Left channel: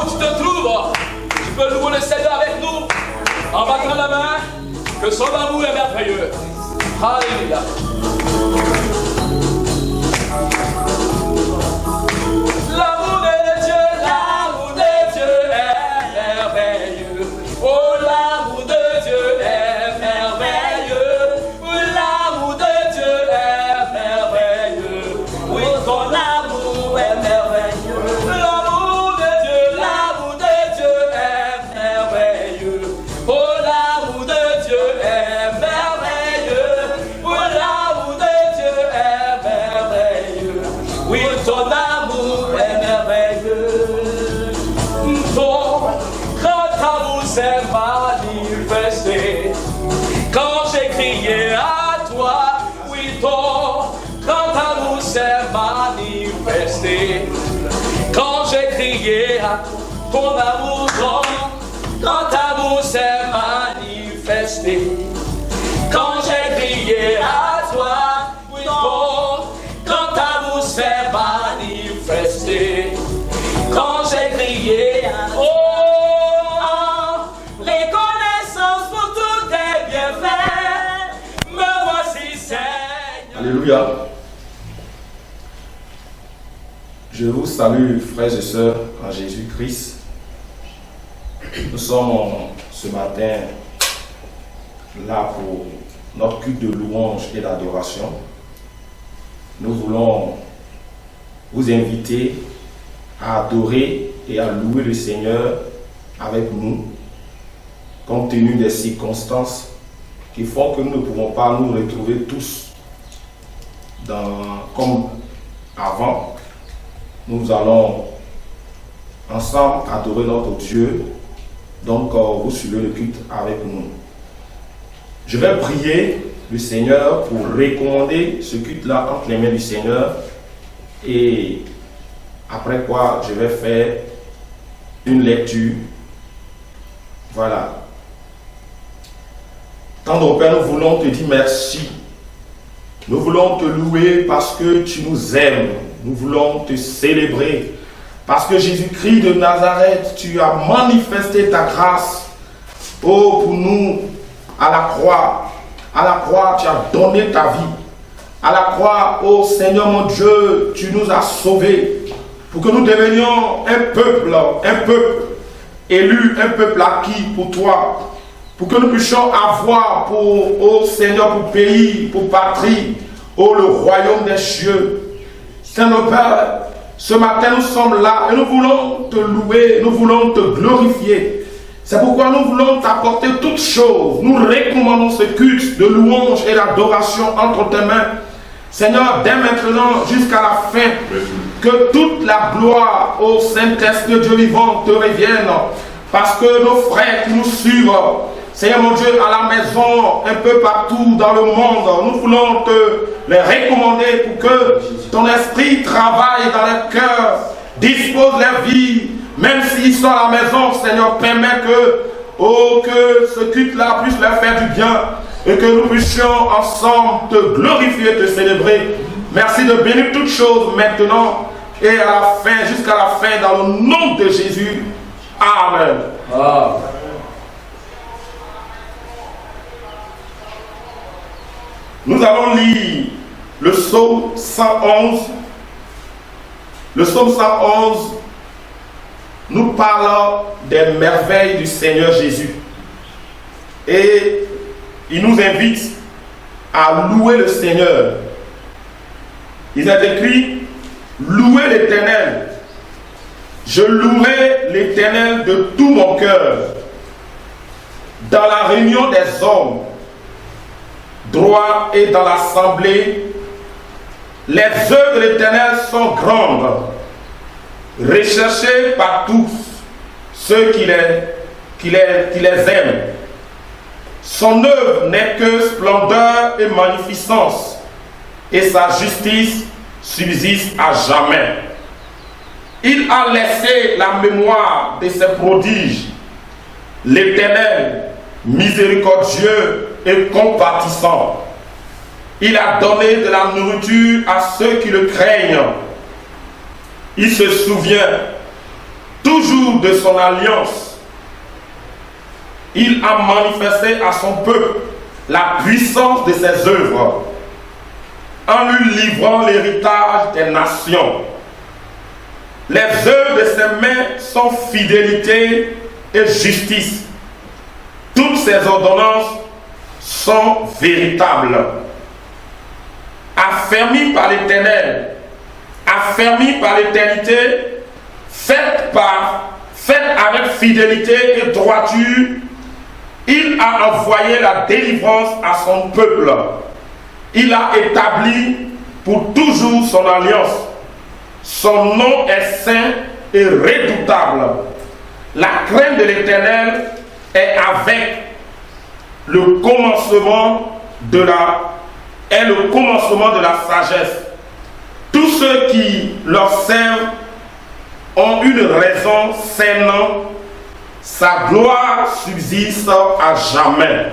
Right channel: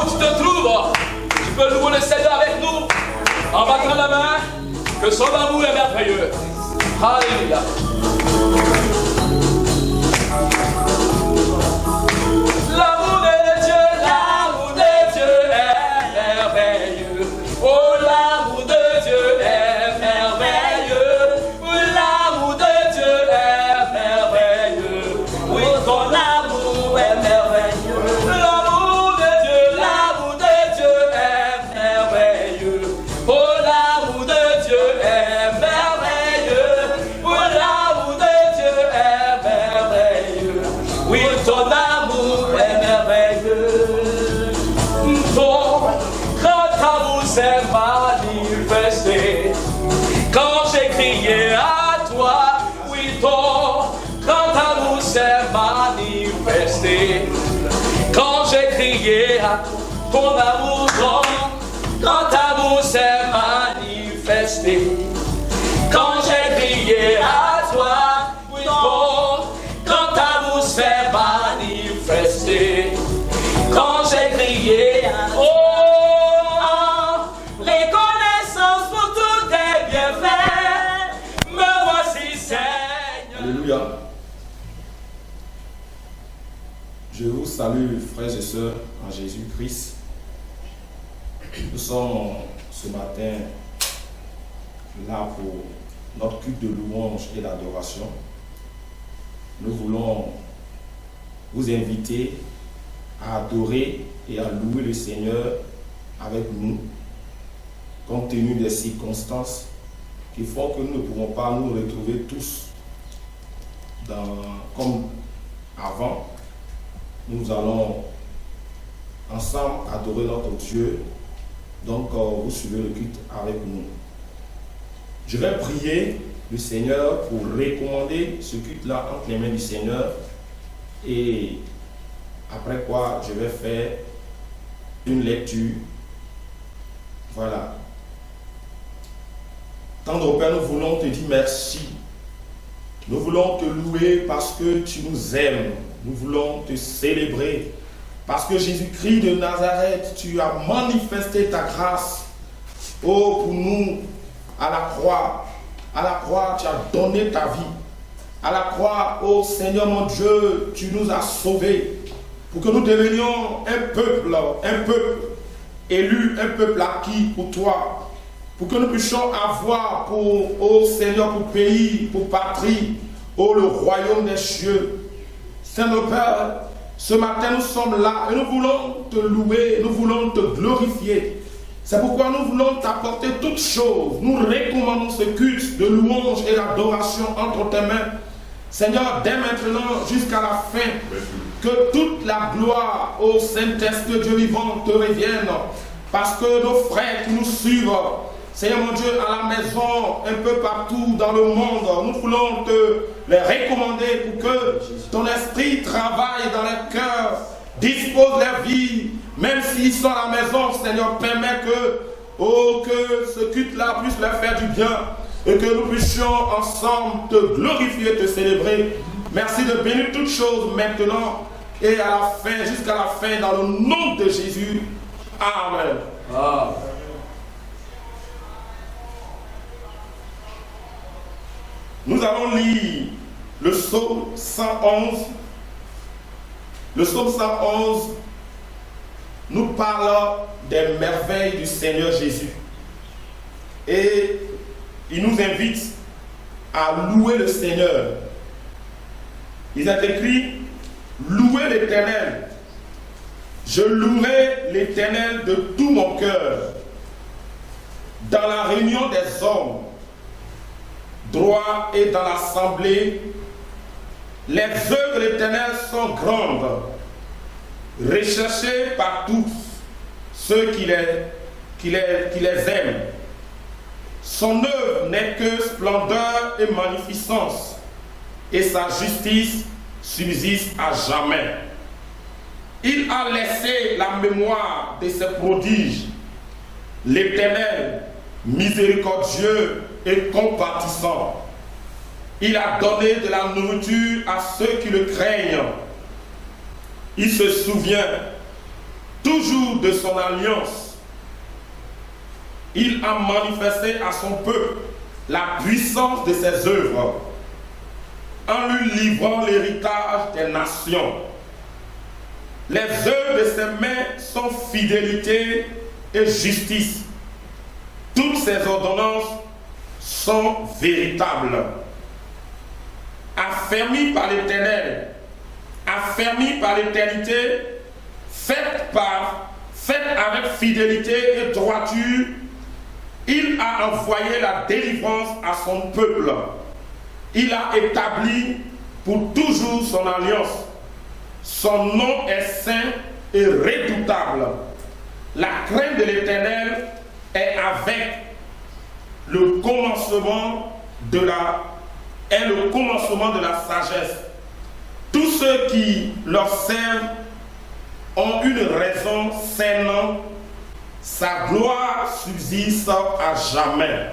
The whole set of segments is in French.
où tu te trouves, tu peux louer le Seigneur avec nous, en battant la main, que son amour est merveilleux. Alléluia. L'amour de Dieu est merveilleux. Oh, l'amour de Dieu est merveilleux. Oui, l'amour de Dieu est merveilleux. Oui, ton amour est merveilleux. L'amour de Dieu est merveilleux. Oh, l'amour de Dieu est merveilleux. Oh, l'amour de Dieu est merveilleux. Oui, ton amour est merveilleux. Ton grand amour s'est manifesté quand j'ai crié à toi. Oui, ton grand amour s'est manifesté quand j'ai crié à ton amour. Ton grand amour s'est manifesté quand j'ai crié à toi. Oui, ton grand amour s'est manifesté quand j'ai crié à toi. Oh, reconnaissance pour tous tes bienfaits, me voici Seigneur. Alléluia. Je vous salue, frères et sœurs, en Jésus-Christ. Nous sommes ce matin là pour notre culte de louange et d'adoration. Nous voulons vous inviter à adorer et à louer le Seigneur avec nous, compte tenu des circonstances qui font que nous ne pouvons pas nous retrouver tous comme avant. Nous allons ensemble adorer notre Dieu. Donc, vous suivez le culte avec nous. Je vais prier le Seigneur pour recommander ce culte-là entre les mains du Seigneur. Et après quoi, je vais faire une lecture. Voilà. Tendre Père, nous voulons te dire merci. Nous voulons te louer parce que tu nous aimes. Nous voulons te célébrer. Parce que Jésus-Christ de Nazareth, tu as manifesté ta grâce. Oh, pour nous, à la croix. À la croix, tu as donné ta vie. À la croix, oh Seigneur mon Dieu, tu nous as sauvés. Pour que nous devenions un peuple élu, un peuple acquis pour toi. Pour que nous puissions avoir pour, oh Seigneur, pour pays, pour patrie, oh le royaume des cieux. Seigneur Père, ce matin nous sommes là et nous voulons te louer, nous voulons te glorifier. C'est pourquoi nous voulons t'apporter toutes choses. Nous recommandons ce culte de louange et d'adoration entre tes mains. Seigneur, dès maintenant jusqu'à la fin, que toute la gloire au Saint-Esprit de Dieu vivant te revienne. Parce que nos frères qui nous suivent, Seigneur mon Dieu, à la maison, un peu partout dans le monde, nous voulons te les recommander pour que ton esprit travaille dans les cœurs, dispose les vies, même s'ils sont à la maison, Seigneur, permet que ce culte-là puisse leur faire du bien et que nous puissions ensemble te glorifier, te célébrer. Merci de bénir toutes choses maintenant et à la fin, jusqu'à la fin, dans le nom de Jésus. Amen. Amen. Nous allons lire le psaume 111. Le psaume 111 nous parle des merveilles du Seigneur Jésus. Et il nous invite à louer le Seigneur. Il est écrit, louez l'Éternel. Je louerai l'Éternel de tout mon cœur. Dans la réunion des hommes, droit et dans l'assemblée, les œuvres de l'Éternel sont grandes, recherchées par tous ceux qui les aiment. Son œuvre n'est que splendeur et magnificence, et sa justice subsiste à jamais. Il a laissé la mémoire de ses prodiges. L'Éternel, miséricordieux et compatissant, il a donné de la nourriture à ceux qui le craignent. Il se souvient toujours jour de son alliance, il a manifesté à son peuple la puissance de ses œuvres en lui livrant l'héritage des nations. Les œuvres de ses mains sont fidélité et justice. Toutes ses ordonnances sont véritables. Affermies par l'Éternel, affermies par l'éternité, faites avec fidélité et droiture, il a envoyé la délivrance à son peuple. Il a établi pour toujours son alliance. Son nom est saint et redoutable. La crainte de l'Éternel est avec le commencement de la sagesse. Tous ceux qui leur servent ont une raison saine. Sa gloire subsiste à jamais.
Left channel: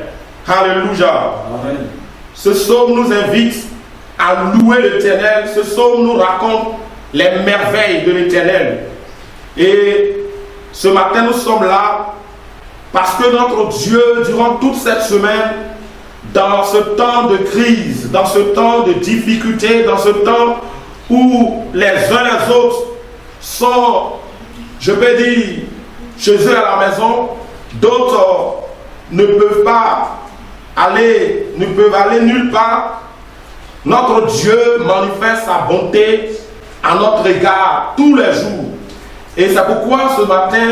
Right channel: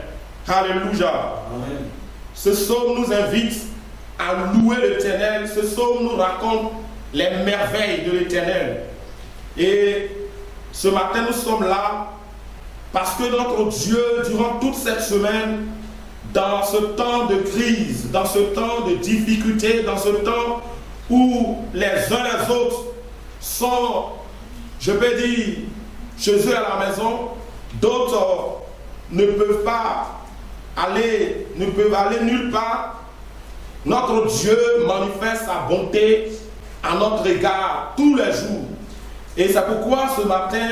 Alléluia. Amen. Ce psaume nous invite à louer l'Éternel. Ce psaume nous raconte les merveilles de l'Éternel. Et ce matin, nous sommes là parce que notre Dieu, durant toute cette semaine, dans ce temps de crise, dans ce temps de difficulté, dans ce temps où les uns les autres sont, je peux dire, chez eux à la maison, d'autres ne peuvent aller nulle part. Notre Dieu manifeste sa bonté à notre égard tous les jours. Et c'est pourquoi ce matin,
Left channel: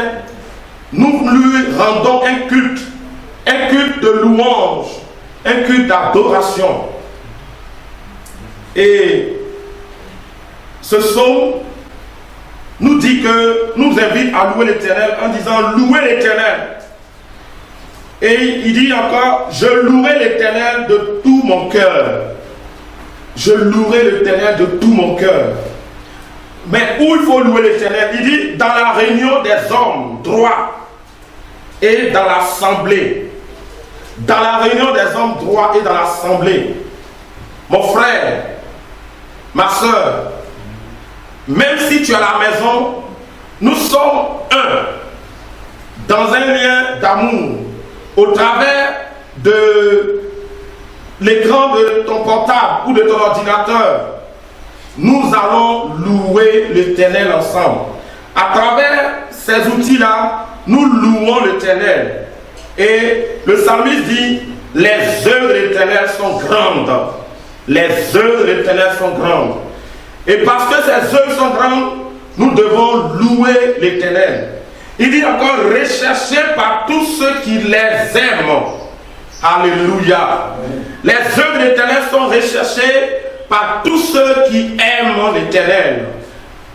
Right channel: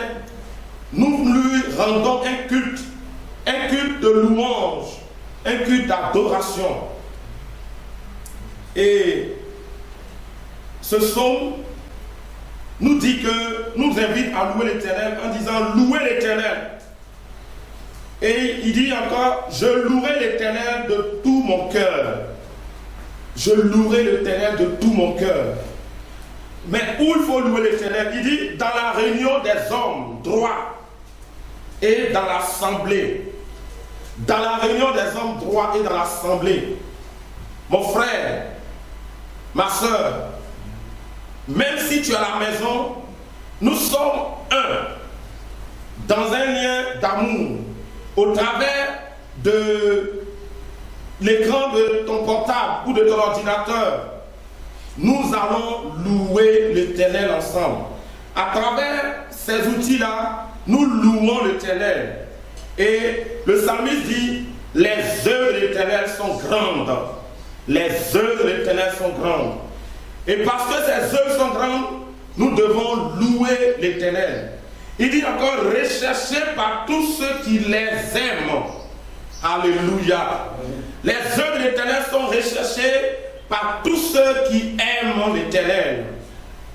nous lui rendons un culte de louange, un culte d'adoration. Et ce psaume nous invite à louer l'Éternel en disant louez l'Éternel. Et il dit encore, je louerai l'Éternel de tout mon cœur. Je louerai l'Éternel de tout mon cœur. Mais où il faut louer l'Éternel? Il dit dans la réunion des hommes droits et dans l'assemblée. Dans la réunion des hommes droits et dans l'assemblée. Mon frère, ma soeur, même si tu es à la maison, nous sommes un, dans un lien d'amour, au travers de l'écran de ton portable ou de ton ordinateur. Nous allons louer l'Éternel ensemble. À travers ces outils-là, nous louons l'Éternel. Et le psalmiste dit, les œuvres de l'Éternel sont grandes. Les œuvres de l'Éternel sont grandes. Et parce que ces œuvres sont grandes, nous devons louer l'Éternel. Il dit encore, recherché par tous ceux qui les aiment. Alléluia. Les œuvres de l'Éternel sont recherchées par tous ceux qui aiment l'Éternel.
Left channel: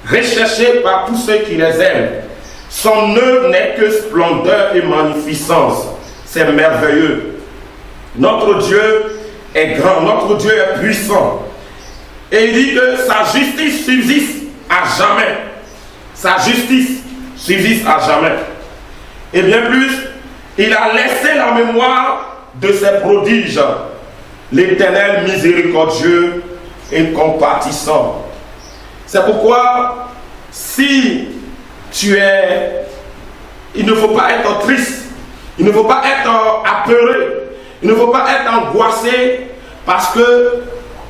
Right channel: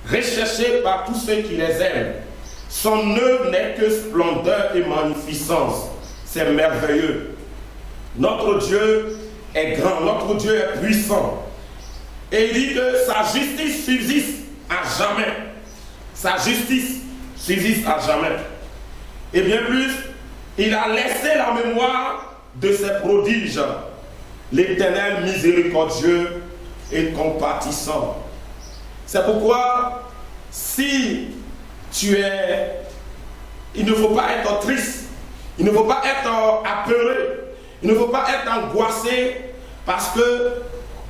Recherchées par tous ceux qui les aiment. Son œuvre n'est que splendeur et magnificence. C'est merveilleux. Notre Dieu est grand, notre Dieu est puissant. Et il dit que sa justice subsiste à jamais. Sa justice subsiste à jamais. Et bien plus, il a laissé la mémoire de ses prodiges. L'Éternel miséricordieux et compatissant. C'est pourquoi, si tu es... Il ne faut pas être triste. Il ne faut pas être apeuré. Il ne faut pas être angoissé. Parce que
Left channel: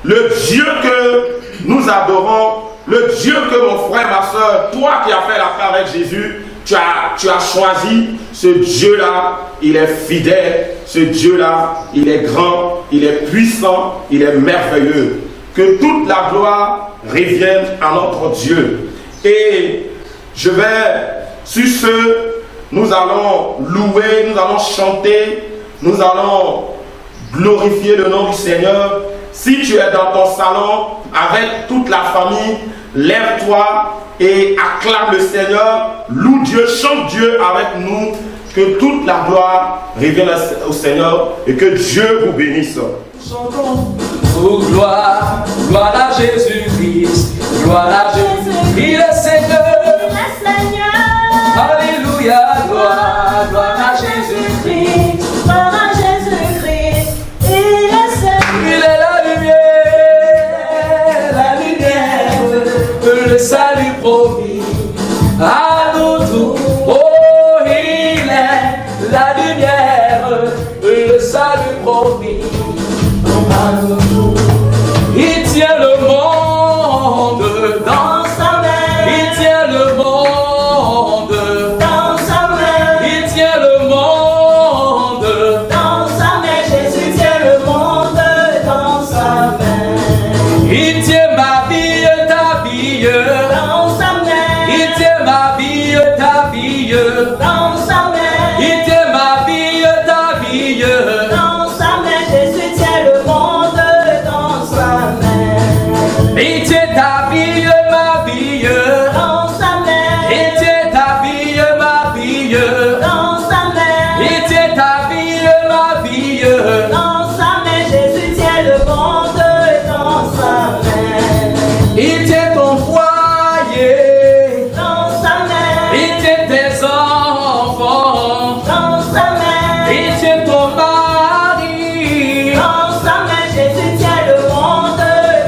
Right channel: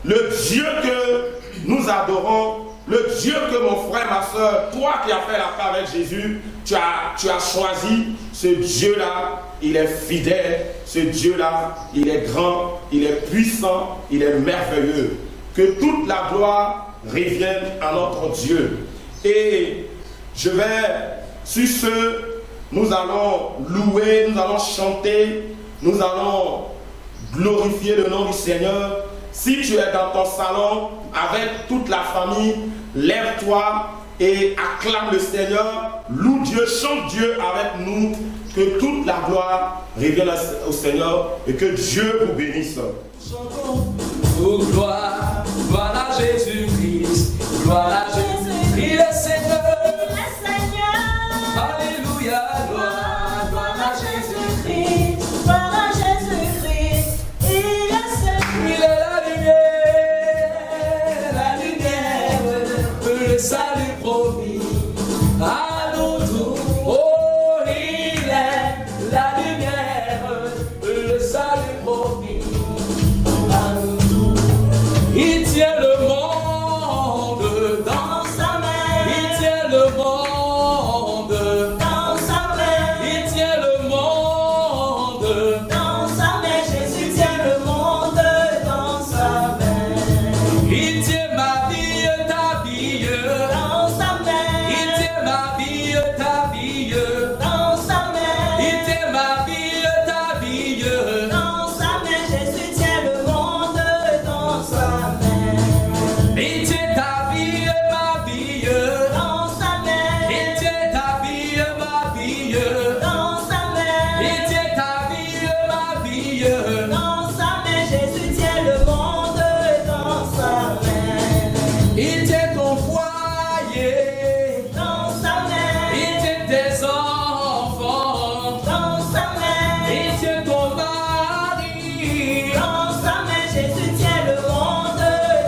le Dieu que nous adorons, le Dieu que mon frère, ma soeur, toi qui as fait la paix avec Jésus, tu as choisi ce Dieu-là, il est fidèle, ce Dieu-là, il est grand, il est puissant, il est merveilleux. Que toute la gloire revienne à notre Dieu. Et je vais, sur ce, nous allons louer, nous allons chanter, nous allons glorifier le nom du Seigneur. Si tu es dans ton salon avec toute la famille, lève-toi et acclame le Seigneur, loue Dieu, chante Dieu avec nous, que toute la gloire revienne au Seigneur et que Dieu vous bénisse. Chantons, oh gloire, gloire à Jésus-Christ, gloire à Jésus-Christ, il est Seigneur, alléluia, gloire, gloire à Jésus-Christ, gloire à Jésus-Christ, il est Seigneur, il est la lumière, le salut promis à nous tous. monde dans sa main. Il tient le monde Dans sa main, Jésus tient le monde dans sa main. Il tient ma vie, ta vie. Dans sa main. Il tient ma vie, ta vie. Dans sa main. Il tient ma vie, ta vie. Dans sa main, Jésus tient le monde dans sa main. Il tient ta vie, ma vie. Dans sa main. Il tient ta vie, ma vie. Dans sa main. Il tient ta vie, ma vie. Dans sa main, Jésus tient le monde dans sa main. Il tient ton foyer. Dans sa main. Il tient tes enfants. Dans sa main. Il tient ton mari. Dans sa main, Jésus tient le monde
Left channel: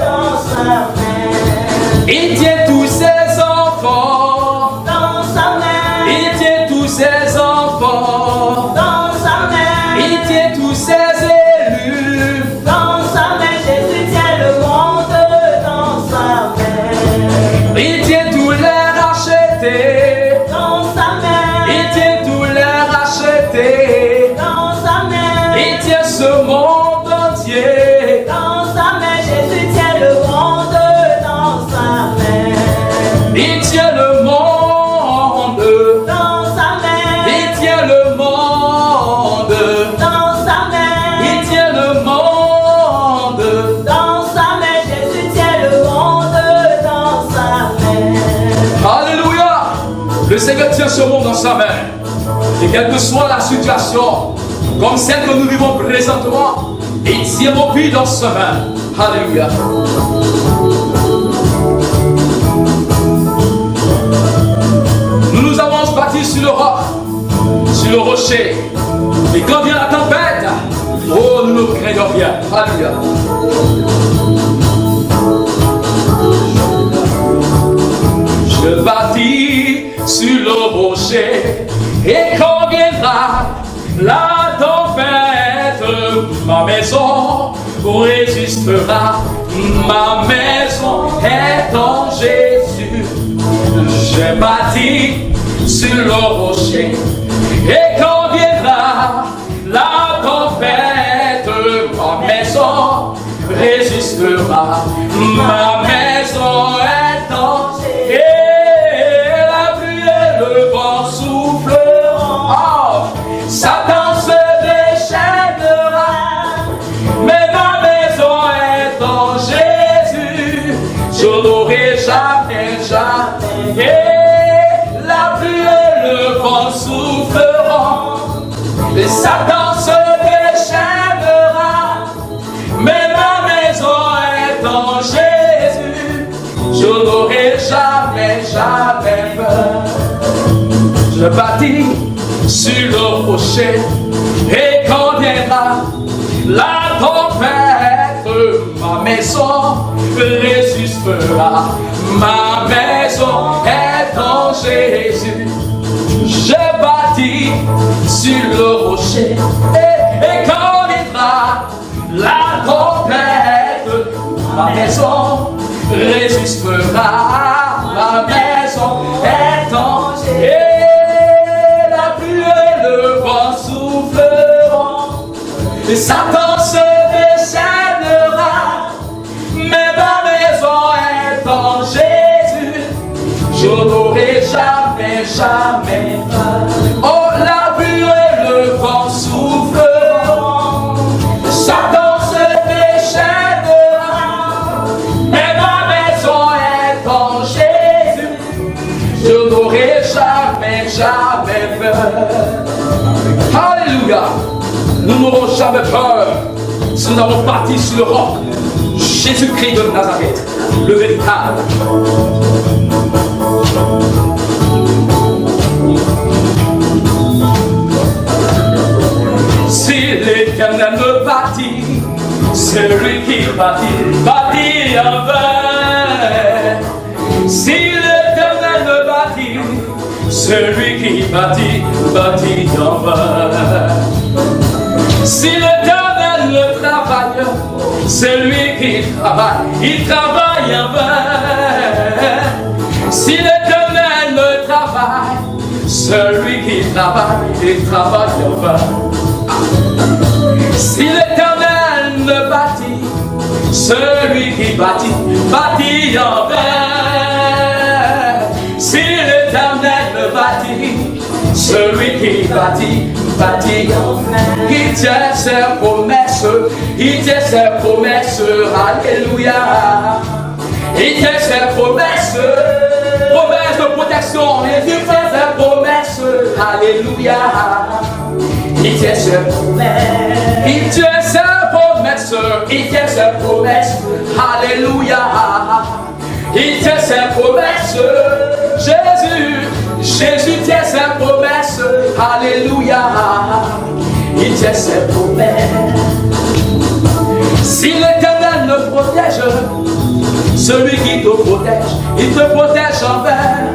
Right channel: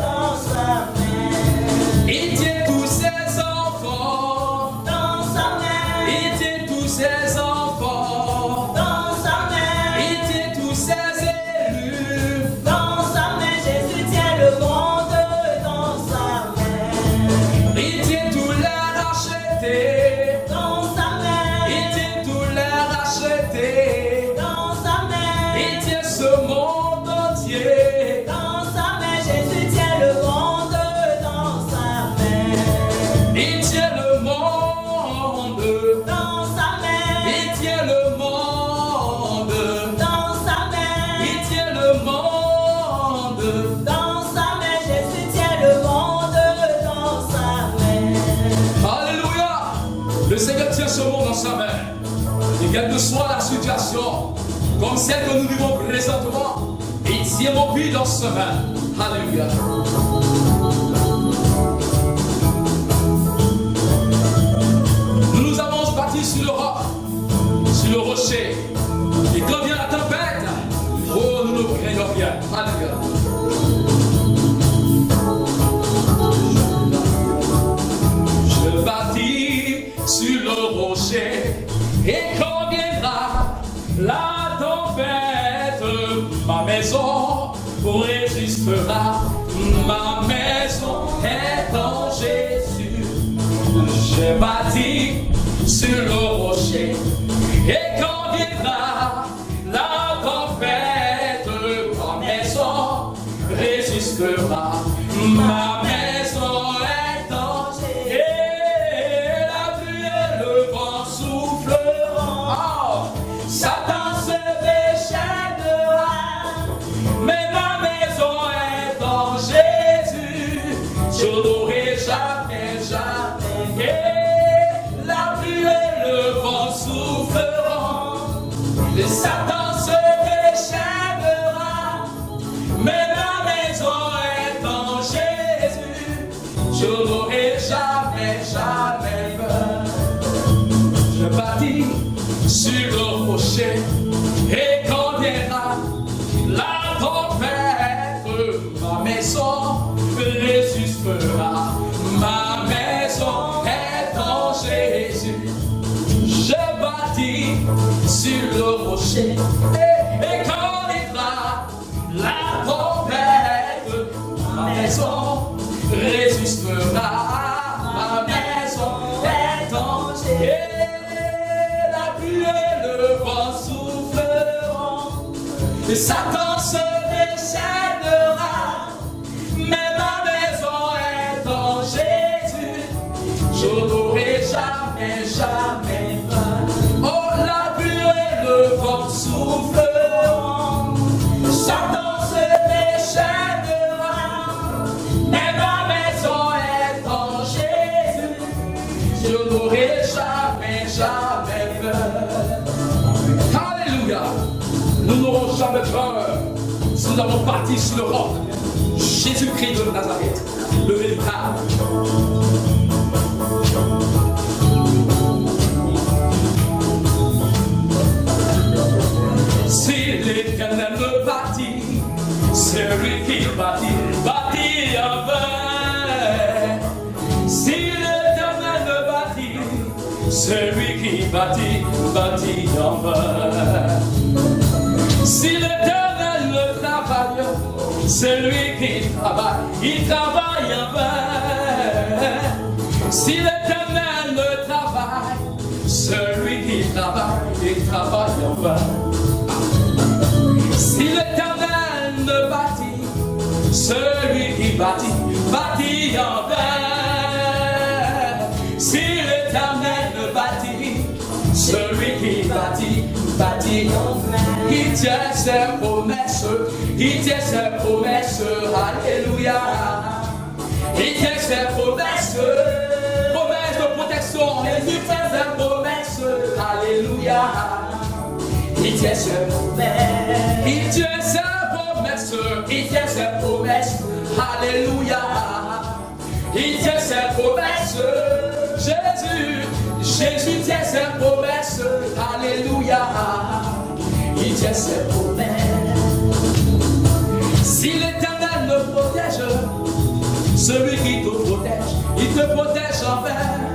dans sa main. Il tient tous ses enfants. Dans sa main. Il tient tous ses enfants. Dans sa main. Il tient tous ses élus. Dans sa main, Jésus tient le monde dans sa main. Il tient tous les rachetés. Dans sa main. Il tient tous les rachetés. Dans sa main. Il tient ce monde entier. Dans sa main, Jésus tient le monde dans sa main. Il tient le monde. Dans sa main. Il tient le monde. Dans sa main. Il tient le monde. Dans sa main, Jésus tient le monde dans sa main. Alléluia. Le Seigneur tient ce monde dans sa main. Et quelle que soit la situation, comme celle que nous vivons présentement, il tient nos vies dans sa main. Alléluia. Nous nous avons bâtis sur le roc, sur le rocher. Et quand vient la tempête, oh, nous ne craignons rien. Alléluia. Je bâtis sur le rocher, et quand viendra la tempête, ma maison résistera. Ma maison est en Jésus. J'ai bâti sur le rocher, et quand viendra la tempête, ma maison résistera. Ma maison est en Jésus. Et la pluie et le vent souffleront. Oh, Satan se déchaînera. Mais ma maison est en Jésus. Je n'aurai jamais, jamais. Et la pluie et le vent souffleront. Et Satan se déchaînera. Mais ma maison est en Jésus. Je n'aurai jamais, jamais peur. Je bâtis sur le rocher, et quand viendra la tempête, ma maison résistera. Ma maison est en Jésus. J'ai bâti sur le rocher, et quand viendra la tempête, ma maison résistera. Ma maison est en Jésus. Et la pluie et le vent souffleront. Et Satan se déchaînera. Mais ma maison est en Jésus. Je n'aurai jamais, jamais peur. Oh, la pluie et le vent souffleront. Satan se déchaînera. Mais ma maison est en Jésus. Je n'aurai jamais, jamais peur. Alléluia. Nous n'aurons jamais peur si nous avons bâti sur le roc. Jésus-Christ de Nazareth, le véritable. Si l'Éternel me bâtit, celui qui bâtit en vain. Si l'Éternel me bâtit, celui qui bâtit en vain. Si l'Éternel le travaille, celui qui travaille, il travaille en vain. Si l'Éternel ne travaille, celui qui travaille, il travaille en vain. Si l'Éternel ne bâtit, celui qui bâtit, bâtit en vain. Si l'Éternel ne bâtit, celui qui bâtit, bâtit en vain. Il tient ses promesses, il tient ses promesses, alléluia. Il tient ses promesses, promesses de protection, il tient ses promesses, alléluia. Il tient ses promesses, il tient ses promesses, il tient ses promesses, alléluia. Il tient ses promesses, Jésus tient ses promesses, alléluia. Il tient ses promesses. Si l'Éternel ne protège, celui qui te protège, il te protège en vain.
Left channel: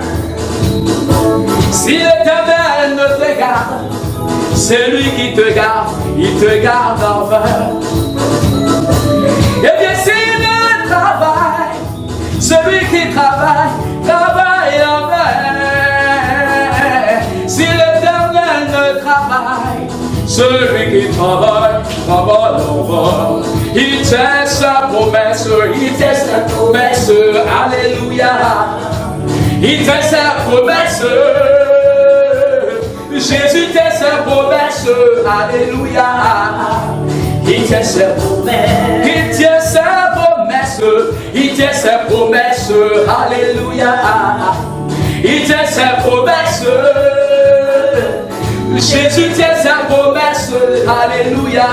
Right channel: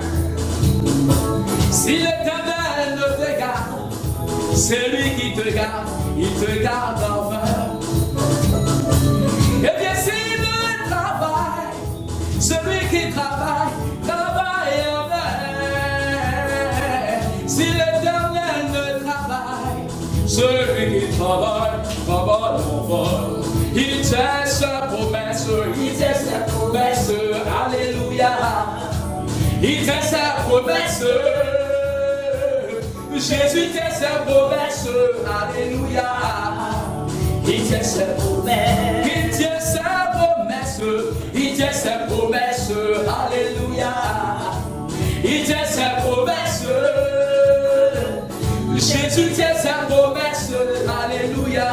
Si l'Éternel ne te garde, c'est lui qui te garde, il te garde en vain. Et bien s'il ne travaille, celui qui travaille, travaille en vain. Si l'Éternel ne travaille, celui qui travaille, travaille en vain. Il tient sa promesse, il tient sa promesse, alléluia. Il tient sa promesse, Jésus tient sa promesse, alléluia. Il tient sa promesse, il tient sa promesse, il tient sa promesse, alléluia. Il tient sa promesse, Jésus tient sa promesse, alléluia.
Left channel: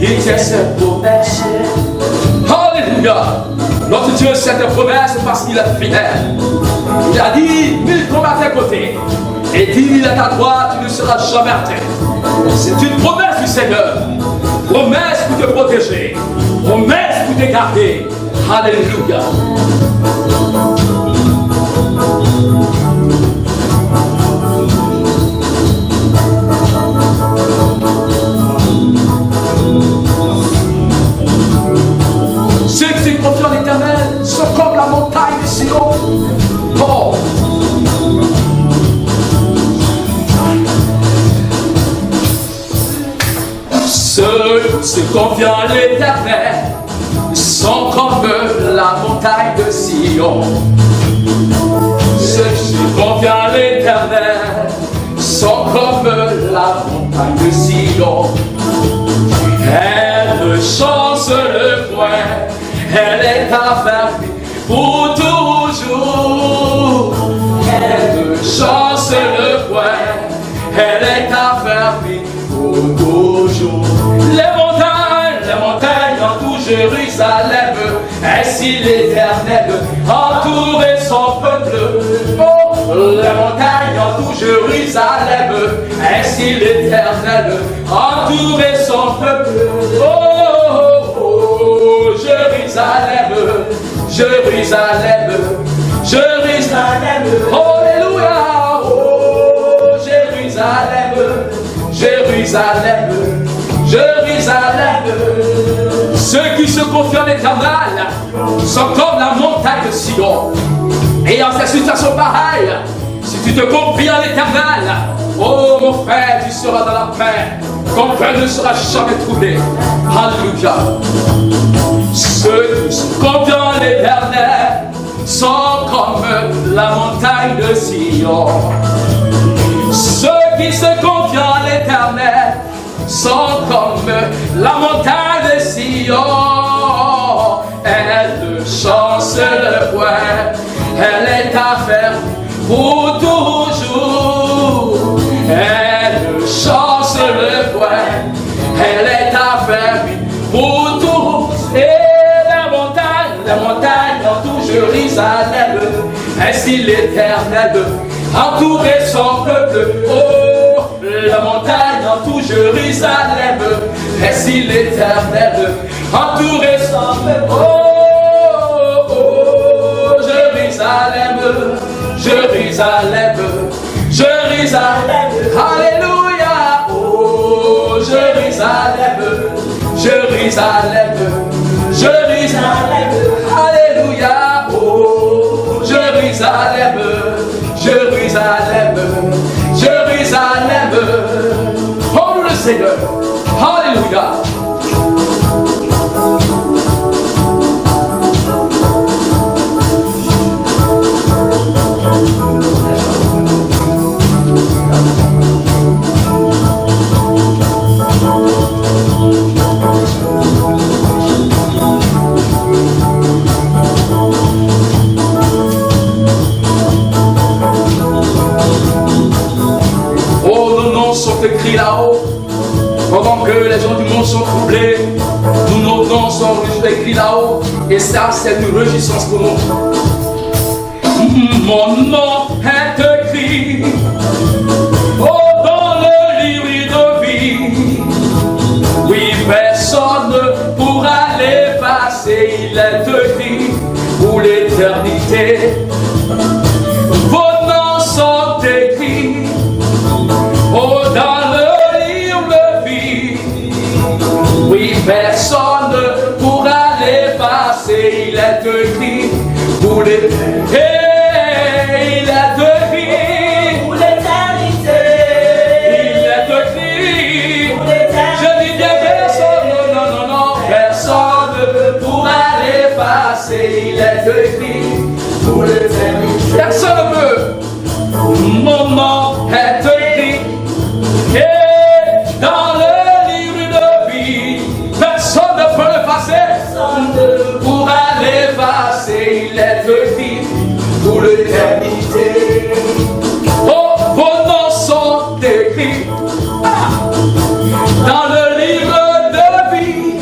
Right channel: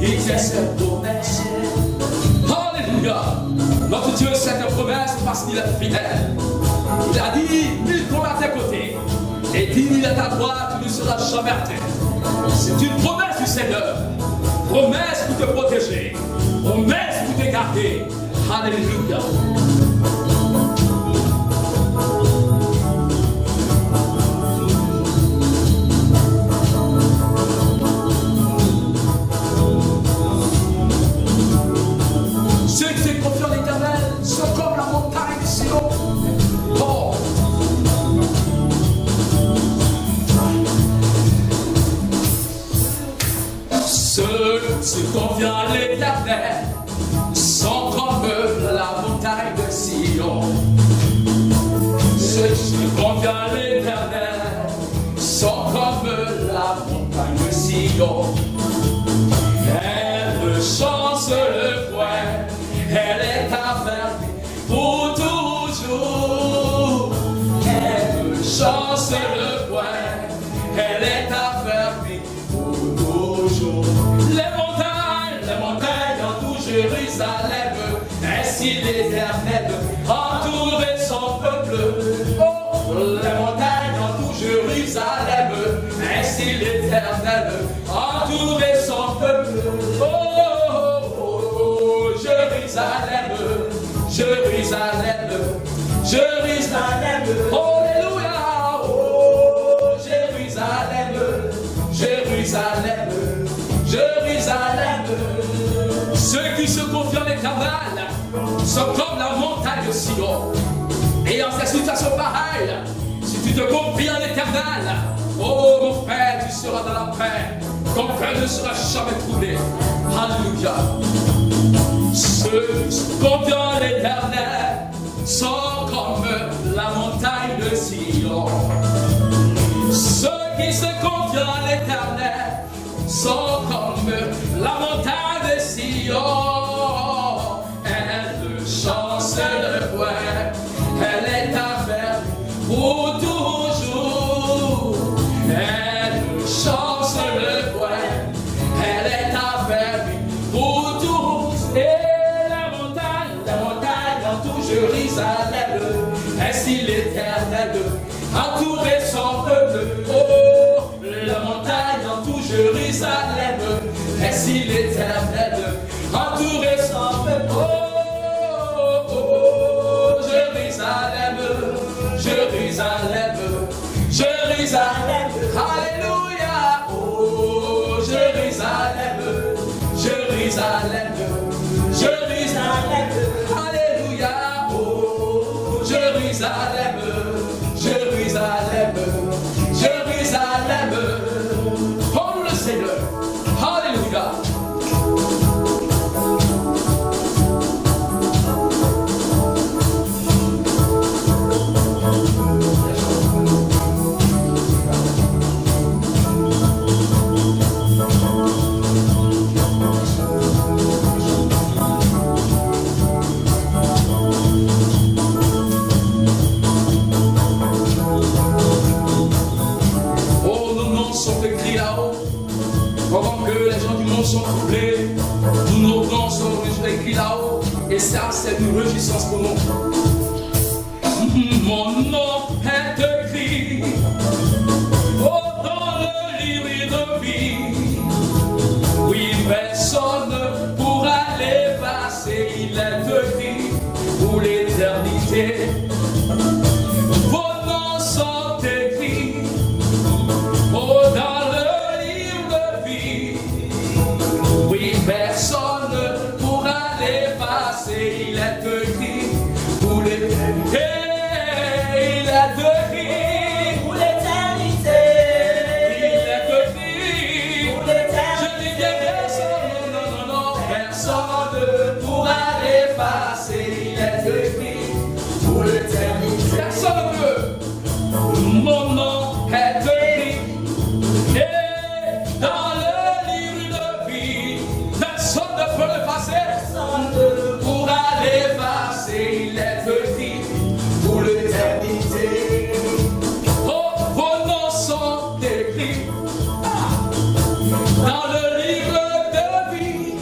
Il tient sa promesse, alléluia. Notre Dieu tient sa promesse parce qu'il est fidèle. Il a dit, 1000 tombent à tes côtés et 10 000 à ta droite, tu ne seras jamais atteint. C'est une promesse du Seigneur. Promesse pour te protéger, promesse pour te garder. Alléluia. Ceux qui se confient en l'Éternel sont comme la montagne de Sion. Oh. Ceux qui se confient en l'Éternel sont comme la montagne de Sion. Ceux qui se confient en l'Éternel sont comme la montagne de Sion. Elle ne change le point, elle est affermie pour toujours. Elle ne change le point, elle est affermie pour toujours. Les montagnes entourent Jérusalem, ainsi l'Éternel entourait son peuple. Oh, les montagnes entourent Jérusalem, ainsi l'Éternel entourait son peuple. Oh, oh, oh, Jérusalem, Jérusalem, Jérusalem, alléluia. Oh, Jérusalem, Jérusalem, Jérusalem. Ceux qui se confient en l'Éternel sont comme la montagne de Sion. Et en cette situation pareille, si tu te confies en l'Éternel, oh mon frère, tu seras dans la paix. Ton frère ne sera jamais troublé. Alléluia. Ceux qui se confient en l'Éternel sont comme la montagne de Sion. Ceux qui se confient en l'Éternel sont comme la montagne de Sion. Elle ne change le point, elle est affermie pour toujours. Elle ne change le point, elle est affermie pour toujours. Et la montagne entoure Jérusalem, ainsi l'Éternel entourait son peuple. Oh, la montagne entoure Jérusalem, ainsi l'Éternel entourait son peuple. Oh, oh, Jérusalem, Jérusalem, Jérusalem, alléluia. Oh, Jérusalem, Jérusalem, Jérusalem, alléluia. Oh, Jérusalem, Jérusalem, Jérusalem. Oh, nous le Seigneur. Alléluia. Sont écrits là-haut, pendant que les gens du monde sont troublés, nous nos noms sont écrits là-haut, et ça c'est une réjouissance pour nous. Mon nom est écrit dans le livre de vie. Oui, personne ne pourra l'effacer, il est écrit pour l'éternité. Vos noms sont écrits dans le livre de vie. Oui, personne ne pourra l'effacer, il est écrit pour l'éternité. Il est écrit pour l'éternité. Il est écrit Pour l'éternité. Je dis bien personne, non, non, non, personne ne pourra l'effacer, il est écrit pour l'éternité. Personne ne peut. Mon nom est écrit dans le livre de vie. Personne ne peut l'effacer. Personne ne pourra l'effacer. Il est écrit pour l'éternité. Oh, vos noms sont écrits dans le livre de vie.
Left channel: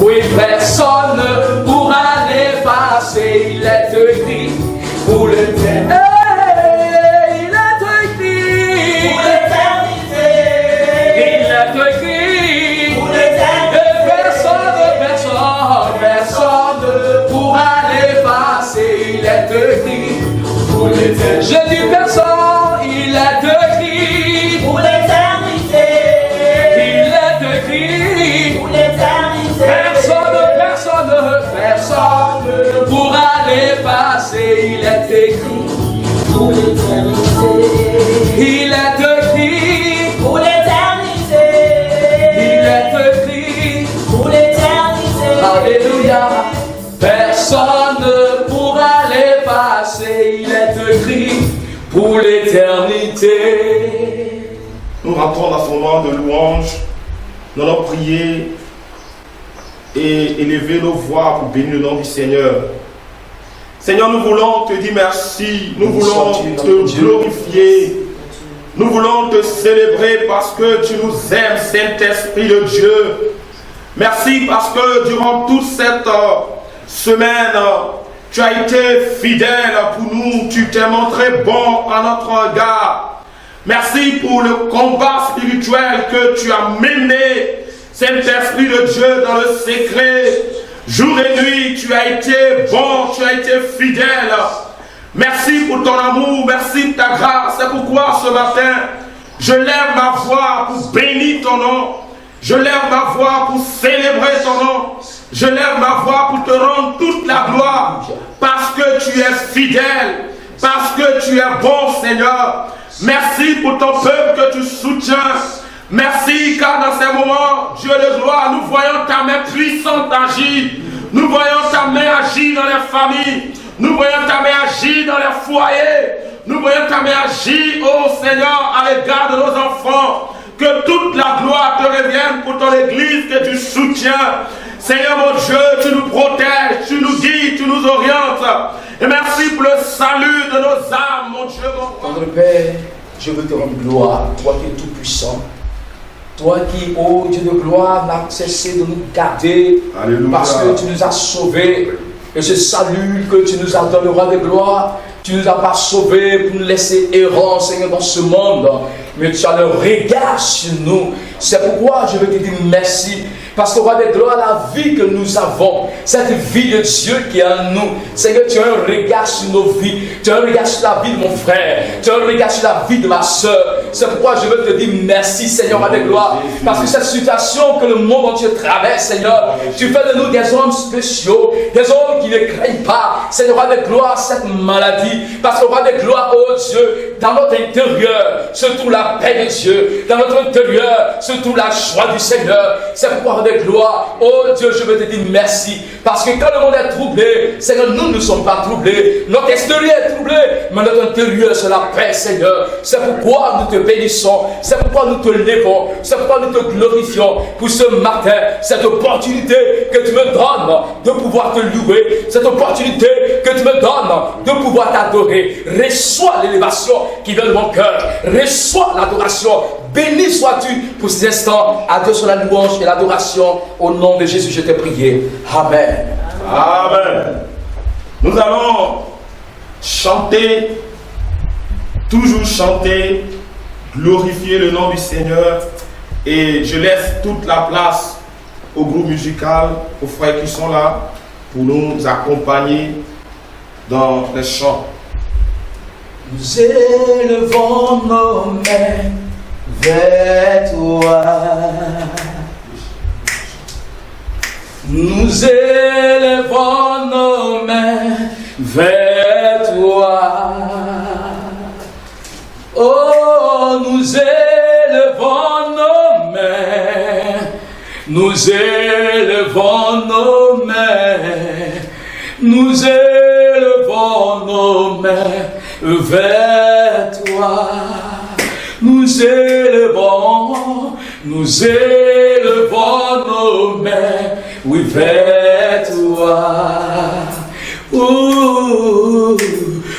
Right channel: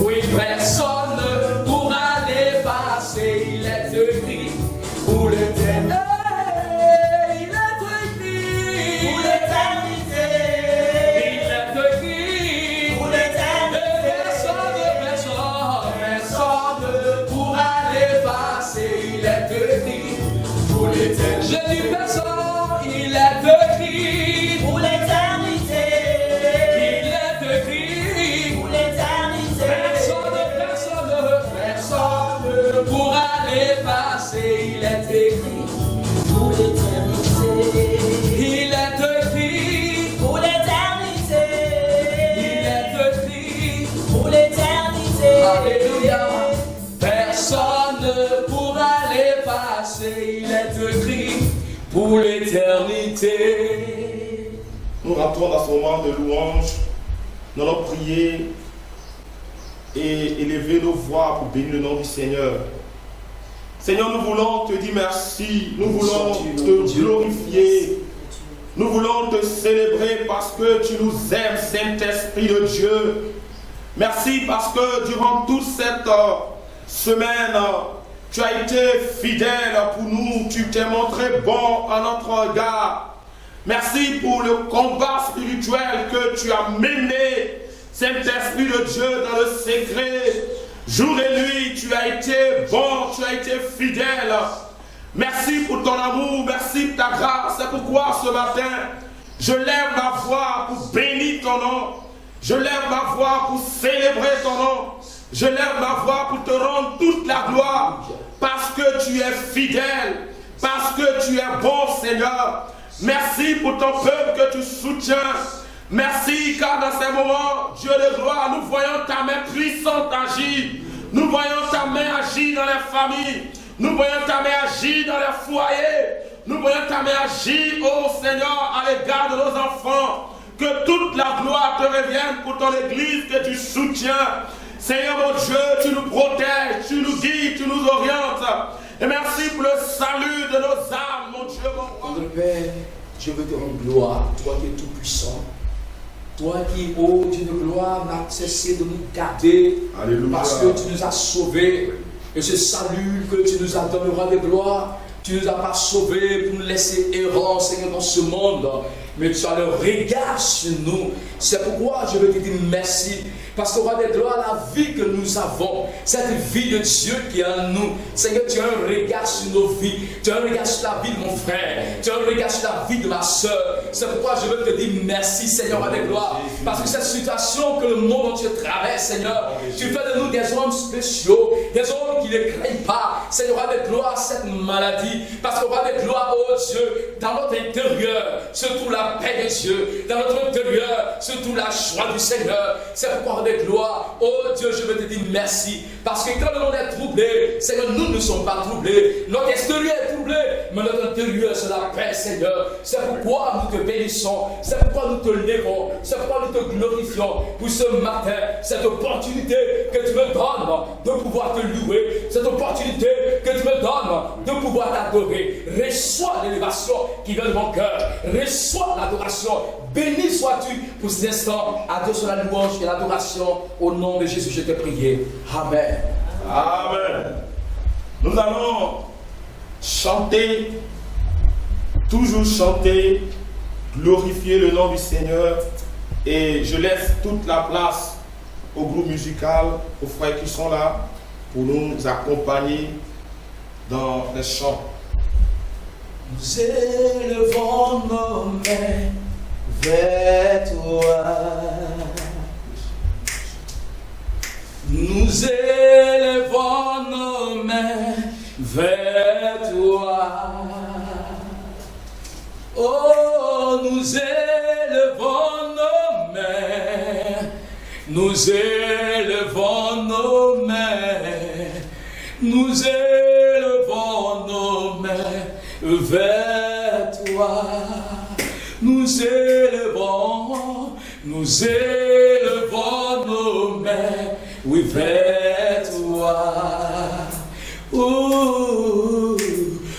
Oui, personne ne pourra l'effacer. Il est écrit pour l'éternité. Je dis personne, il est écrit pour l'éternité. Il est écrit pour l'éternité. Personne ne pourra l'effacer. Il est écrit pour l'éternité. Il est écrit pour l'éternité. Il est écrit pour l'éternité. Alléluia. Personne ne pourra l'effacer. Il est écrit pour l'éternité. Nous rentrons dans ce moment de louange. Nous allons prier et élever nos voix pour bénir le nom du Seigneur. Seigneur, nous voulons te dire merci. Nous voulons te glorifier. Nous voulons te célébrer parce que tu nous aimes, Saint-Esprit de Dieu. Merci parce que durant toute cette semaine, tu as été fidèle pour nous, tu t'es montré bon à notre regard. Merci pour le combat spirituel que tu as mené, Saint-Esprit de Dieu, dans le secret. Jour et nuit, tu as été bon, tu as été fidèle. Merci pour ton amour, merci pour ta grâce. C'est pourquoi ce matin, je lève ma voix pour bénir ton nom. Je lève ma voix pour célébrer ton nom. Je lève ma voix pour te rendre toute la gloire. Parce que tu es fidèle. Parce que tu es bon, Seigneur. Merci pour ton peuple que tu soutiens. Merci car dans ces moments, Dieu de gloire, nous voyons ta main puissante agir. Nous voyons ta main agir dans les familles. Nous voyons ta main agir dans les foyers. Nous voyons ta main agir, oh Seigneur, à l'égard de nos enfants. Que toute la gloire te revienne pour ton église que tu soutiens. Seigneur mon Dieu, tu nous protèges, tu nous guides, tu nous orientes. Et merci pour le salut de nos âmes, mon Dieu, mon roi. Tendre Père, je veux te rendre gloire, toi qui es tout puissant. Toi qui, ô Dieu de gloire, n'a cessé de nous garder. Alléluia. Parce que tu nous as sauvés. Et ce salut que tu nous as donneras de gloire, tu ne nous as pas sauvés pour nous laisser errants, Seigneur, dans ce monde. Mais tu as le regard sur nous. C'est pourquoi je veux te dire merci. Parce qu'au roi de gloire, la vie que nous avons, cette vie de Dieu qui est en nous, Seigneur, tu as un regard sur nos vies. Tu as un regard sur la vie de mon frère. Tu as un regard sur la vie de ma soeur. C'est pourquoi je veux te dire merci, Seigneur, roi de gloire. Parce que cette situation que le monde entier traverse, Seigneur, tu fais de nous des hommes spéciaux, des hommes qui ne craignent pas, Seigneur, roi de gloire, cette maladie. Parce que roi de gloire, oh Dieu, dans notre intérieur se trouve la paix de Dieu. Dans notre intérieur se trouve la joie du Seigneur. C'est pourquoi avec gloire, oh Dieu, je veux te dire merci. Parce que quand le monde est troublé, Seigneur, nous ne sommes pas troublés. Notre extérieur est troublé, mais notre intérieur, c'est la paix, Seigneur. C'est pourquoi nous te bénissons. C'est pourquoi nous te levons. C'est pourquoi nous te glorifions pour ce matin, cette opportunité que tu me donnes de pouvoir te louer, cette opportunité que tu me donnes de pouvoir t'adorer. Reçois l'élévation qui vient de mon cœur. Reçois l'adoration. Béni sois-tu pour ces instants. À Dieu soit la louange et l'adoration. Au nom de Jésus, je t'ai prié. Amen. Amen. Nous allons chanter, toujours chanter, glorifier le nom du Seigneur. Et je laisse toute la place au groupe musical, aux frères qui sont là, pour nous accompagner dans les chants. Nous élevons nos mains vers toi. Nous élevons nos mains vers toi. Oh, nous élevons nos mains. Nous élevons nos mains. Nous élevons nos mains vers toi. Nous élevons nos mains, oui, vers toi. Ouh,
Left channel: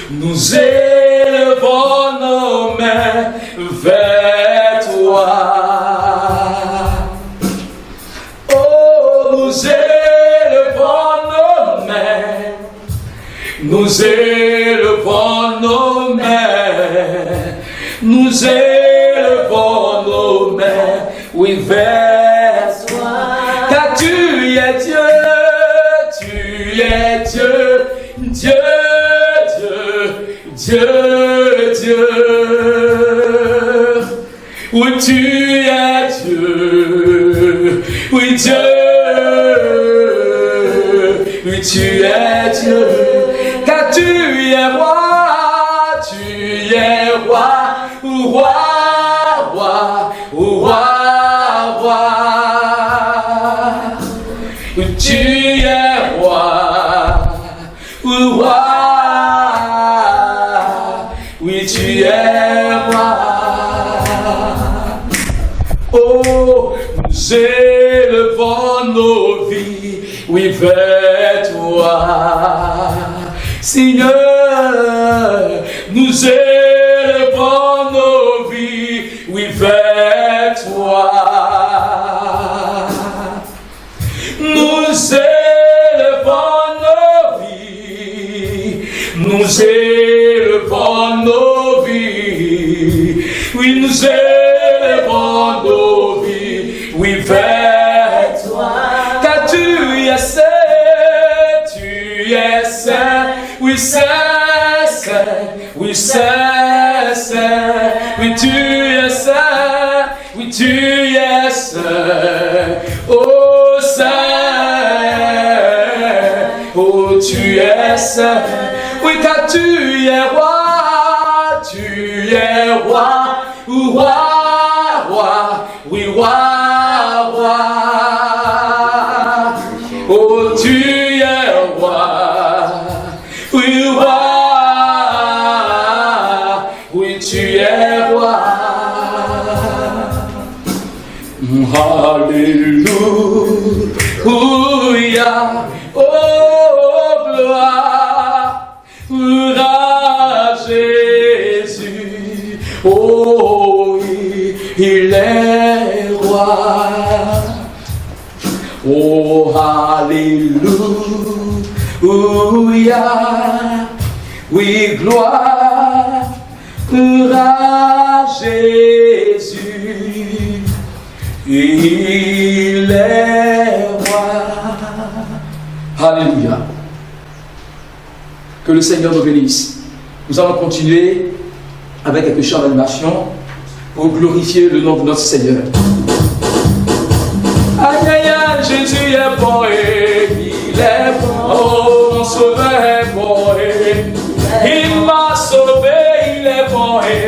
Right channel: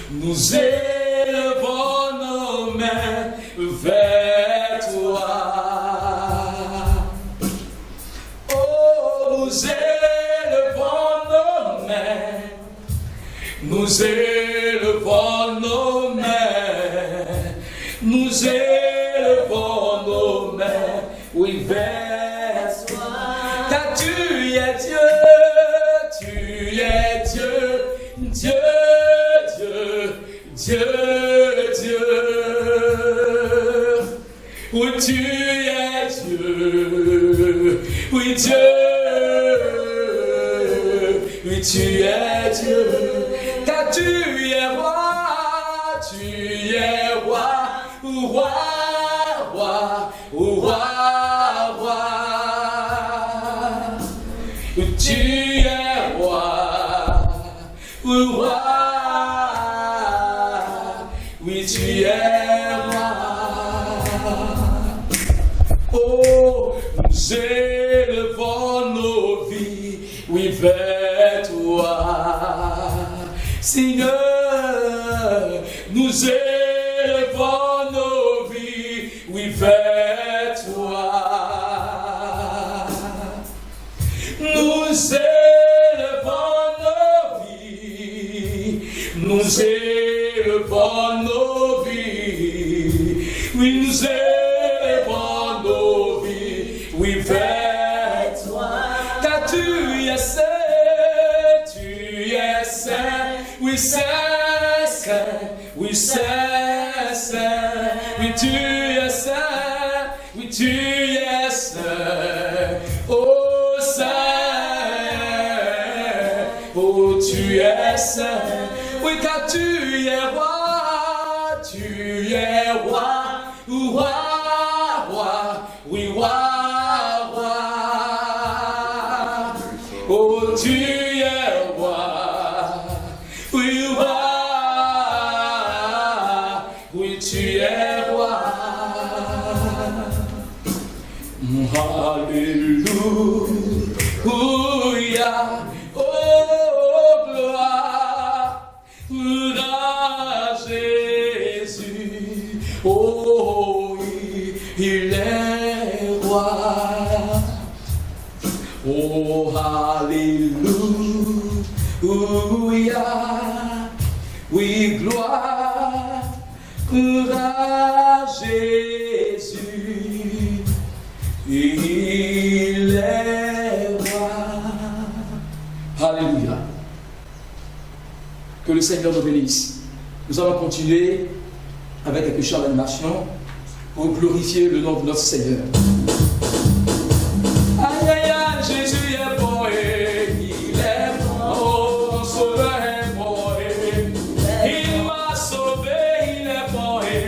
nous élevons nos mains vers toi. Oh, nous élevons nos mains. Nous élevons nos mains. Nous élevons nos mains, oui, vers toi. Car tu es Dieu, tu es Dieu, Dieu, Dieu, Dieu, Dieu. Oui, tu es Dieu, oui, Dieu, oui, tu es Dieu. Car tu es roi, tu es roi. Roi, roi, roi, roi. Tu es roi, roi. Oui, tu es roi. Oh, nous élevons nos vies, oui, vers toi. Seigneur, nous élevons nos vies, oui, vers toi. Nous élevons nos vies, nous élevons nos vies, oui, nous élevons nos vies, oui, vers toi. Car tu es saint, oui, saint, oui, saint, saint, oui, tu es saint, oui, tu es saint, oh, saint, oh, tu es saint, oui, car tu es roi, roi, roi, oui, roi, roi, oh, tu es roi, oui, roi. Alléluia, oh gloire à Jésus, oh oui, il est roi. Oh alléluia, oui gloire à Jésus. Il est roi. Alléluia. Que le Seigneur nous bénisse. Nous allons continuer avec quelques chants d'animation pour glorifier le nom de notre Seigneur. Aïe aïe aïe, Jésus est bon et il est bon. Oh, mon sauveur est bon et il m'a sauvé, il est bon et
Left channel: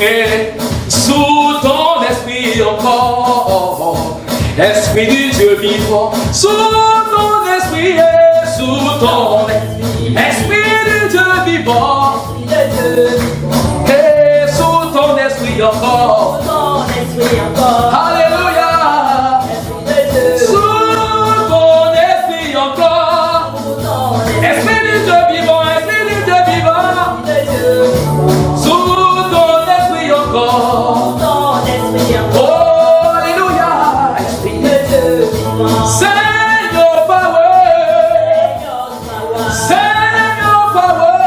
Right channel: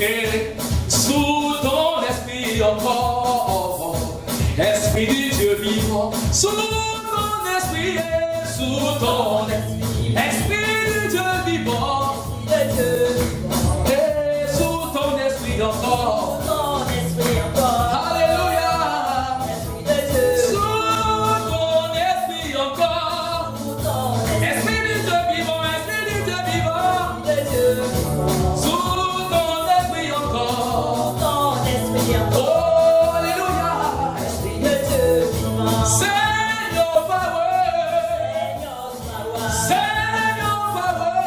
Et sous ton esprit encore, esprit du Dieu vivant, sous ton esprit et sous ton esprit du Dieu vivant, et sous ton esprit encore, alléluia, sous ton esprit encore, esprit du Dieu vivant, esprit du Dieu vivant, sous ton esprit encore, oh alléluia, esprit de Dieu vivant, Seigneur power, Seigneur power,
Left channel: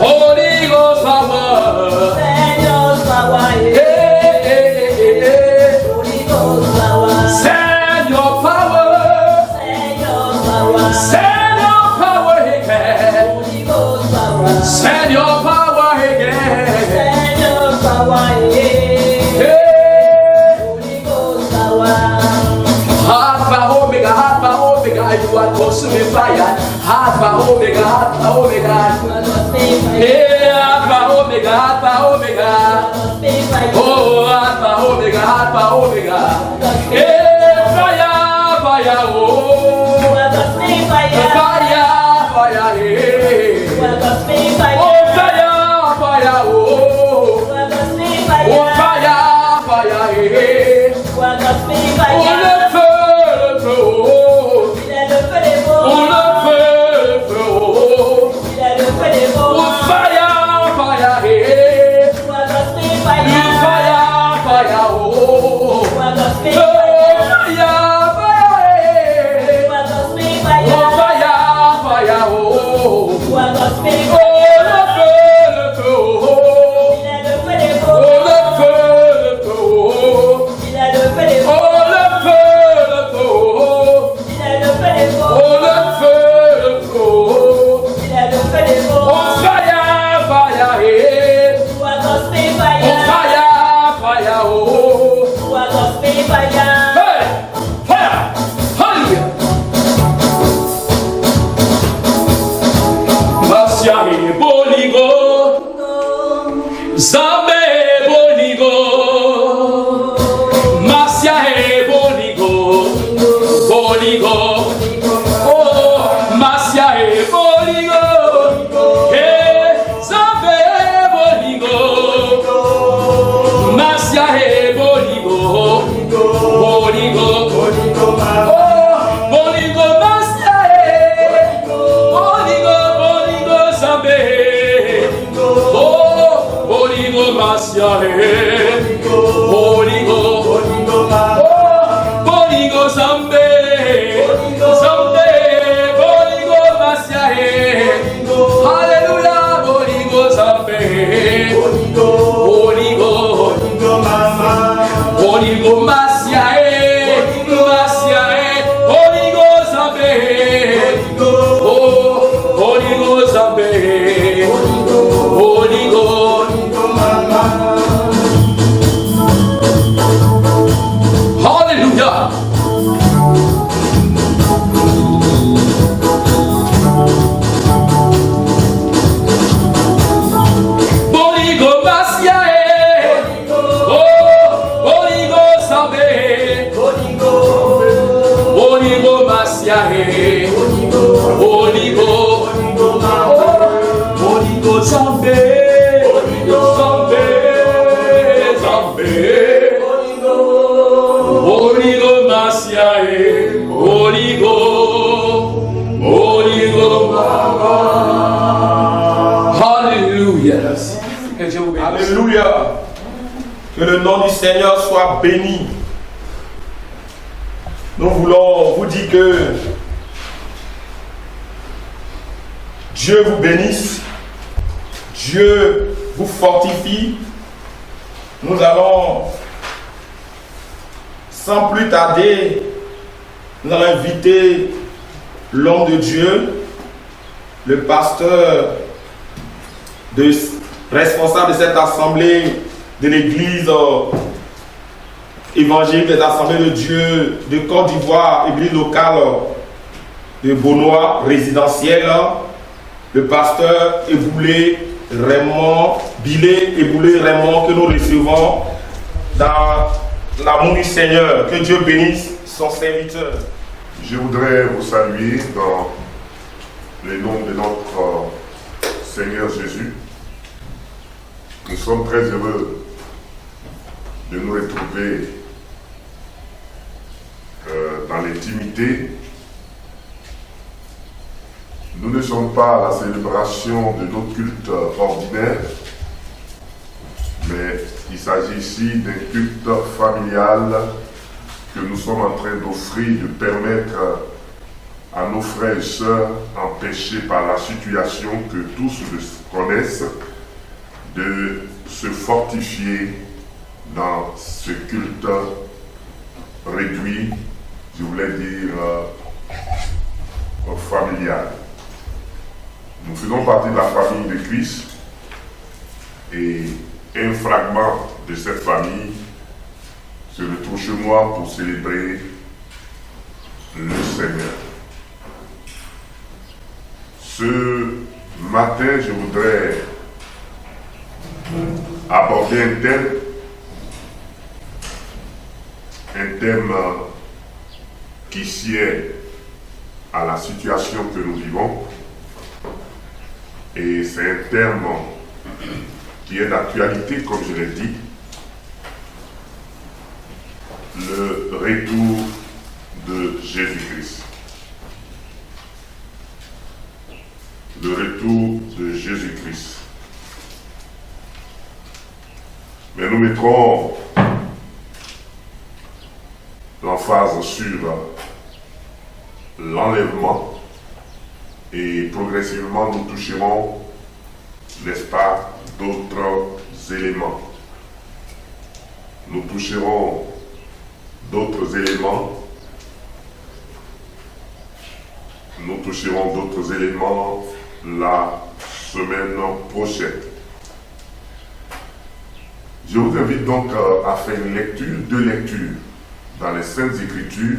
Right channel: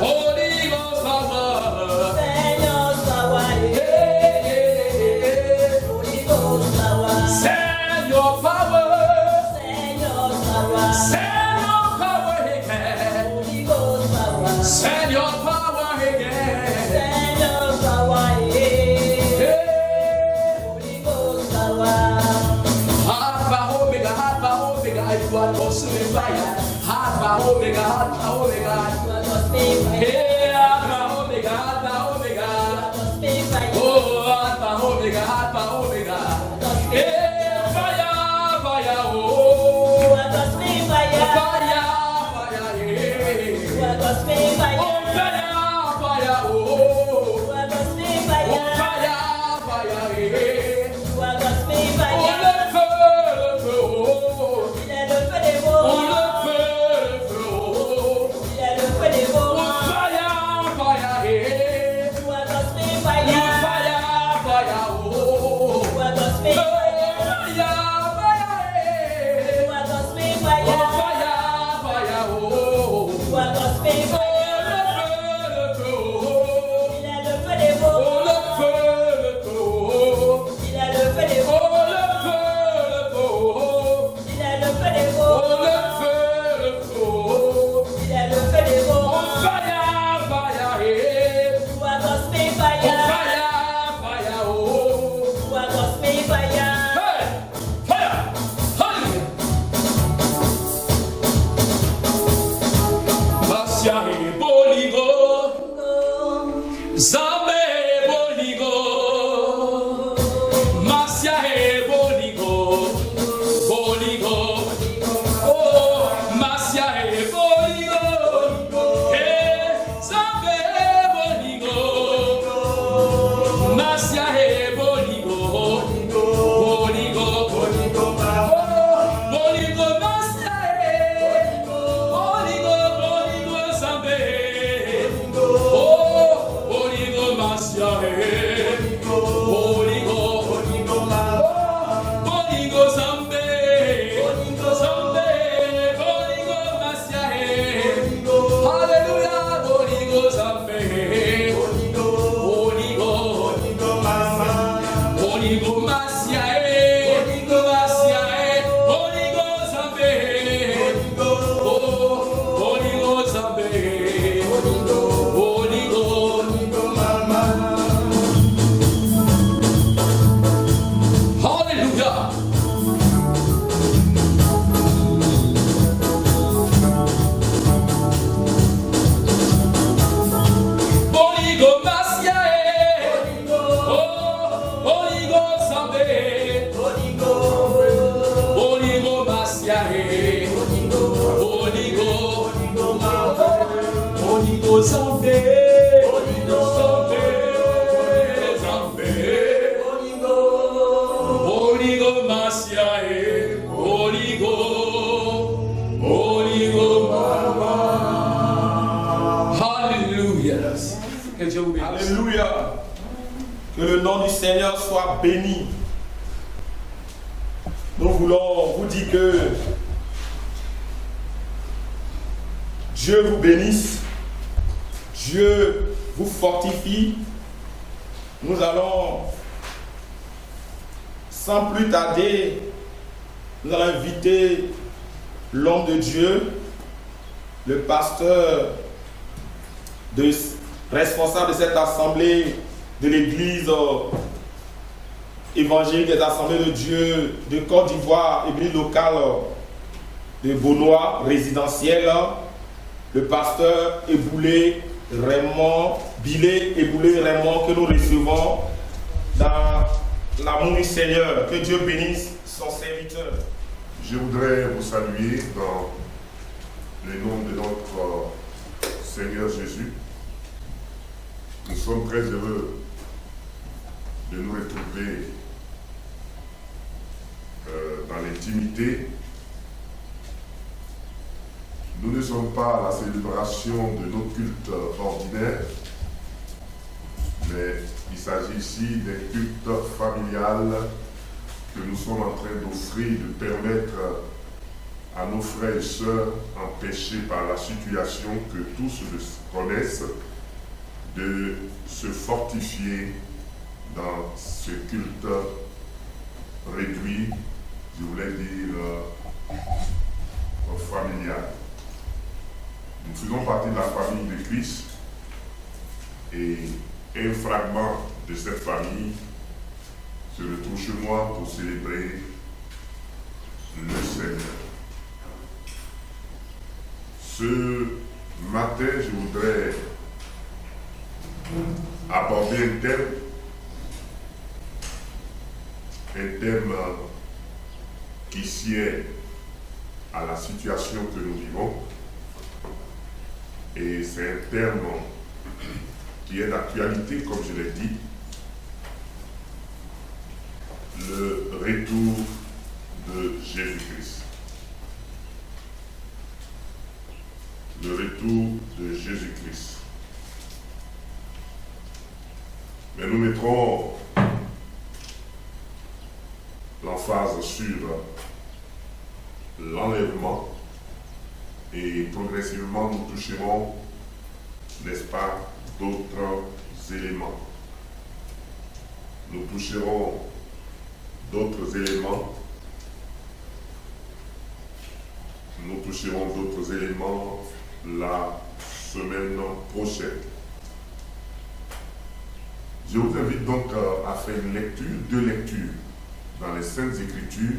Holy Ghost power, Seigneur power, Seignor power again, Seignor power again, Alpha Omega, you are consuming fire, Alpha Omega, hey, Alpha Omega, oh, Alpha Omega, hey, fire, oh, fire, hey, oh, fire, oh, fire, hey, oh, le feu, oh, le feu, oh, fire, hey, fire, oh, Zambe boligo, Masia e boligo, oh Masia e boligo, Zambe boligo, Masia e boligo, oh boligo Masia e boligo Zambe. Masia boligo, boligo Zambe, boligo Masia Alléluia, boligo Zambe, boligo Masia boligo Zambe, oh boligo Zambe, boligo. Hallelujah. Boligo Masia oh boligo Zambe, boligo Masia boligo Zambe, boligo Masia boligo mama. Hallelujah. Alléluia. Que le nom du Seigneur soit béni. Nous voulons vous dire que Dieu vous bénisse. Dieu vous fortifie. Nous allons, sans plus tarder, nous allons inviter l'homme de Dieu, le pasteur responsable de cette assemblée de l'église évangélique des assemblées de Dieu de Côte d'Ivoire, église locale de Beaunois, résidentielle, le pasteur Eboulé Raymond, Billet et Boulet Raymond que nous recevons dans l'amour du Seigneur. Que Dieu bénisse son serviteur. Je voudrais vous saluer dans le nom de notre Seigneur Jésus. Nous sommes très heureux de nous retrouver dans l'intimité. Nous ne sommes pas à la célébration de notre culte ordinaire, mais il s'agit ici d'un culte familial que nous sommes en train d'offrir, de permettre à nos frères et sœurs empêchés par la situation que tous connaissent, de se fortifier dans ce culte réduit, je voulais dire familial. Nous faisons partie de la famille de Christ et un fragment de cette famille se retrouve chez moi pour célébrer le Seigneur. Ce matin, je voudrais aborder un thème qui sied à la situation que nous vivons. Et c'est un thème qui est d'actualité, comme je l'ai dit. Le retour de Jésus-Christ. Le retour de Jésus-Christ. Mais nous mettrons l'emphase sur l'enlèvement et progressivement nous toucherons, n'est-ce pas, d'autres éléments. Nous toucherons d'autres éléments. Nous toucherons d'autres éléments la semaine prochaine. Je vous invite donc à faire une lecture, 2 lectures dans les Saintes Écritures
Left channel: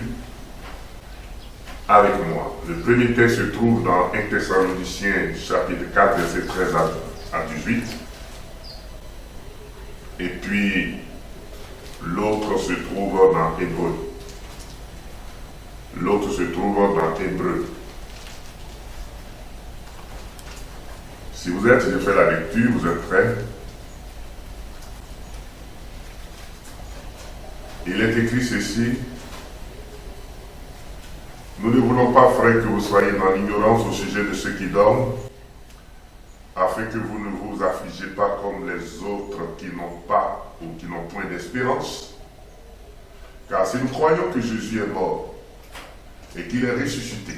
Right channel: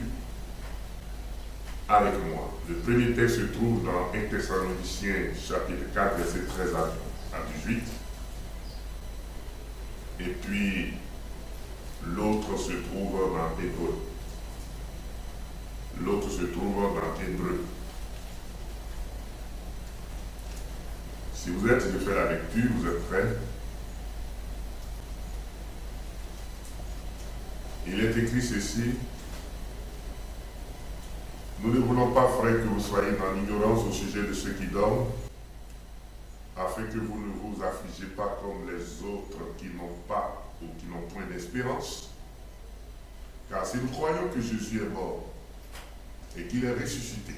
avec moi. Le premier texte se trouve dans 1 Thessaloniciens chapitre 4, verset 13 à 18. Et puis l'autre se trouve dans Hébreu. L'autre se trouve dans Hébreu. Si vous êtes, je fais la lecture, vous êtes prêts? Il est écrit ceci: nous ne voulons pas, frères, que vous soyez dans l'ignorance au sujet de ceux qui dorment, afin que vous ne vous affligez pas comme les autres qui n'ont pas ou qui n'ont point d'espérance. Car si nous croyons que Jésus est mort et qu'il est ressuscité,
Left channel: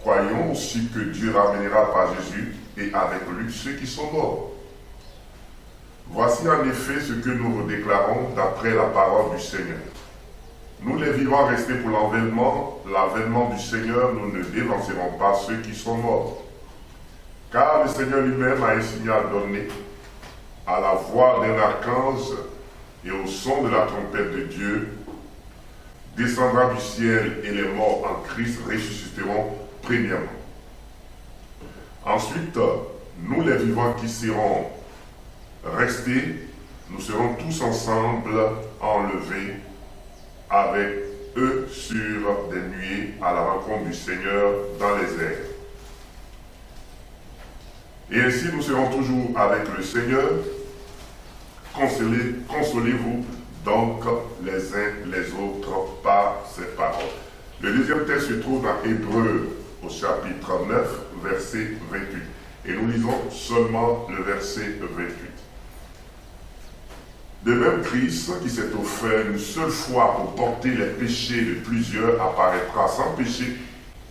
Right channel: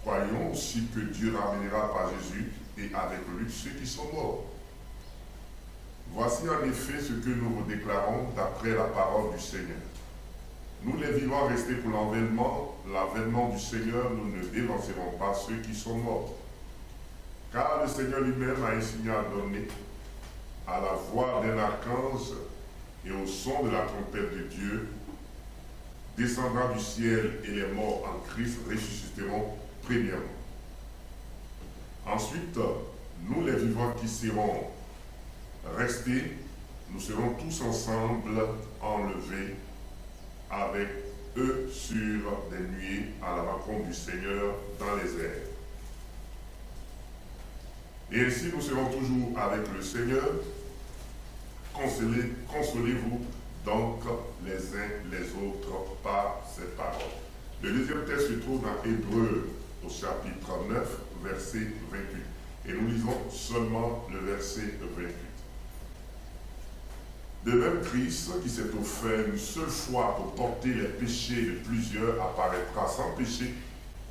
croyons aussi que Dieu ramènera par Jésus et avec lui ceux qui sont morts. Voici en effet ce que nous vous déclarons d'après la parole du Seigneur. Nous les vivants restés pour l'avènement du Seigneur, nous ne dévancerons pas ceux qui sont morts. Car le Seigneur lui-même a un signal donné, à la voix d'un archange et au son de la trompette de Dieu, descendra du ciel et les morts en Christ ressusciteront premièrement. Ensuite, nous les vivants qui serons restés, nous serons tous ensemble enlevés avec eux sur des nuées à la rencontre du Seigneur dans les airs. Et ainsi nous serons toujours avec le Seigneur. Consolez-vous donc les uns les autres par ces paroles. Le deuxième texte se trouve dans Hébreu au chapitre 9, verset 28. Et nous lisons seulement le verset 28. De même, Christ, qui s'est offert une seule fois pour porter les péchés de plusieurs, apparaîtra sans péché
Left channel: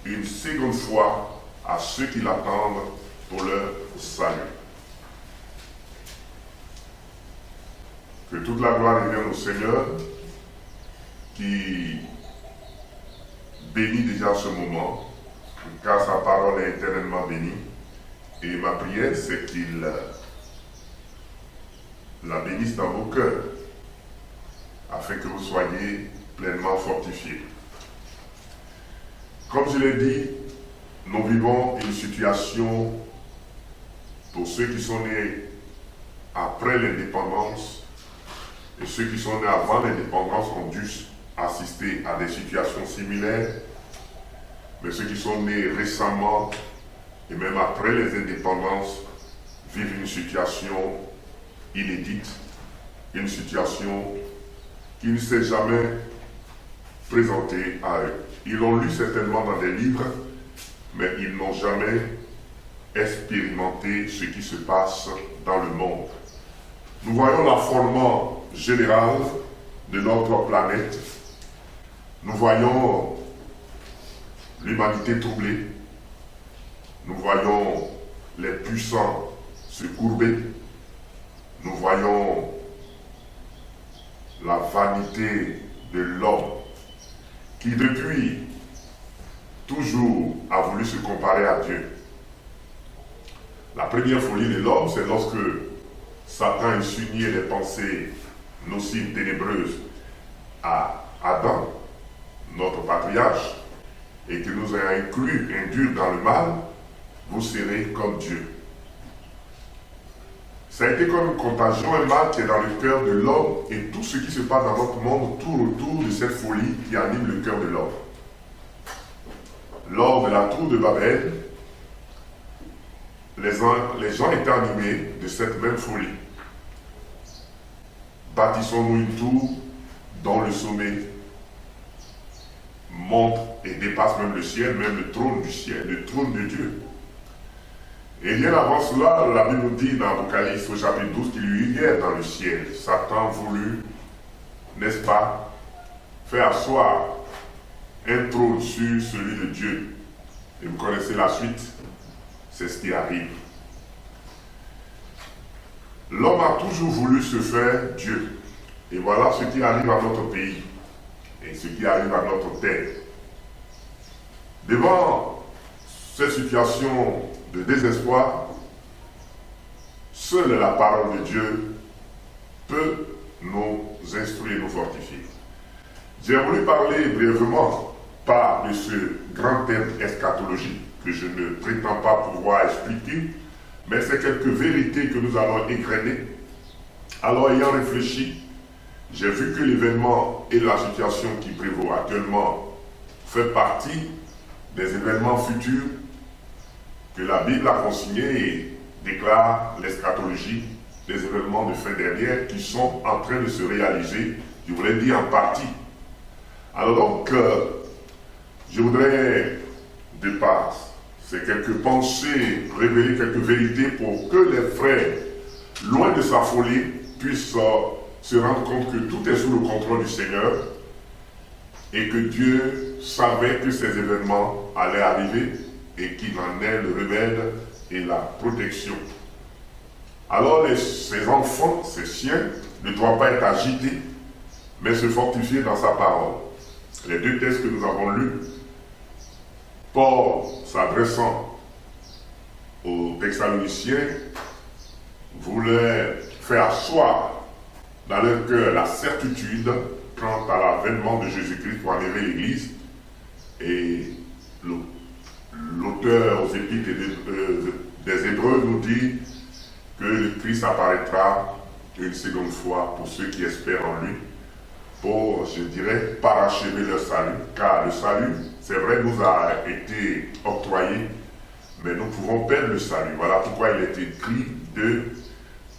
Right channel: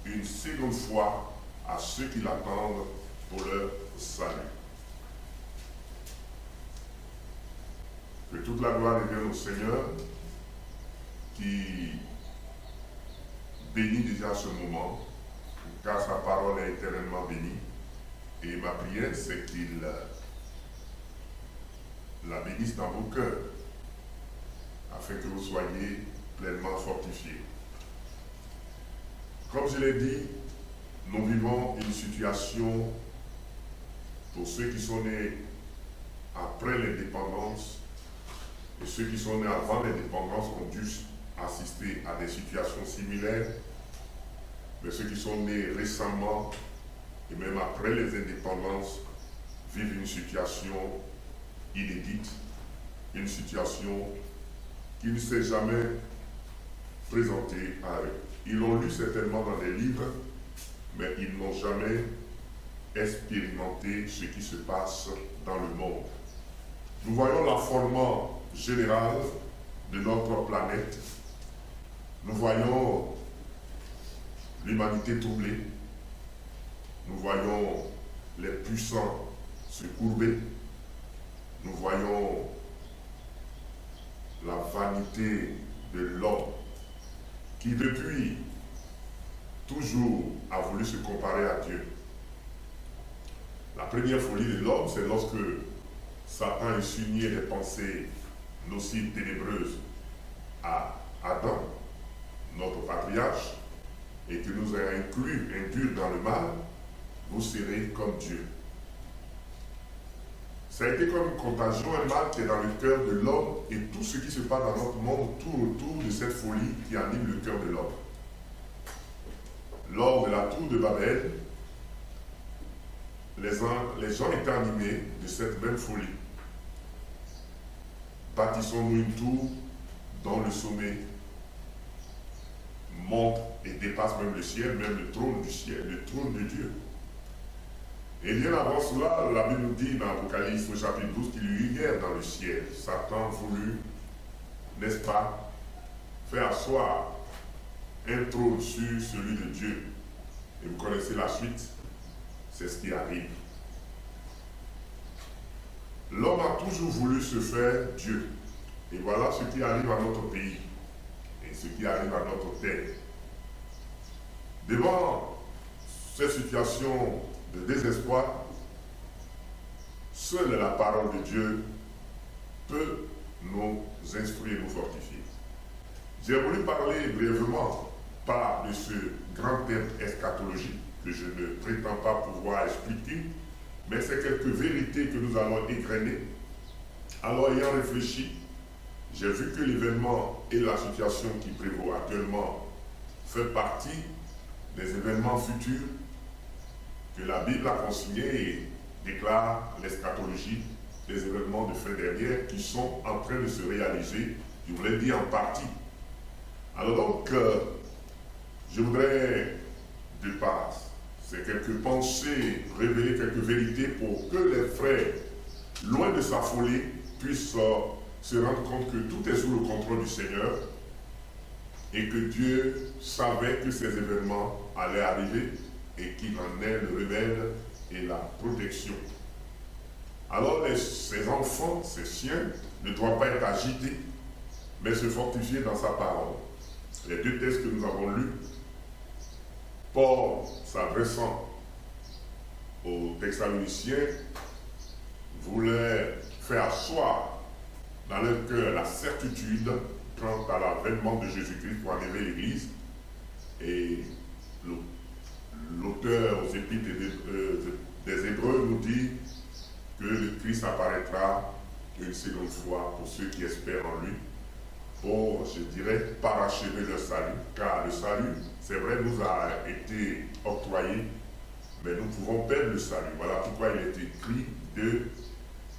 une seconde fois à ceux qui l'attendent pour leur salut. Que toute la gloire revienne au Seigneur, qui bénit déjà ce moment, car sa parole est éternellement bénie. Et ma prière, c'est qu'il la bénisse dans vos cœurs, afin que vous soyez pleinement fortifiés. Comme je l'ai dit, nous vivons une situation pour ceux qui sont nés après l'indépendance et ceux qui sont nés avant l'indépendance ont dû assister à des situations similaires, mais ceux qui sont nés récemment et même après les indépendances vivent une situation inédite, une situation qui ne s'est jamais présentée à eux. Ils l'ont lu certainement dans des livres, mais ils n'ont jamais expérimenté ce qui se passe dans le monde. Nous voyons l'affolement général de notre planète. Nous voyons l'humanité troublée. Nous voyons les puissants se courber. Nous voyons la vanité de l'homme qui depuis toujours a voulu se comparer à Dieu. La première folie de l'homme, c'est lorsque Satan insinuait des pensées nocives, ténébreuses à Adam, notre patriarche, et qui nous a induit dans le mal, vous serez comme Dieu. Ça a été comme une contagion, un mal qui est dans le cœur de l'homme, et tout ce qui se passe dans notre monde tourne autour de cette folie qui anime le cœur de l'homme. Lors de la tour de Babel, les gens étaient animés de cette même folie. Bâtissons-nous une tour dont le sommet monte et dépasse même le ciel, même le trône du ciel, le trône de Dieu. Et bien avant cela, la Bible nous dit dans Apocalypse au chapitre 12 qu'il y eut guerre dans le ciel. Satan voulut, n'est-ce pas, faire asseoir un trône sur celui de Dieu. Et vous connaissez la suite, c'est ce qui arrive. L'homme a toujours voulu se faire Dieu. Et voilà ce qui arrive à notre pays et ce qui arrive à notre terre. Devant cette situation de désespoir, seule la parole de Dieu peut nous instruire, nous fortifier. J'ai voulu parler brièvement, pas de ce grand thème eschatologique que je ne prétends pas pouvoir expliquer, mais c'est quelques vérités que nous allons égrener. Alors, ayant réfléchi, j'ai vu que l'événement et la situation qui prévaut actuellement fait partie des événements futurs que la Bible a consignés et déclare l'eschatologie, des événements de fin dernière qui sont en train de se réaliser, je voulais dire en partie. Alors donc, je voudrais, de par ces quelques pensées, révéler quelques vérités pour que les frères, loin de sa folie, puissent se rendre compte que tout est sous le contrôle du Seigneur et que Dieu savait que ces événements allaient arriver et qu'il en est le remède et la protection. Alors ces enfants, ces siens, ne doivent pas être agités, mais se fortifier dans sa parole. Les deux textes que nous avons lus, Paul s'adressant aux Thessaloniciens, voulait faire asseoir dans leur cœur la certitude quant à l'avènement de Jésus-Christ pour enlever l'Église. Et l'auteur aux Épîtres des Hébreux nous dit que le Christ apparaîtra une seconde fois pour ceux qui espèrent en lui, pour, je dirais, parachever leur salut, car le salut, c'est vrai, nous a été octroyé, mais nous pouvons perdre le salut. Voilà pourquoi il est écrit de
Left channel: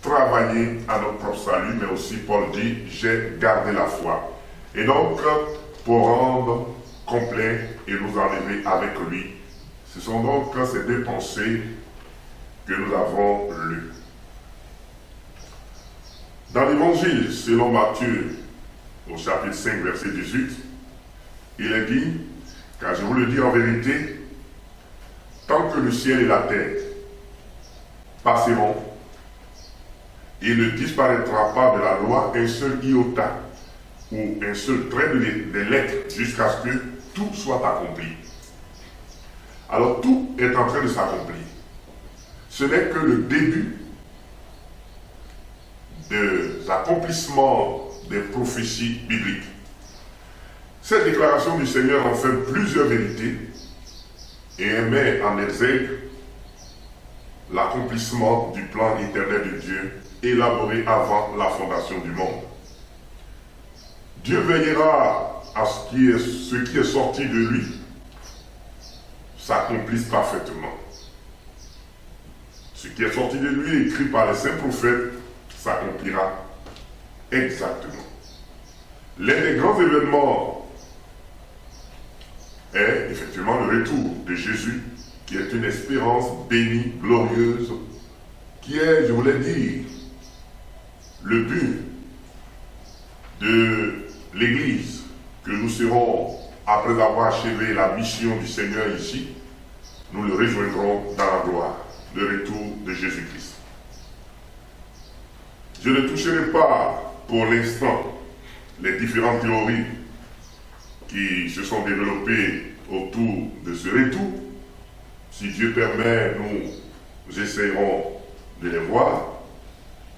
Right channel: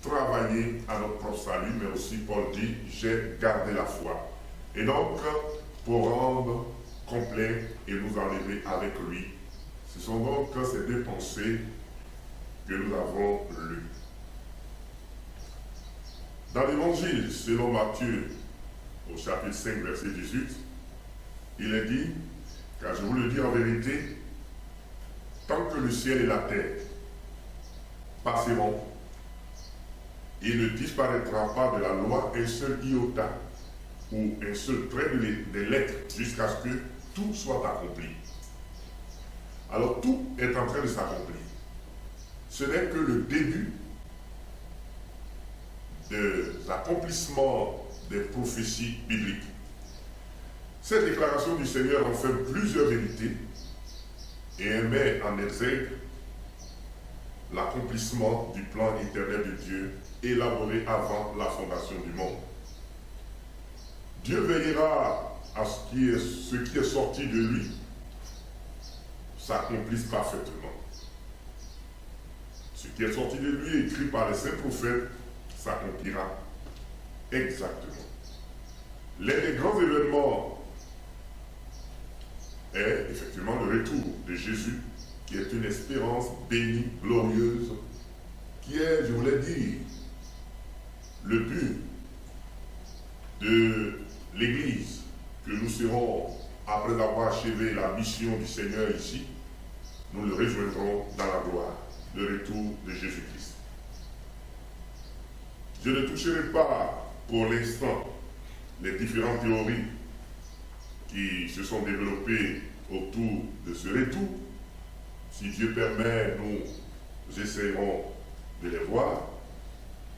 travailler à notre propre salut, mais aussi Paul dit, j'ai gardé la foi. Et donc, pour rendre complet et nous enlever avec lui, ce sont donc ces deux pensées que nous avons lues. Dans l'évangile, selon Matthieu, au chapitre 5, verset 18, il est dit, car je vous le dis en vérité, tant que le ciel et la terre passeront, il ne disparaîtra pas de la loi un seul iota ou un seul trait de lettre jusqu'à ce que tout soit accompli. Alors tout est en train de s'accomplir. Ce n'est que le début des accomplissements des prophéties bibliques. Cette déclaration du Seigneur en fait plusieurs vérités et elle met en exergue l'accomplissement du plan éternel de Dieu, élaboré avant la fondation du monde. Dieu veillera à ce qui est sorti de lui s'accomplisse parfaitement. Ce qui est sorti de lui, écrit par les saints prophètes, s'accomplira exactement. L'un des grands événements est effectivement le retour de Jésus, qui est une espérance bénie, glorieuse, qui est, je voulais dire, le but de l'Église, que nous serons, après avoir achevé la mission du Seigneur ici, nous le rejoindrons dans la gloire, le retour de Jésus-Christ. Je ne toucherai pas pour l'instant les différentes théories qui se sont développées autour de ce retour. Si Dieu permet, nous essayerons de les voir,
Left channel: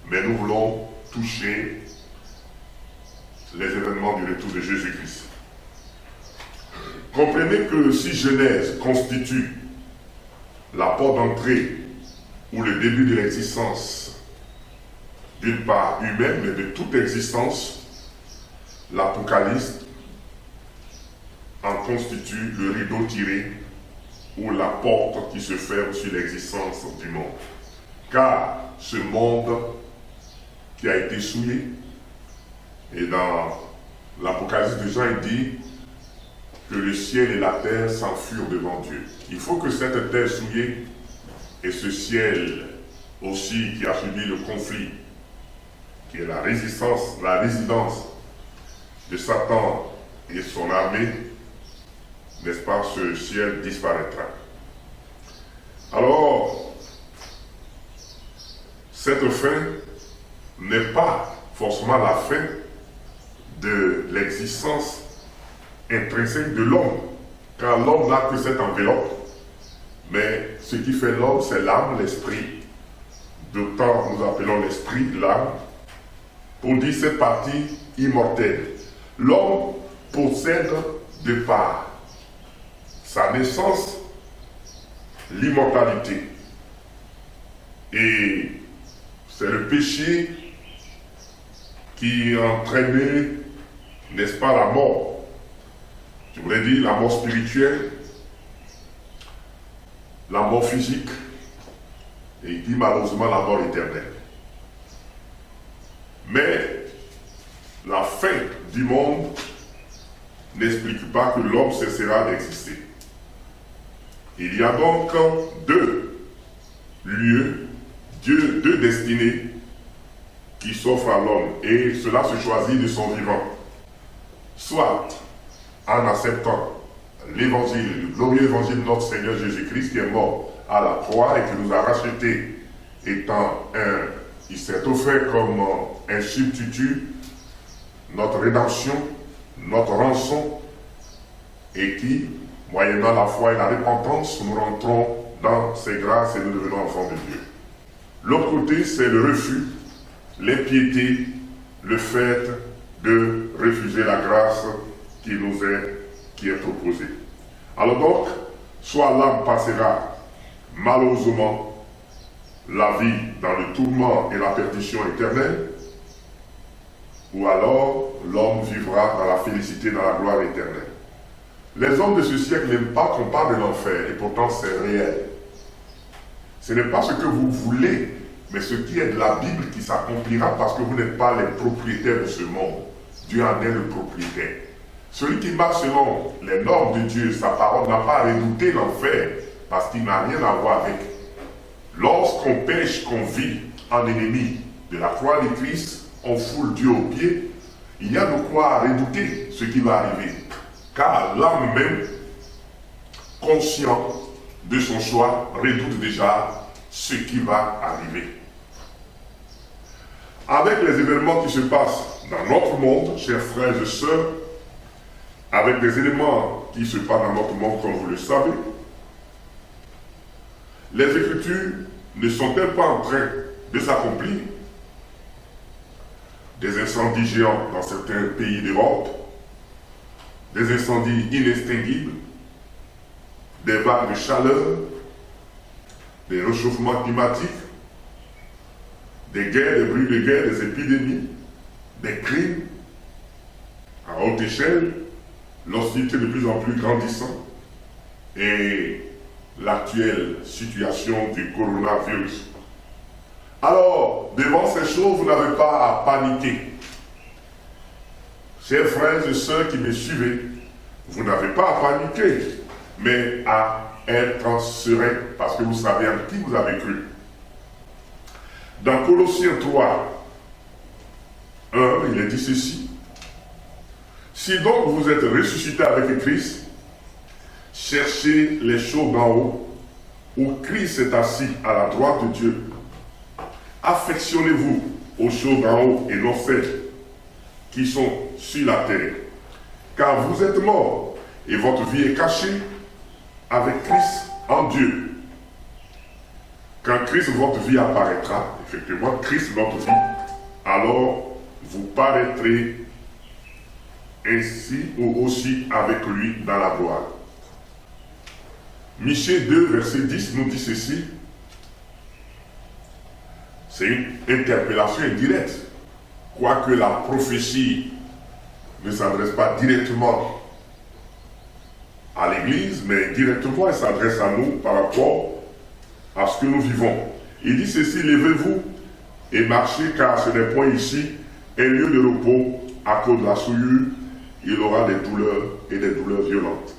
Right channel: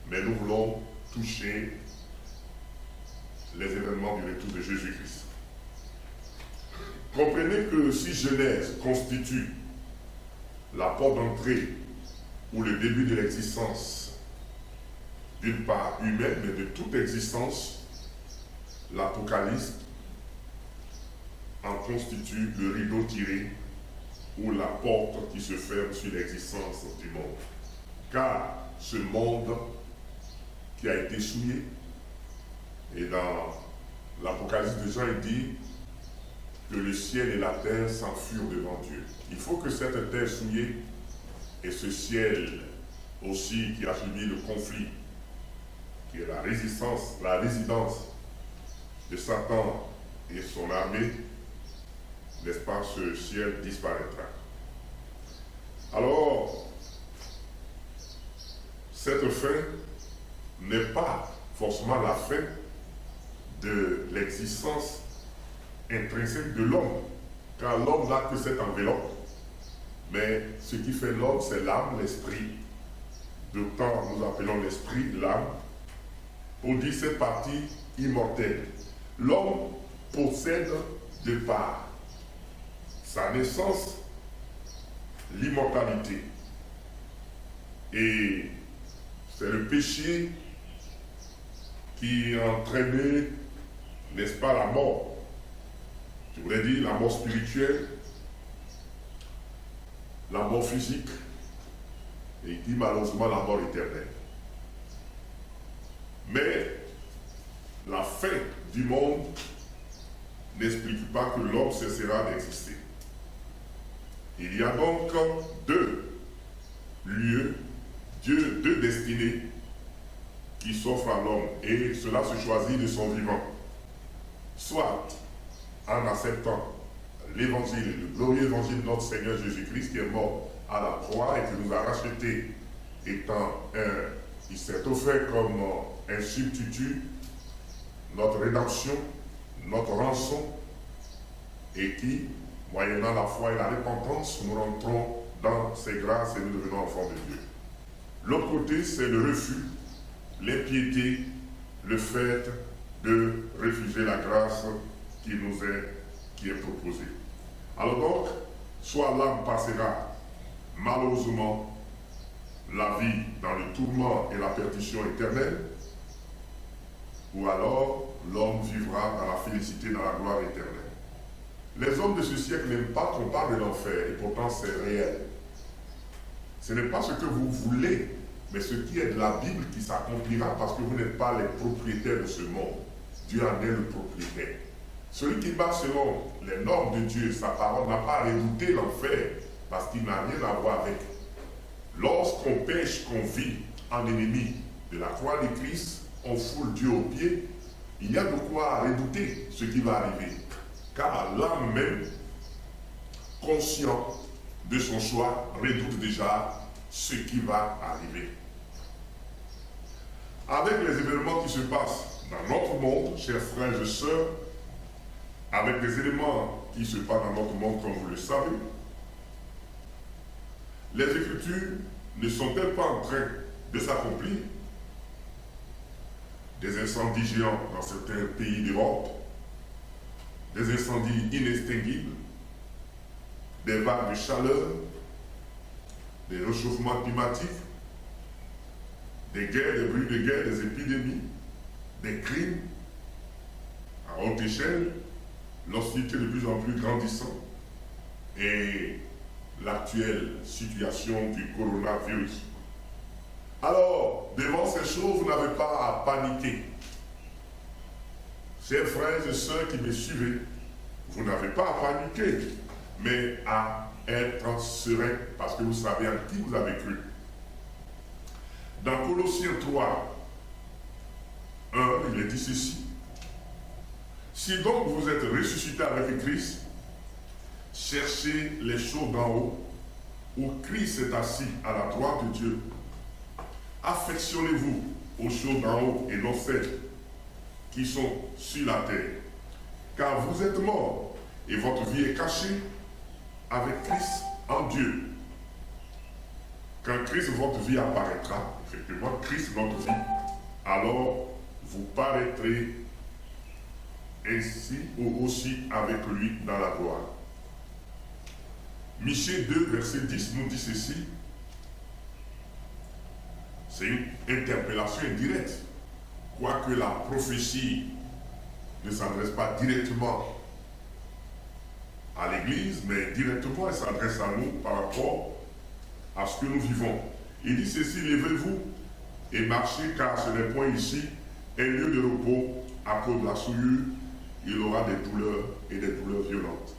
mais nous voulons toucher les événements du retour de Jésus-Christ. Comprenez que si Genèse constitue la porte d'entrée ou le début de l'existence, d'une part humaine, mais de toute existence, l'Apocalypse en constitue le rideau tiré ou la porte qui se ferme sur l'existence du monde. Car ce monde qui a été souillé, et dans l'Apocalypse de Jean, il dit que le ciel et la terre s'enfuirent devant Dieu. Il faut que cette terre souillée et ce ciel aussi qui a subi le conflit, qui est la résidence de Satan et son armée, n'est-ce pas, ce ciel disparaîtra. Alors, cette fin n'est pas forcément la fin de l'existence intrinsèque de l'homme, car l'homme n'a que cette enveloppe, mais ce qui fait l'homme, c'est l'âme, l'esprit. D'autant nous appelons l'esprit, l'âme, pour dire cette partie immortelle. L'homme possède de par sa naissance l'immortalité. Et c'est le péché qui entraînait, n'est-ce pas, la mort. Je voulais dire la mort spirituelle, la mort physique, et il dit malheureusement la mort éternelle. Mais la fin du monde n'explique pas que l'homme cessera d'exister. Il y a donc deux lieux, deux destinées qui s'offrent à l'homme, et cela se choisit de son vivant. Soit en acceptant l'évangile, le glorieux évangile de notre Seigneur Jésus-Christ qui est mort à la croix et qui nous a rachetés, il s'est offert comme un substitut, notre rédemption, notre rançon, et qui, moyennant la foi et la repentance, nous rentrons dans ses grâces et nous devenons enfants de Dieu. L'autre côté, c'est le refus, l'impiété, le fait de refuser la grâce qui est proposée. Alors donc, soit l'âme passera malheureusement la vie dans le tourment et la perdition éternelle, ou alors l'homme vivra dans la félicité, dans la gloire éternelle. Les hommes de ce siècle n'aiment pas qu'on parle de l'enfer, et pourtant c'est réel. Ce n'est pas ce que vous voulez, mais ce qui est de la Bible qui s'accomplira parce que vous n'êtes pas les propriétaires de ce monde. Dieu en est le propriétaire. Celui qui marche selon les normes de Dieu, sa parole, n'a pas à redouter l'enfer parce qu'il n'a rien à voir avec. Lorsqu'on pêche, qu'on vit en ennemi de la croix de Christ, on foule Dieu aux pieds, il y a de quoi redouter ce qui va arriver. Car l'âme même, conscient de son choix, redoute déjà ce qui va arriver. Avec les événements qui se passent dans notre monde, chers frères et sœurs, avec des éléments qui se passent dans notre monde, comme vous le savez, les Écritures ne sont-elles pas en train de s'accomplir? Des incendies géants dans certains pays d'Europe, des incendies inextinguibles, des vagues de chaleur, des réchauffements climatiques, des guerres, des bruits de guerre, des épidémies, des crimes à haute échelle, l'hostilité de plus en plus grandissante et l'actuelle situation du coronavirus. Alors, devant ces choses, vous n'avez pas à paniquer. Chers frères et sœurs qui me suivez, vous n'avez pas à paniquer, mais à être serein, parce que vous savez en qui vous avez cru. Dans Colossiens 3, 1, il est dit ceci. Si donc vous êtes ressuscités avec Christ, cherchez les choses d'en haut, où Christ est assis à la droite de Dieu. Affectionnez-vous aux choses d'en haut et non celles qui sont sur la terre. Car vous êtes morts et votre vie est cachée avec Christ en Dieu. Quand Christ, votre vie apparaîtra, effectivement, Christ, notre vie, alors vous paraîtrez ainsi ou aussi avec lui dans la gloire. Michée 2, verset 10 nous dit ceci. C'est une interpellation indirecte. Quoique la prophétie ne s'adresse pas directement à l'Église, mais directement elle s'adresse à nous par rapport à ce que nous vivons. Il dit ceci, levez-vous et marchez, car ce n'est point ici un lieu de repos à cause de la souillure. Il aura des douleurs et des douleurs violentes.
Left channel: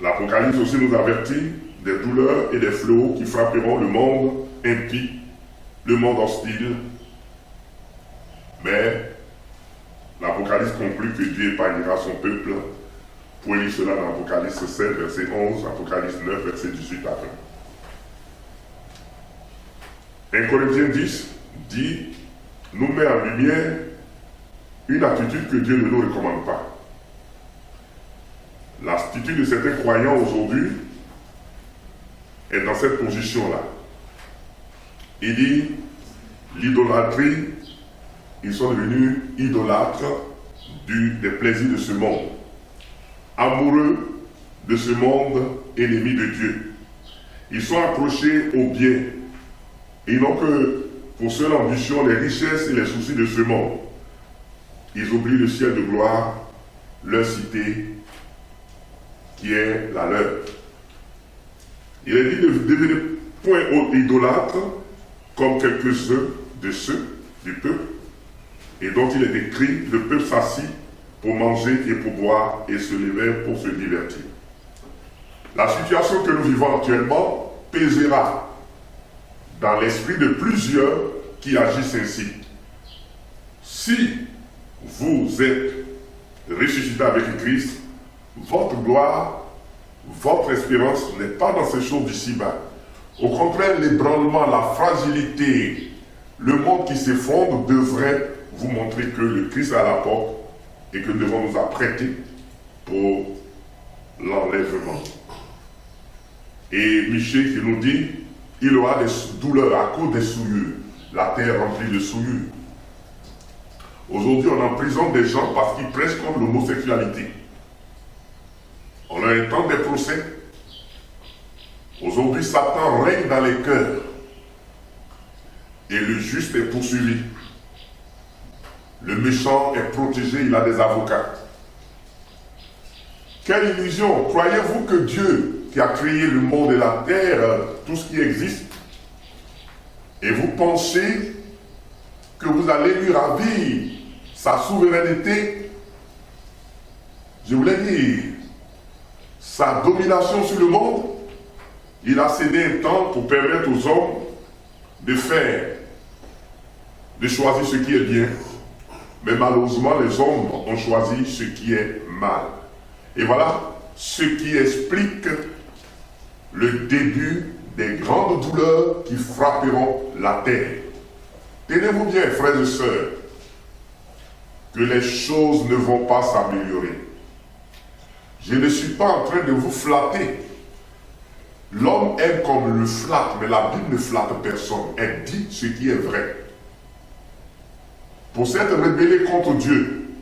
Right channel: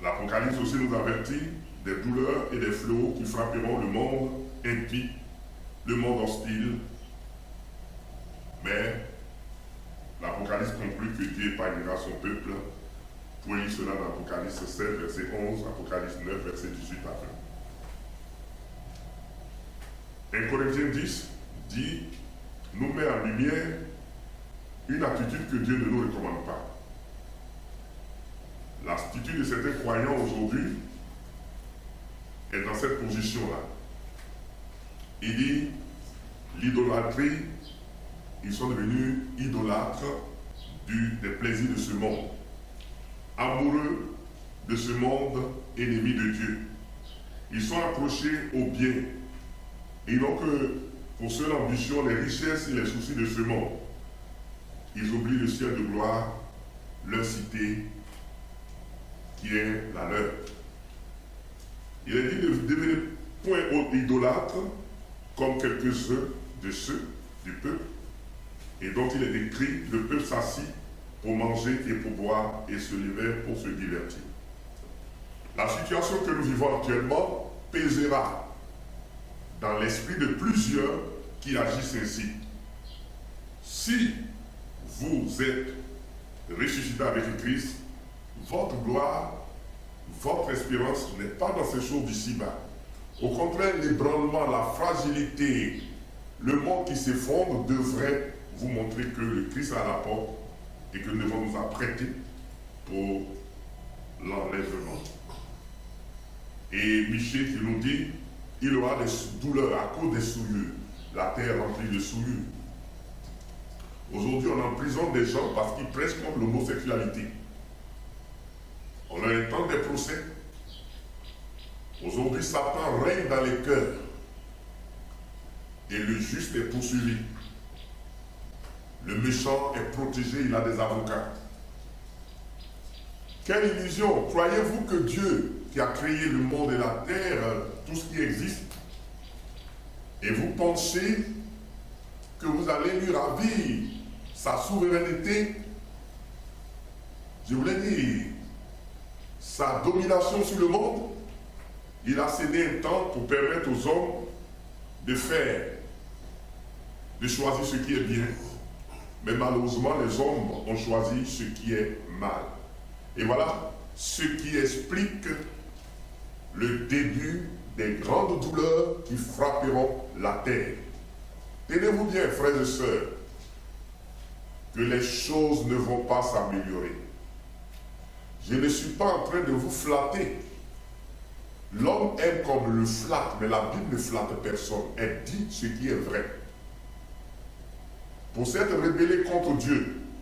L'Apocalypse aussi nous avertit des douleurs et des fléaux qui frapperont le monde impie, le monde hostile. Mais l'Apocalypse conclut que Dieu épargnera son peuple. Vous pouvez lire cela dans Apocalypse 7, verset 11, Apocalypse 9, verset 18 à 20. 1 Corinthiens 10 dit, nous met en lumière une attitude que Dieu ne nous recommande pas. L'attitude de certains croyants aujourd'hui est dans cette position-là. Il dit, l'idolâtrie, ils sont devenus idolâtres des plaisirs de ce monde, amoureux de ce monde, ennemis de Dieu. Ils sont accrochés au bien. Ils n'ont que pour seule ambition les richesses et les soucis de ce monde. Ils oublient le ciel de gloire, leur cité, qui est la leur. Il est dit de devenir point idolâtre comme quelques-uns de ceux du peuple, et dont il est écrit, le peuple s'assit pour manger et pour boire et se lever pour se divertir. La situation que nous vivons actuellement pèsera dans l'esprit de plusieurs qui agissent ainsi. Si vous êtes ressuscité avec Christ, votre gloire, votre espérance n'est pas dans ces choses d'ici-bas. Au contraire, l'ébranlement, la fragilité, le monde qui s'effondre devrait vous montrer que le Christ est à la porte et que nous devons nous apprêter pour l'enlèvement. Et Michée qui nous dit, il aura des douleurs à cause des souillures, la terre remplie de souillures. Aujourd'hui, on emprisonne des gens parce qu'ils prêchent contre l'homosexualité. On a un temps des procès. Aujourd'hui, Satan règne dans les cœurs. Et le juste est poursuivi. Le méchant est protégé, il a des avocats. Quelle illusion! Croyez-vous que Dieu, qui a créé le monde et la terre, tout ce qui existe, et vous pensez que vous allez lui ravir sa souveraineté? Je voulais dire, sa domination sur le monde, il a cédé un temps pour permettre aux hommes de choisir ce qui est bien. Mais malheureusement, les hommes ont choisi ce qui est mal. Et voilà ce qui explique le début des grandes douleurs qui frapperont la terre. Tenez-vous bien, frères et sœurs, que les choses ne vont pas s'améliorer. Je ne suis pas en train de vous flatter. L'homme aime comme le flatte, mais la Bible ne flatte personne. Elle dit ce qui est vrai. Pour s'être rebellé contre Dieu,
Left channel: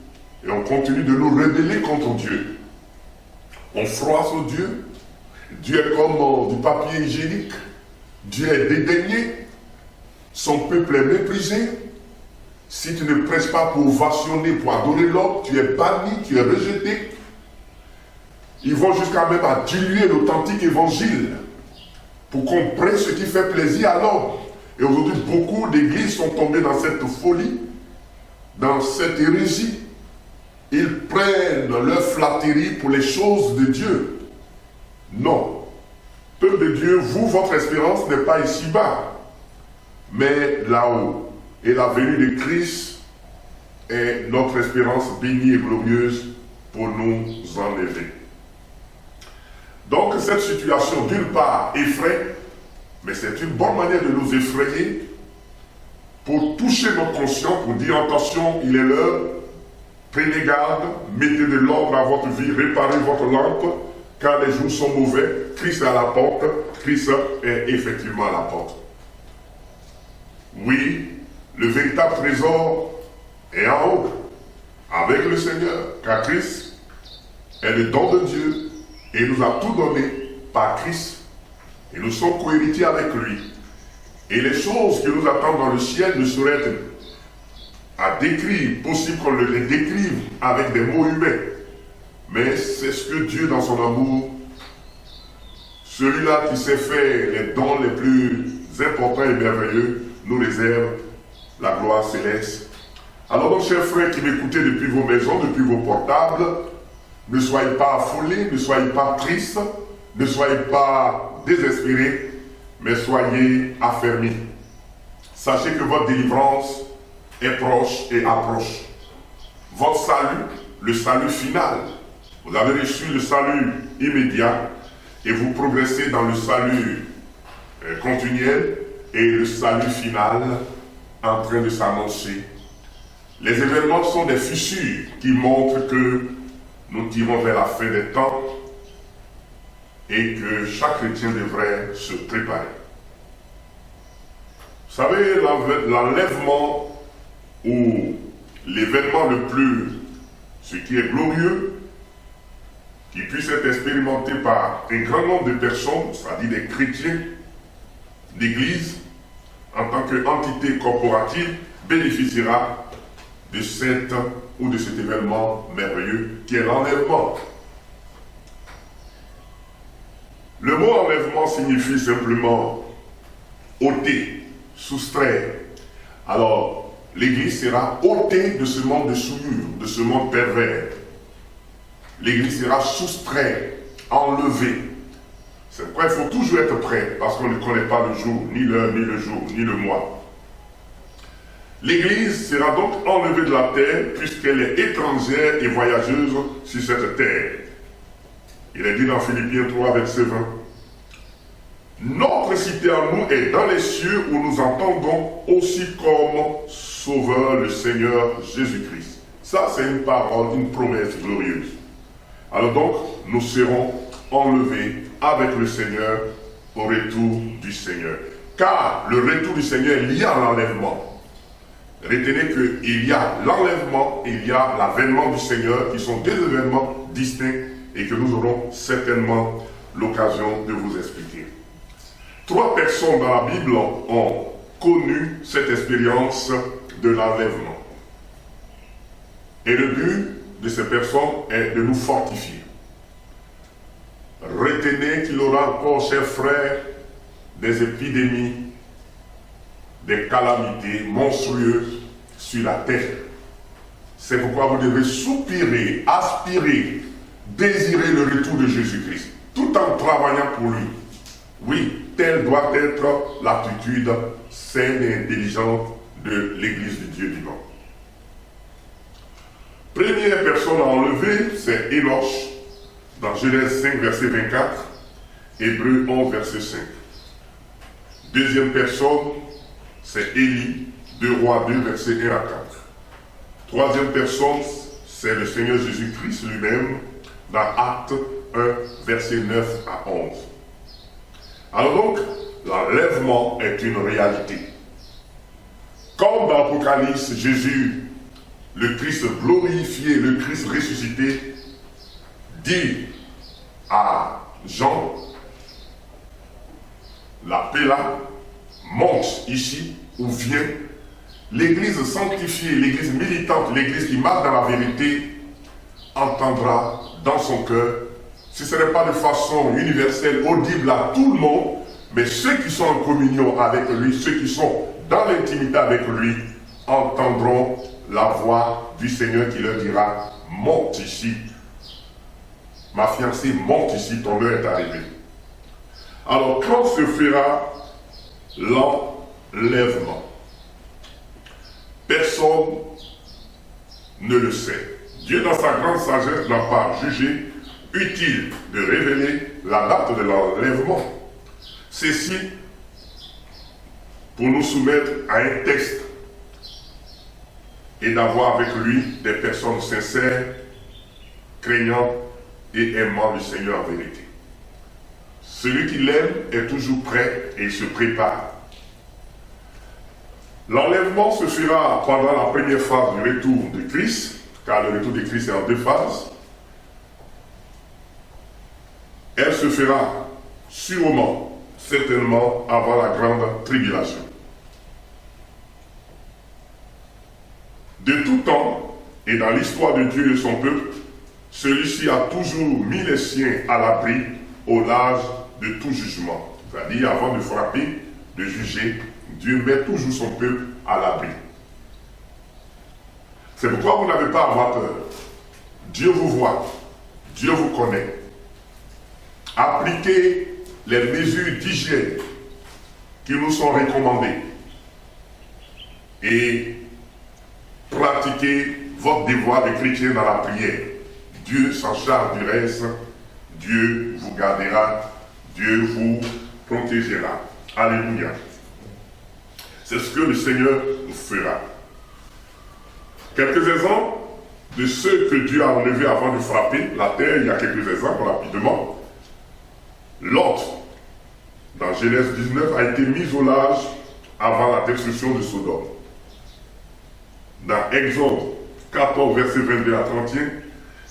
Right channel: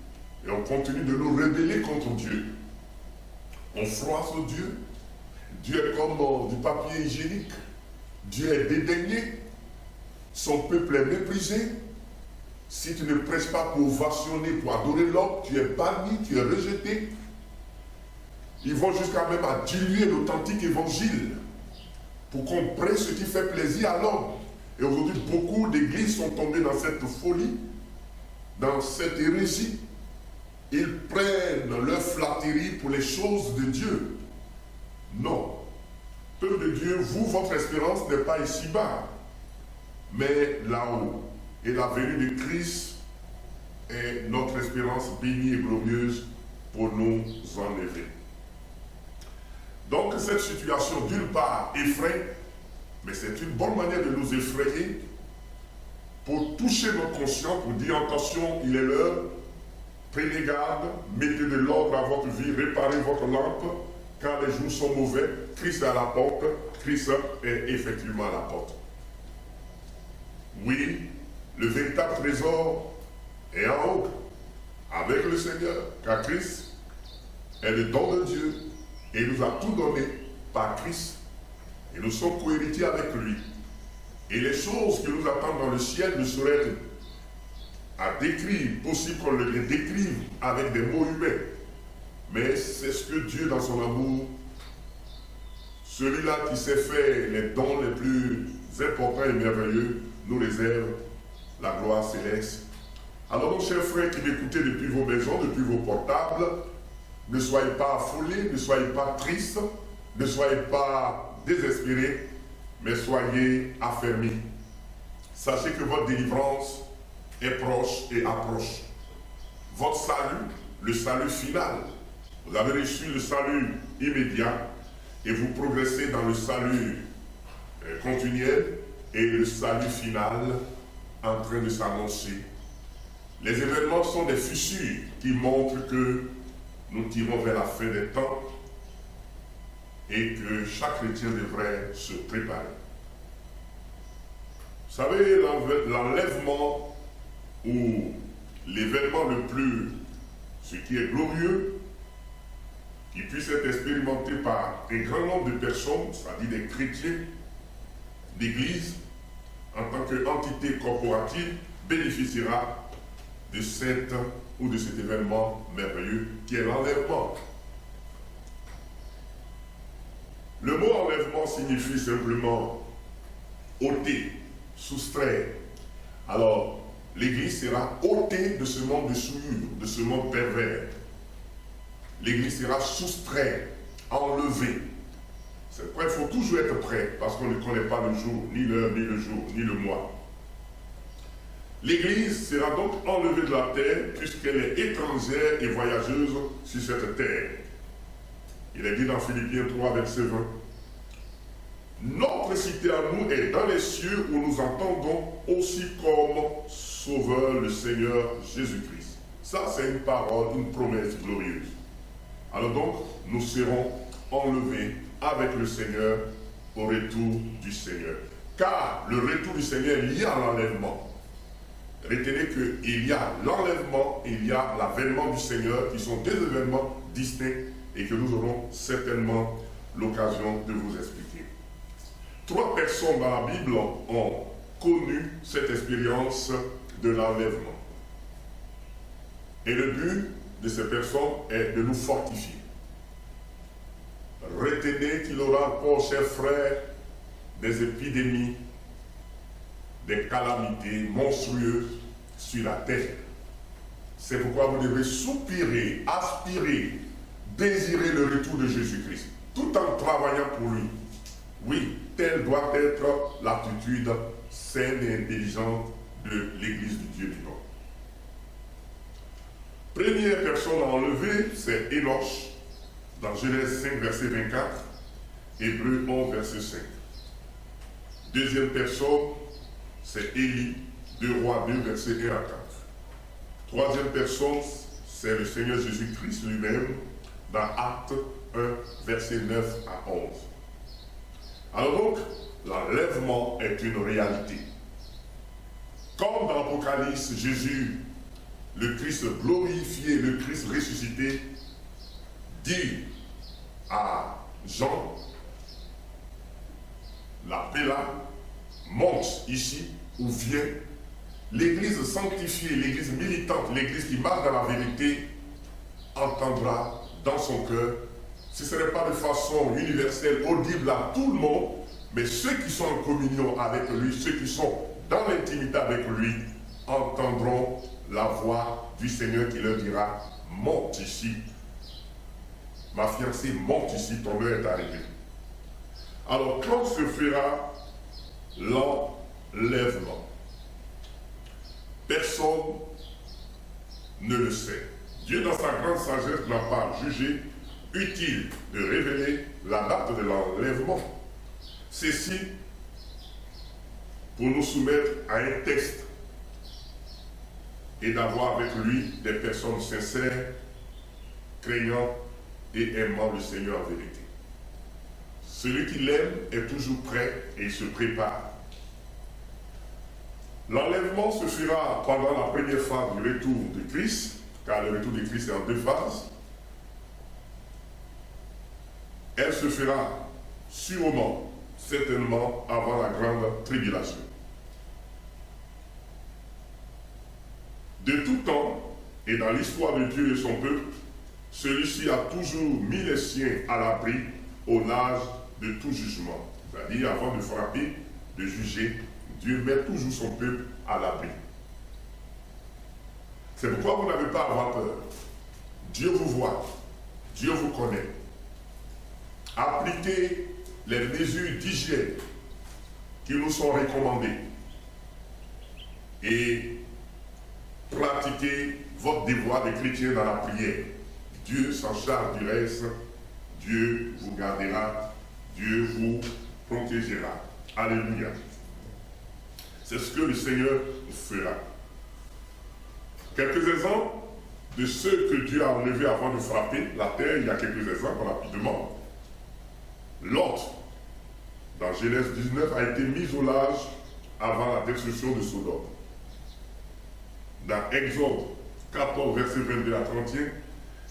et on continue de nous rebeller contre Dieu, on froisse Dieu, Dieu est comme du papier hygiénique. Dieu est dédaigné. Son peuple est méprisé. Si tu ne presses pas pour ovationner, pour adorer l'homme, tu es banni, tu es rejeté. Ils vont jusqu'à même à diluer l'authentique évangile pour qu'on prenne ce qui fait plaisir à l'homme. Et aujourd'hui, beaucoup d'églises sont tombées dans cette folie, dans cette hérésie. Ils prennent leur flatterie pour les choses de Dieu. Non. Peuple de Dieu, vous, votre espérance n'est pas ici-bas, mais là-haut. Et la venue de Christ est notre espérance bénie et glorieuse pour nous enlever. Donc cette situation, d'une part, effraie, mais c'est une bonne manière de nous effrayer pour toucher notre conscience, pour dire attention, il est l'heure, prenez garde, mettez de l'ordre à votre vie, réparez votre lampe, car les jours sont mauvais, Christ est à la porte, Christ est effectivement à la porte. Oui, le véritable trésor est en haut, avec le Seigneur, car Christ est le don de Dieu et il nous a tout donné par Christ. Et nous sommes co-héritiers avec lui. Et les choses qui nous attendent dans le ciel ne sauraient être à décrire, possible qu'on les décrive avec des mots humains. Mais c'est ce que Dieu, dans son amour, celui-là qui s'est fait les dons les plus importants et merveilleux, nous réserve la gloire céleste. Alors donc, chers frères qui m'écoutez depuis vos maisons, depuis vos portables, ne soyez pas affolés, ne soyez pas tristes, ne soyez pas désespérés, mais soyez affermis. Sachez que votre délivrance est proche et approche. Votre salut, le salut final. Vous avez reçu le salut immédiat et vous progressez dans le salut continuel et le salut final en train de s'annoncer. Les événements sont des fissures qui montrent que nous tirons vers la fin des temps et que chaque chrétien devrait se préparer. Vous savez, l'enlèvement ou l'événement le plus, ce qui est glorieux, qui puisse être expérimenté par un grand nombre de personnes, c'est-à-dire des chrétiens d'Église, en tant qu'entité corporative, bénéficiera de cet ou de cet événement merveilleux qui est l'enlèvement. Le mot enlèvement signifie simplement ôter, soustraire. Alors, l'Église sera ôtée de ce monde de souillure, de ce monde pervers. L'Église sera soustraite, enlevée. C'est pourquoi il faut toujours être prêt, parce qu'on ne connaît pas le jour, ni l'heure, ni le jour, ni le mois. L'Église sera donc enlevée de la terre, puisqu'elle est étrangère et voyageuse sur cette terre. Il est dit dans Philippiens 3, verset 20. Notre cité à nous est dans les cieux, où nous entendons aussi comme Sauveur le Seigneur Jésus-Christ. Ça, c'est une parole, une promesse glorieuse. Alors donc, nous serons enlevés avec le Seigneur au retour du Seigneur. Car le retour du Seigneur est lié à l'enlèvement. Retenez qu'il y a l'enlèvement et il y a l'avènement du Seigneur, qui sont deux événements distincts et que nous aurons certainement l'occasion de vous expliquer. 3 personnes dans la Bible ont connu cette expérience de l'enlèvement. Et le but de ces personnes est de nous fortifier. Retenez qu'il y aura encore, chers frères, des épidémies, des calamités monstrueuses sur la terre. C'est pourquoi vous devez soupirer, aspirer, désirer le retour de Jésus-Christ, tout en travaillant pour lui. Oui, telle doit être l'attitude saine et intelligente de l'Église du Dieu vivant. Première personne à enlever, c'est Énoch, dans Genèse 5, verset 24, Hébreux 11, verset 5. Deuxième personne, c'est Élie, 2 Rois 2, verset 1 à 4. Troisième personne, c'est le Seigneur Jésus-Christ lui-même, dans Actes 1, verset 9 à 11. Alors donc, l'enlèvement est une réalité. Comme dans l'Apocalypse, Jésus, le Christ glorifié, le Christ ressuscité, dit à Jean la paix là, monte ici ou vient, l'Église sanctifiée, l'Église militante, l'Église qui marche dans la vérité, entendra dans son cœur, si ce n'est pas de façon universelle, audible à tout le monde, mais ceux qui sont en communion avec lui, ceux qui sont dans l'intimité avec lui, entendront la voix du Seigneur qui leur dira, monte ici, ma fiancée, monte ici, ton heure est arrivée. Alors quand se fera l'enlèvement? Personne ne le sait. Dieu, dans sa grande sagesse, n'a pas jugé utile de révéler la date de l'enlèvement. Ceci pour nous soumettre à un texte et d'avoir avec lui des personnes sincères, craignant et aimant le Seigneur en vérité. Celui qui l'aime est toujours prêt et il se prépare. L'enlèvement se fera pendant la première phase du retour de Christ, car le retour de Christ est en 2 phases. Elle se fera sûrement, certainement, avant la grande tribulation. De tout temps, et dans l'histoire de Dieu et son peuple, celui-ci a toujours mis les siens à l'abri au large de tout jugement. C'est-à-dire, avant de frapper, de juger, Dieu met toujours son peuple à l'abri. C'est pourquoi vous n'avez pas à avoir peur. Dieu vous voit, Dieu vous connaît. Appliquez les mesures d'hygiène qui nous sont recommandées et pratiquez votre devoir de chrétien dans la prière. Dieu s'en charge du reste, Dieu vous gardera, Dieu vous protégera. Alléluia. C'est ce que le Seigneur fera. Quelques exemples de ceux que Dieu a enlevés avant de frapper la terre, il y a quelques exemples rapidement. Lot, dans Genèse 19, a été mis au large avant la destruction de Sodome. Dans Exode 14, verset 22 à 31,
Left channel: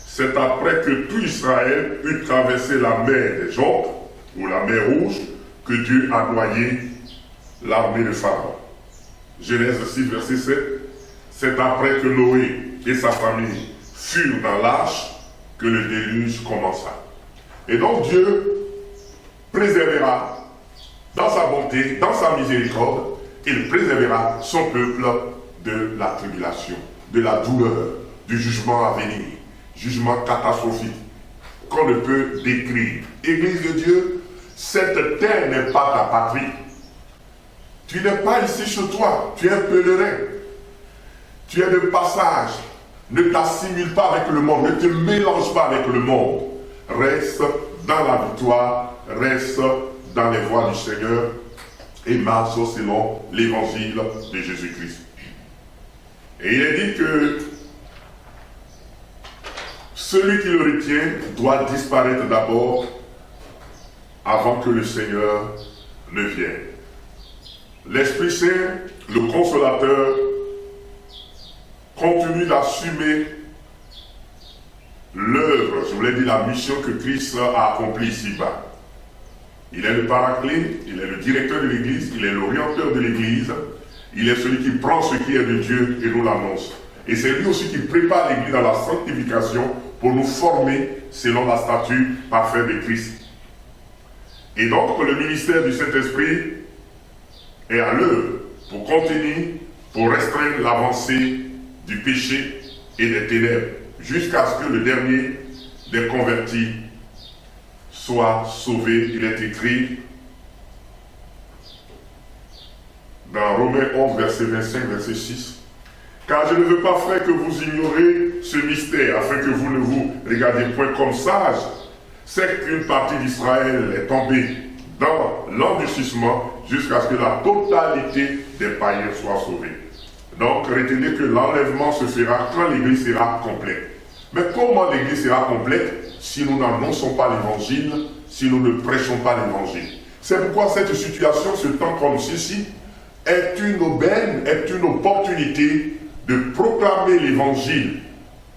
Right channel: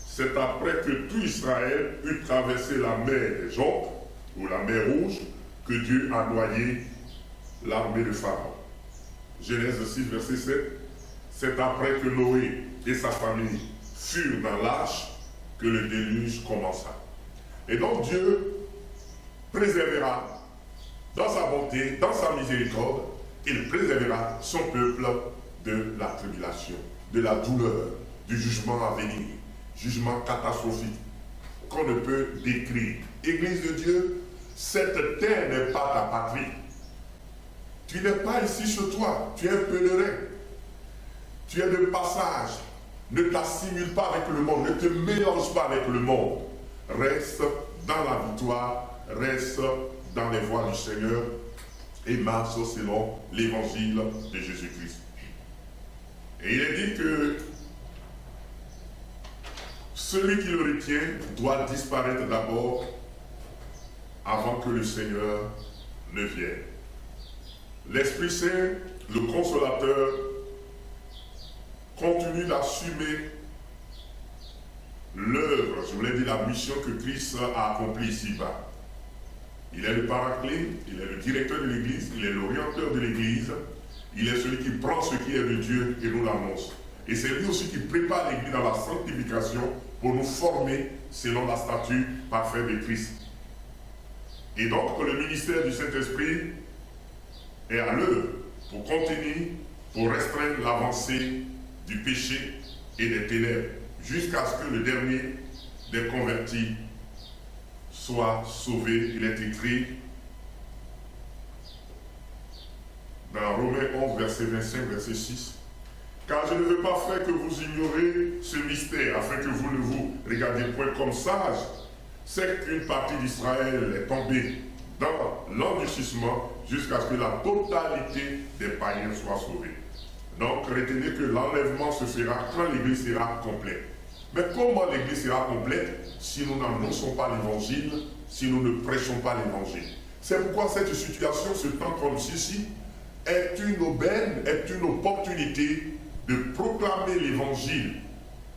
c'est après que tout Israël eut traversé la mer des Jorbes, ou la mer Rouge, que Dieu a noyé l'armée de Pharaon. Genèse 6, verset 7, c'est après que Noé et sa famille furent dans l'arche que le déluge commença. Et donc Dieu préservera, dans sa bonté, dans sa miséricorde, il préservera son peuple de la tribulation, de la douleur, du jugement à venir, jugement catastrophique qu'on ne peut décrire. Église de Dieu, cette terre n'est pas ta patrie. Tu n'es pas ici chez toi, tu es un pèlerin. Tu es de passage. Ne t'assimile pas avec le monde, ne te mélange pas avec le monde. Reste dans la victoire, reste dans les voies du Seigneur et marche selon l'évangile de Jésus-Christ. Et il est dit que celui qui le retient doit disparaître d'abord avant que le Seigneur ne vienne. L'Esprit Saint, le Consolateur, continue d'assumer l'œuvre, je vous l'ai dit, la mission que Christ a accomplie ici-bas. Il est le paraclet, il est le directeur de l'Église, il est l'orienteur de l'Église, il est celui qui prend ce qui est de Dieu et nous l'annonce. Et c'est lui aussi qui prépare l'Église dans la sanctification pour nous former selon la statue parfaite de Christ. Et donc le ministère du Saint-Esprit est à l'œuvre pour contenir, pour restreindre l'avancée du péché et des ténèbres, jusqu'à ce que le dernier des convertis soit sauvé. Il est écrit dans Romains 11, verset 25, verset 6. Car je ne veux pas, frère, que vous ignorez ce mystère, afin que vous ne vous regardiez point comme sages. C'est qu'une partie d'Israël est tombée dans l'endurcissement jusqu'à ce que la totalité des païens soit sauvée. Donc, retenez que l'enlèvement se fera quand l'Église sera complète. Mais comment l'Église sera complète si nous n'annonçons pas l'Évangile, si nous ne prêchons pas l'Évangile? C'est pourquoi cette situation, ce temps comme ceci, est une aubaine, est une opportunité de proclamer l'Évangile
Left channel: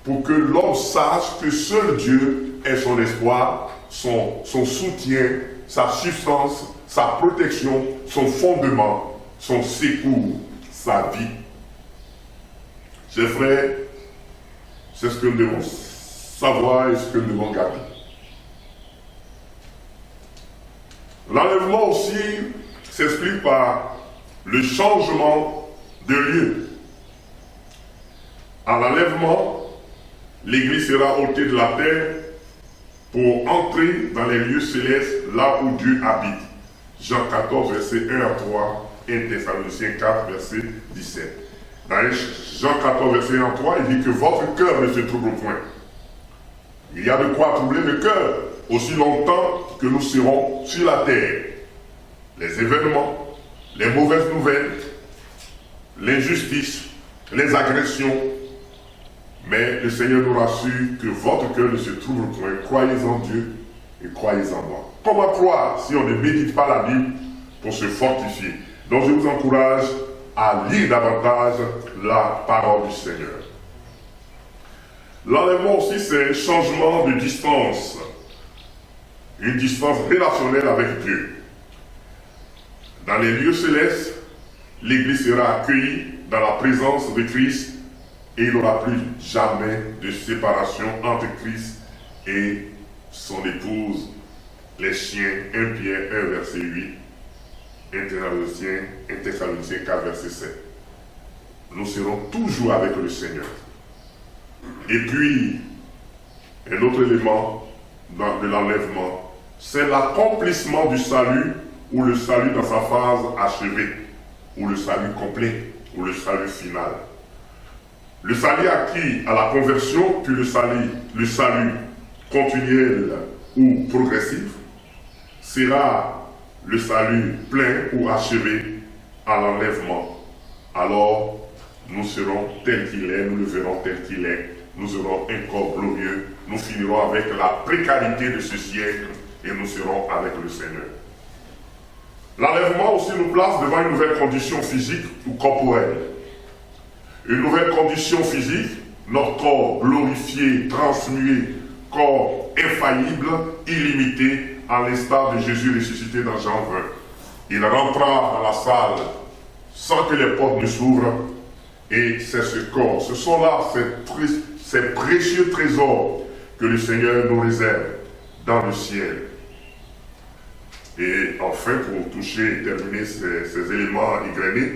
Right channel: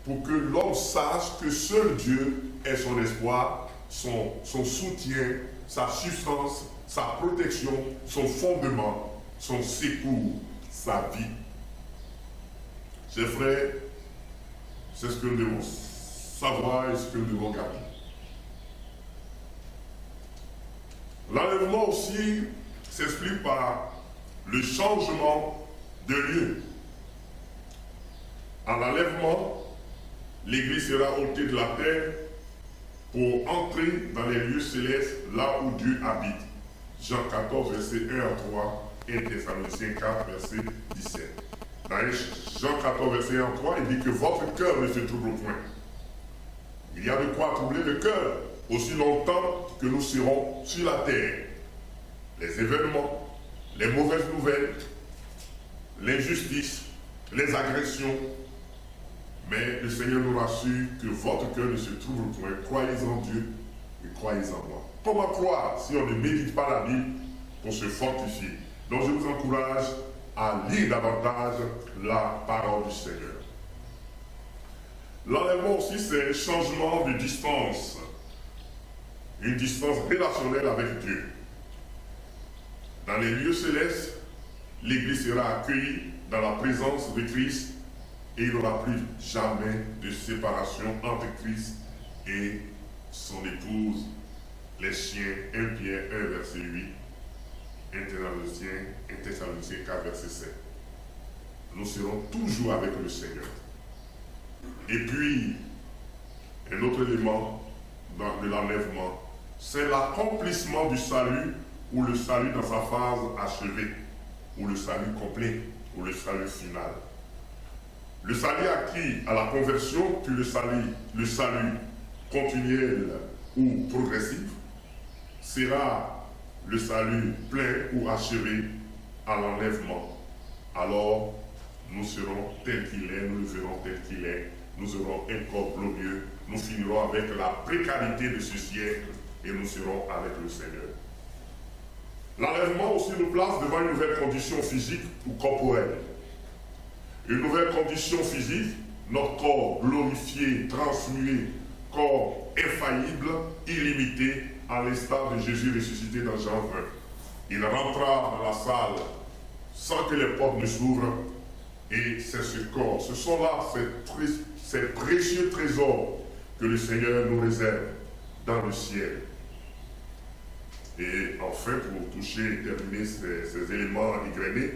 pour que l'homme sache que seul Dieu est son espoir, son soutien, sa substance, sa protection, son fondement, son secours, sa vie. Chers frères, c'est ce que nous devons savoir et ce que nous devons garder. L'enlèvement aussi s'explique par le changement de lieu. À l'enlèvement, l'Église sera ôtée de la terre pour entrer dans les lieux célestes, là où Dieu habite. Jean 14, verset 1 à 3, et Thessaloniciens 4, verset 17. Dans Jean 14, verset 1 à 3, il dit que votre cœur ne se trouble point. Il y a de quoi troubler le cœur aussi longtemps que nous serons sur la terre. Les événements, les mauvaises nouvelles, l'injustice, les agressions. Mais le Seigneur nous rassure que votre cœur ne se trouble point. Croyez en Dieu et croyez en moi. Comment croire si on ne médite pas la Bible pour se fortifier? Donc je vous encourage à lire davantage la parole du Seigneur. L'enlèvement aussi, c'est un changement de distance. Une distance relationnelle avec Dieu. Dans les lieux célestes, l'Église sera accueillie dans la présence de Christ et il n'y aura plus jamais de séparation entre Christ et son épouse. Les chiens, 1 Pierre 1, verset 8, 1 Thessaloniciens 4, verset 7. Nous serons toujours avec le Seigneur. Et puis, un autre élément de l'enlèvement, c'est l'accomplissement du salut, ou le salut dans sa phase achevée, ou le salut complet, ou le salut final. Le salut acquis à la conversion, puis le salut continuel ou progressif, sera le salut plein ou achevé à l'enlèvement. Alors, nous serons tels qu'il est, nous le verrons tel qu'il est, nous aurons un corps glorieux, nous finirons avec la précarité de ce siècle et nous serons avec le Seigneur. L'enlèvement aussi nous place devant une nouvelle condition physique ou corporelle. Une nouvelle condition physique, notre corps glorifié, transmué, corps infaillible, illimité, à l'instar de Jésus ressuscité dans Jean 20. Il rentra dans la salle sans que les portes ne s'ouvrent, et c'est ce corps, ce sont là ces précieux trésors que le Seigneur nous réserve dans le ciel. Et enfin, pour toucher et terminer ces éléments égrenés,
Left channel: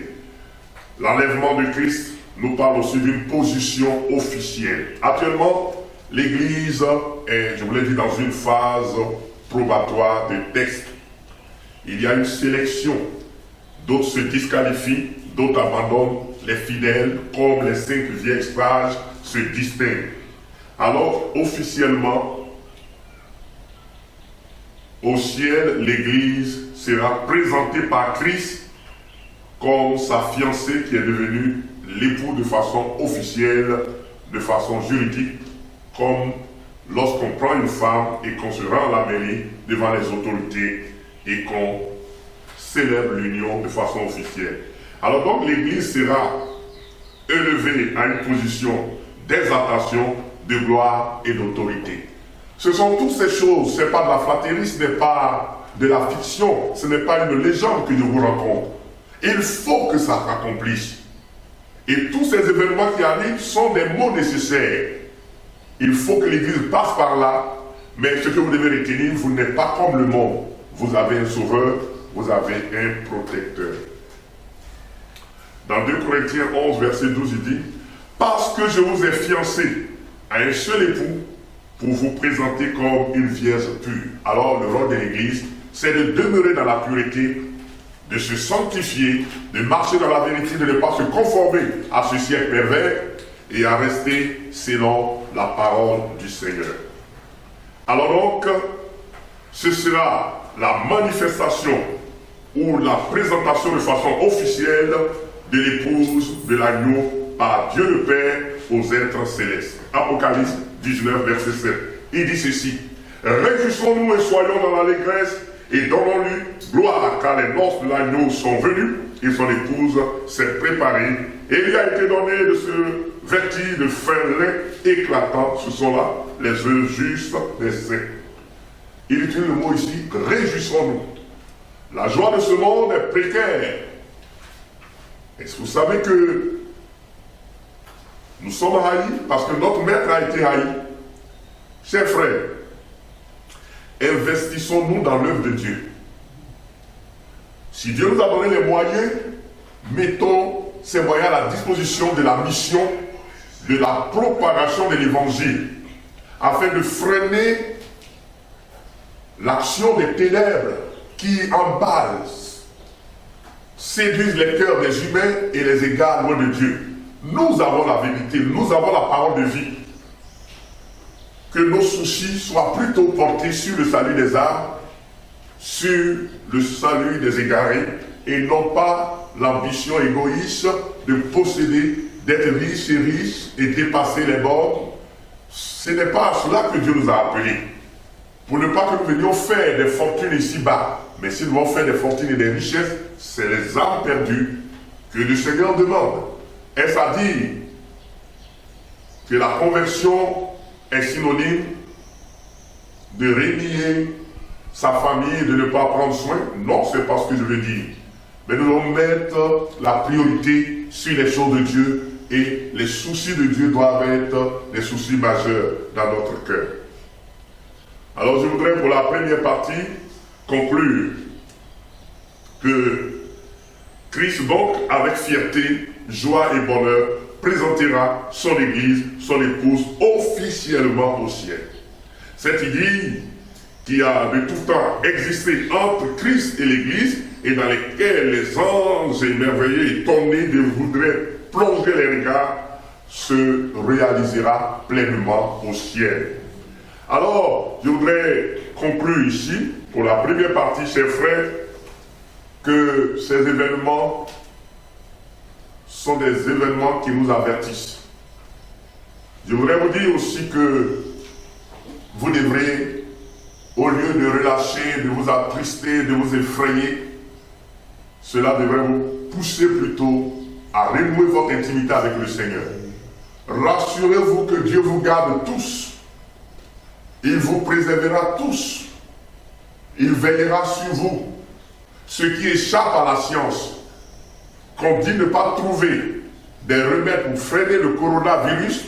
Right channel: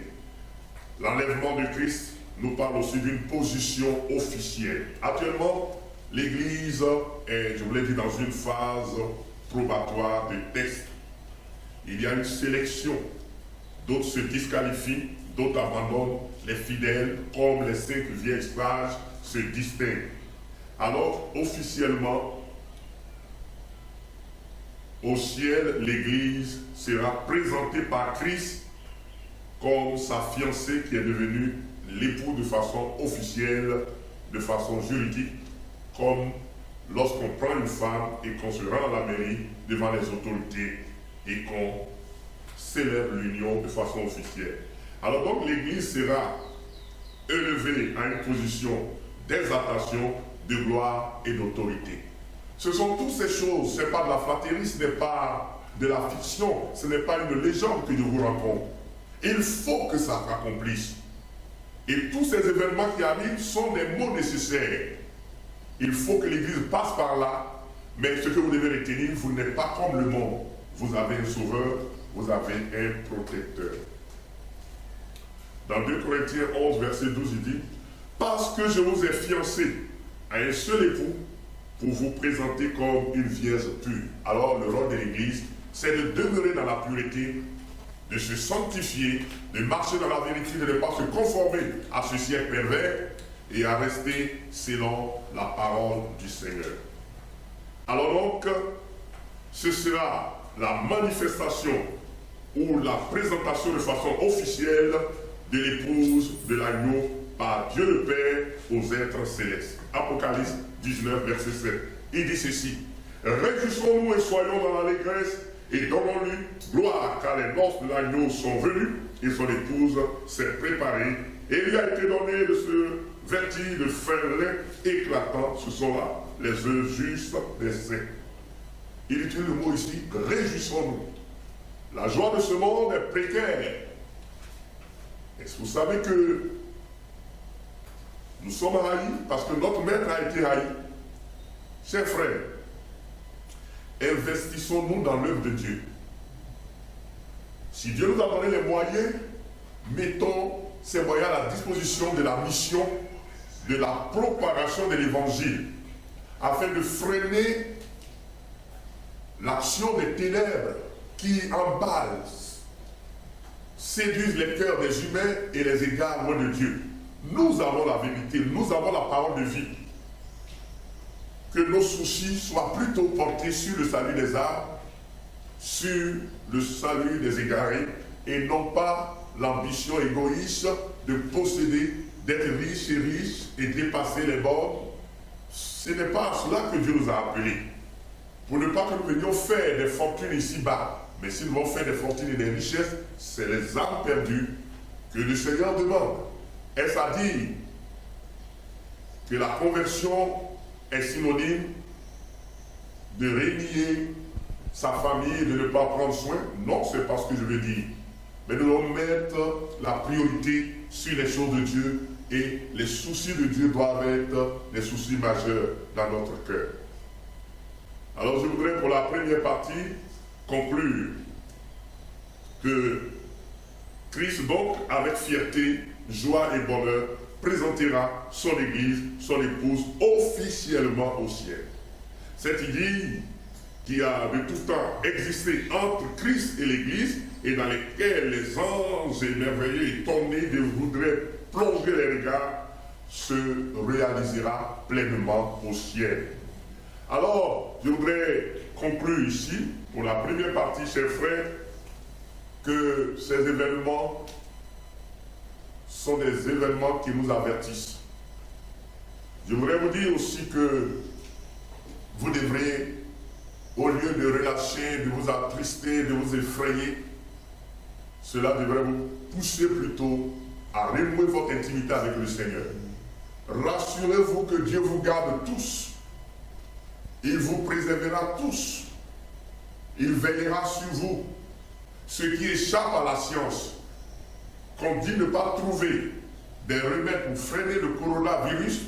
l'enlèvement de Christ nous parle aussi d'une position officielle. Actuellement, l'Église est, je vous l'ai dit, dans une phase probatoire de test. Il y a une sélection. D'autres se disqualifient, d'autres abandonnent. Les fidèles, comme les 5 vieilles sages, se distinguent. Alors, officiellement, au ciel, l'Église sera présentée par Christ comme sa fiancée qui est devenue l'époux de façon officielle, de façon juridique, comme lorsqu'on prend une femme et qu'on se rend à la mairie devant les autorités et qu'on célèbre l'union de façon officielle. Alors donc l'Église sera élevée à une position d'exaltation, de gloire et d'autorité. Ce sont toutes ces choses, ce n'est pas de la flatterie, ce n'est pas de la fiction, ce n'est pas une légende que je vous raconte. Il faut que ça s'accomplisse. Et tous ces événements qui arrivent sont des mots nécessaires. Il faut que l'Église passe par là, mais ce que vous devez retenir, vous n'êtes pas comme le monde. Vous avez un sauveur, vous avez un protecteur. Dans 2 Corinthiens 11, verset 12, il dit « Parce que je vous ai fiancé à un seul époux, pour vous présenter comme une vierge pure. » Alors le rôle de l'Église, c'est de demeurer dans la pureté, de se sanctifier, de marcher dans la vérité, de ne pas se conformer à ce siècle pervers et à rester selon la parole du Seigneur. Alors donc, ce sera la manifestation ou la présentation de façon officielle de l'épouse de l'agneau par Dieu le Père aux êtres célestes. Apocalypse 19, verset 7. Il dit ceci: « Réjouissons-nous et soyons dans l'allégresse et donnons-lui gloire, car les noces de l'agneau sont venues et son épouse s'est préparée. Et il lui a été donné de se vêtir de fin lin éclatant. » Ce sont là les œuvres justes des saints. Il utilise le mot ici, réjouissons-nous. La joie de ce monde est précaire. Est-ce que vous savez que nous sommes haïs parce que notre maître a été haï? Chers frères, investissons-nous dans l'œuvre de Dieu. Si Dieu nous a donné les moyens, mettons ces moyens à la disposition de la mission, de la propagation de l'évangile, afin de freiner l'action des ténèbres qui emballent, séduisent les cœurs des humains et les égarent loin de Dieu. Nous avons la vérité, nous avons la parole de vie. Que nos soucis soient plutôt portés sur le salut des âmes, sur le salut des égarés, et non pas l'ambition égoïste de posséder, d'être riche et dépasser les bornes. Ce n'est pas à cela que Dieu nous a appelés. Pour ne pas que nous venions faire des fortunes ici-bas, mais si nous voulons faire des fortunes et des richesses, c'est les âmes perdues que le Seigneur demande. Est-ce à dire que la conversion est synonyme de renier sa famille et de ne pas prendre soin? Non, c'est pas ce que je veux dire. Mais nous devons mettre la priorité sur les choses de Dieu, et les soucis de Dieu doivent être des soucis majeurs dans notre cœur. Alors je voudrais pour la première partie conclure que Christ donc avec fierté, joie et bonheur présentera son Église, son épouse officiellement au ciel. Cette idée qui a de tout temps existé entre Christ et l'Église et dans lesquelles les anges émerveillés et étonnés voudraient plonger les regards se réalisera pleinement au ciel. Alors, je voudrais conclure ici, pour la première partie, chers frères, que ces événements sont des événements qui nous avertissent. Je voudrais vous dire aussi que vous devrez, au lieu de relâcher, de vous attrister, de vous effrayer, cela devrait vous pousser plutôt à renouer votre intimité avec le Seigneur. Rassurez-vous que Dieu vous garde tous. Il vous préservera tous. Il veillera sur vous. Ce qui échappe à la science, qu'on dit ne pas trouver des remèdes pour freiner le coronavirus,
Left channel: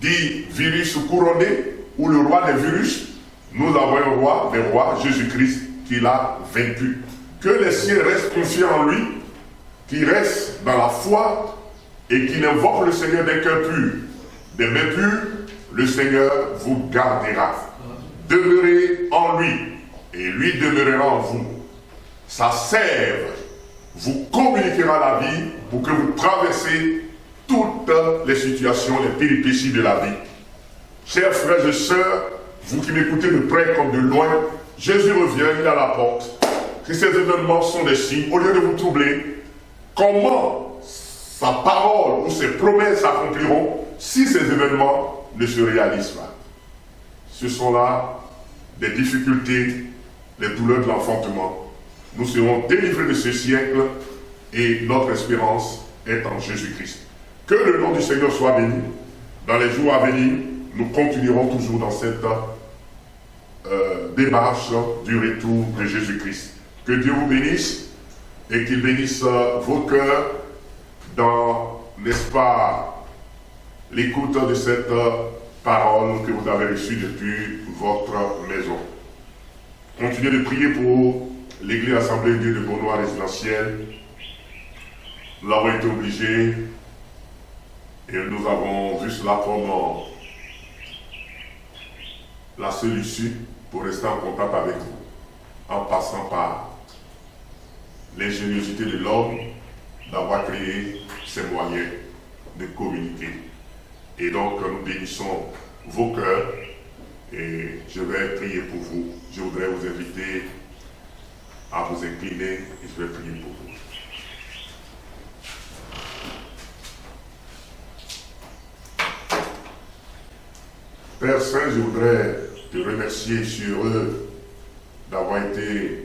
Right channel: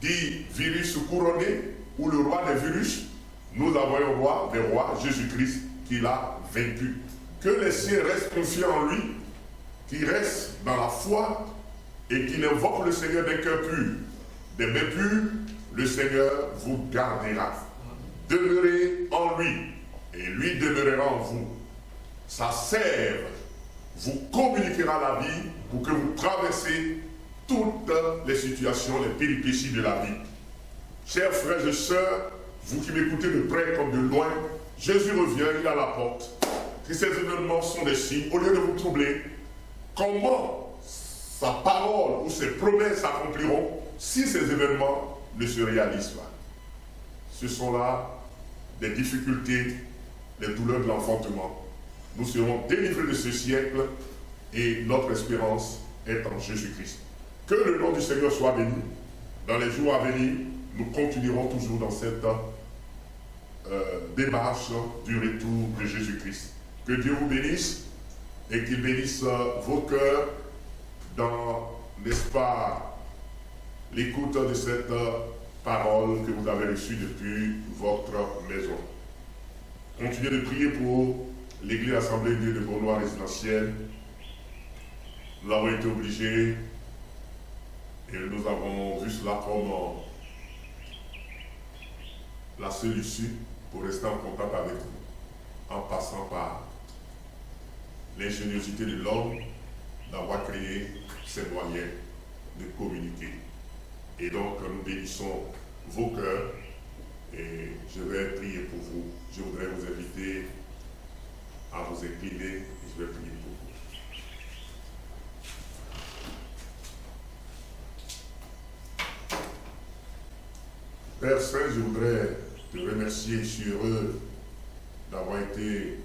dit virus couronné, ou le roi des virus, nous avons un roi des rois, Jésus-Christ, qui l'a vaincu. Que les siens restent confiants en lui, qui restent dans la foi et qui invoquent le Seigneur d'un cœur pur, des mains pures, le Seigneur vous gardera. Demeurez en lui et lui demeurera en vous. Sa sève vous communiquera la vie pour que vous traversez toutes les situations, les péripéties de la vie. Chers frères et sœurs, vous qui m'écoutez de près comme de loin, Jésus revient, il est à la porte. Si ces événements sont des signes, au lieu de vous troubler, comment sa parole ou ses promesses s'accompliront si ces événements ne se réalisent pas? Ce sont là des difficultés, les douleurs de l'enfantement. Nous serons délivrés de ce siècle et notre espérance est en Jésus-Christ. Que le nom du Seigneur soit béni. Dans les jours à venir, nous continuerons toujours dans cette démarche du retour de Jésus-Christ. Que Dieu vous bénisse et qu'il bénisse vos cœurs dans, n'est-ce pas, l'écoute de cette parole que vous avez reçue depuis votre maison. Continuez de prier pour l'Église Assemblée de Dieu de Beaunois résidentiel. Nous avons été obligés et nous avons vu cela comme la seule issue pour rester en contact avec vous, en passant par l'ingéniosité de l'homme d'avoir créé ces moyens de communiquer. Et donc nous bénissons vos cœurs et je vais prier pour vous. Je voudrais vous inviter à vous incliner et je vais prier pour vous. Père Saint, je voudrais te remercier, je suis heureux d'avoir été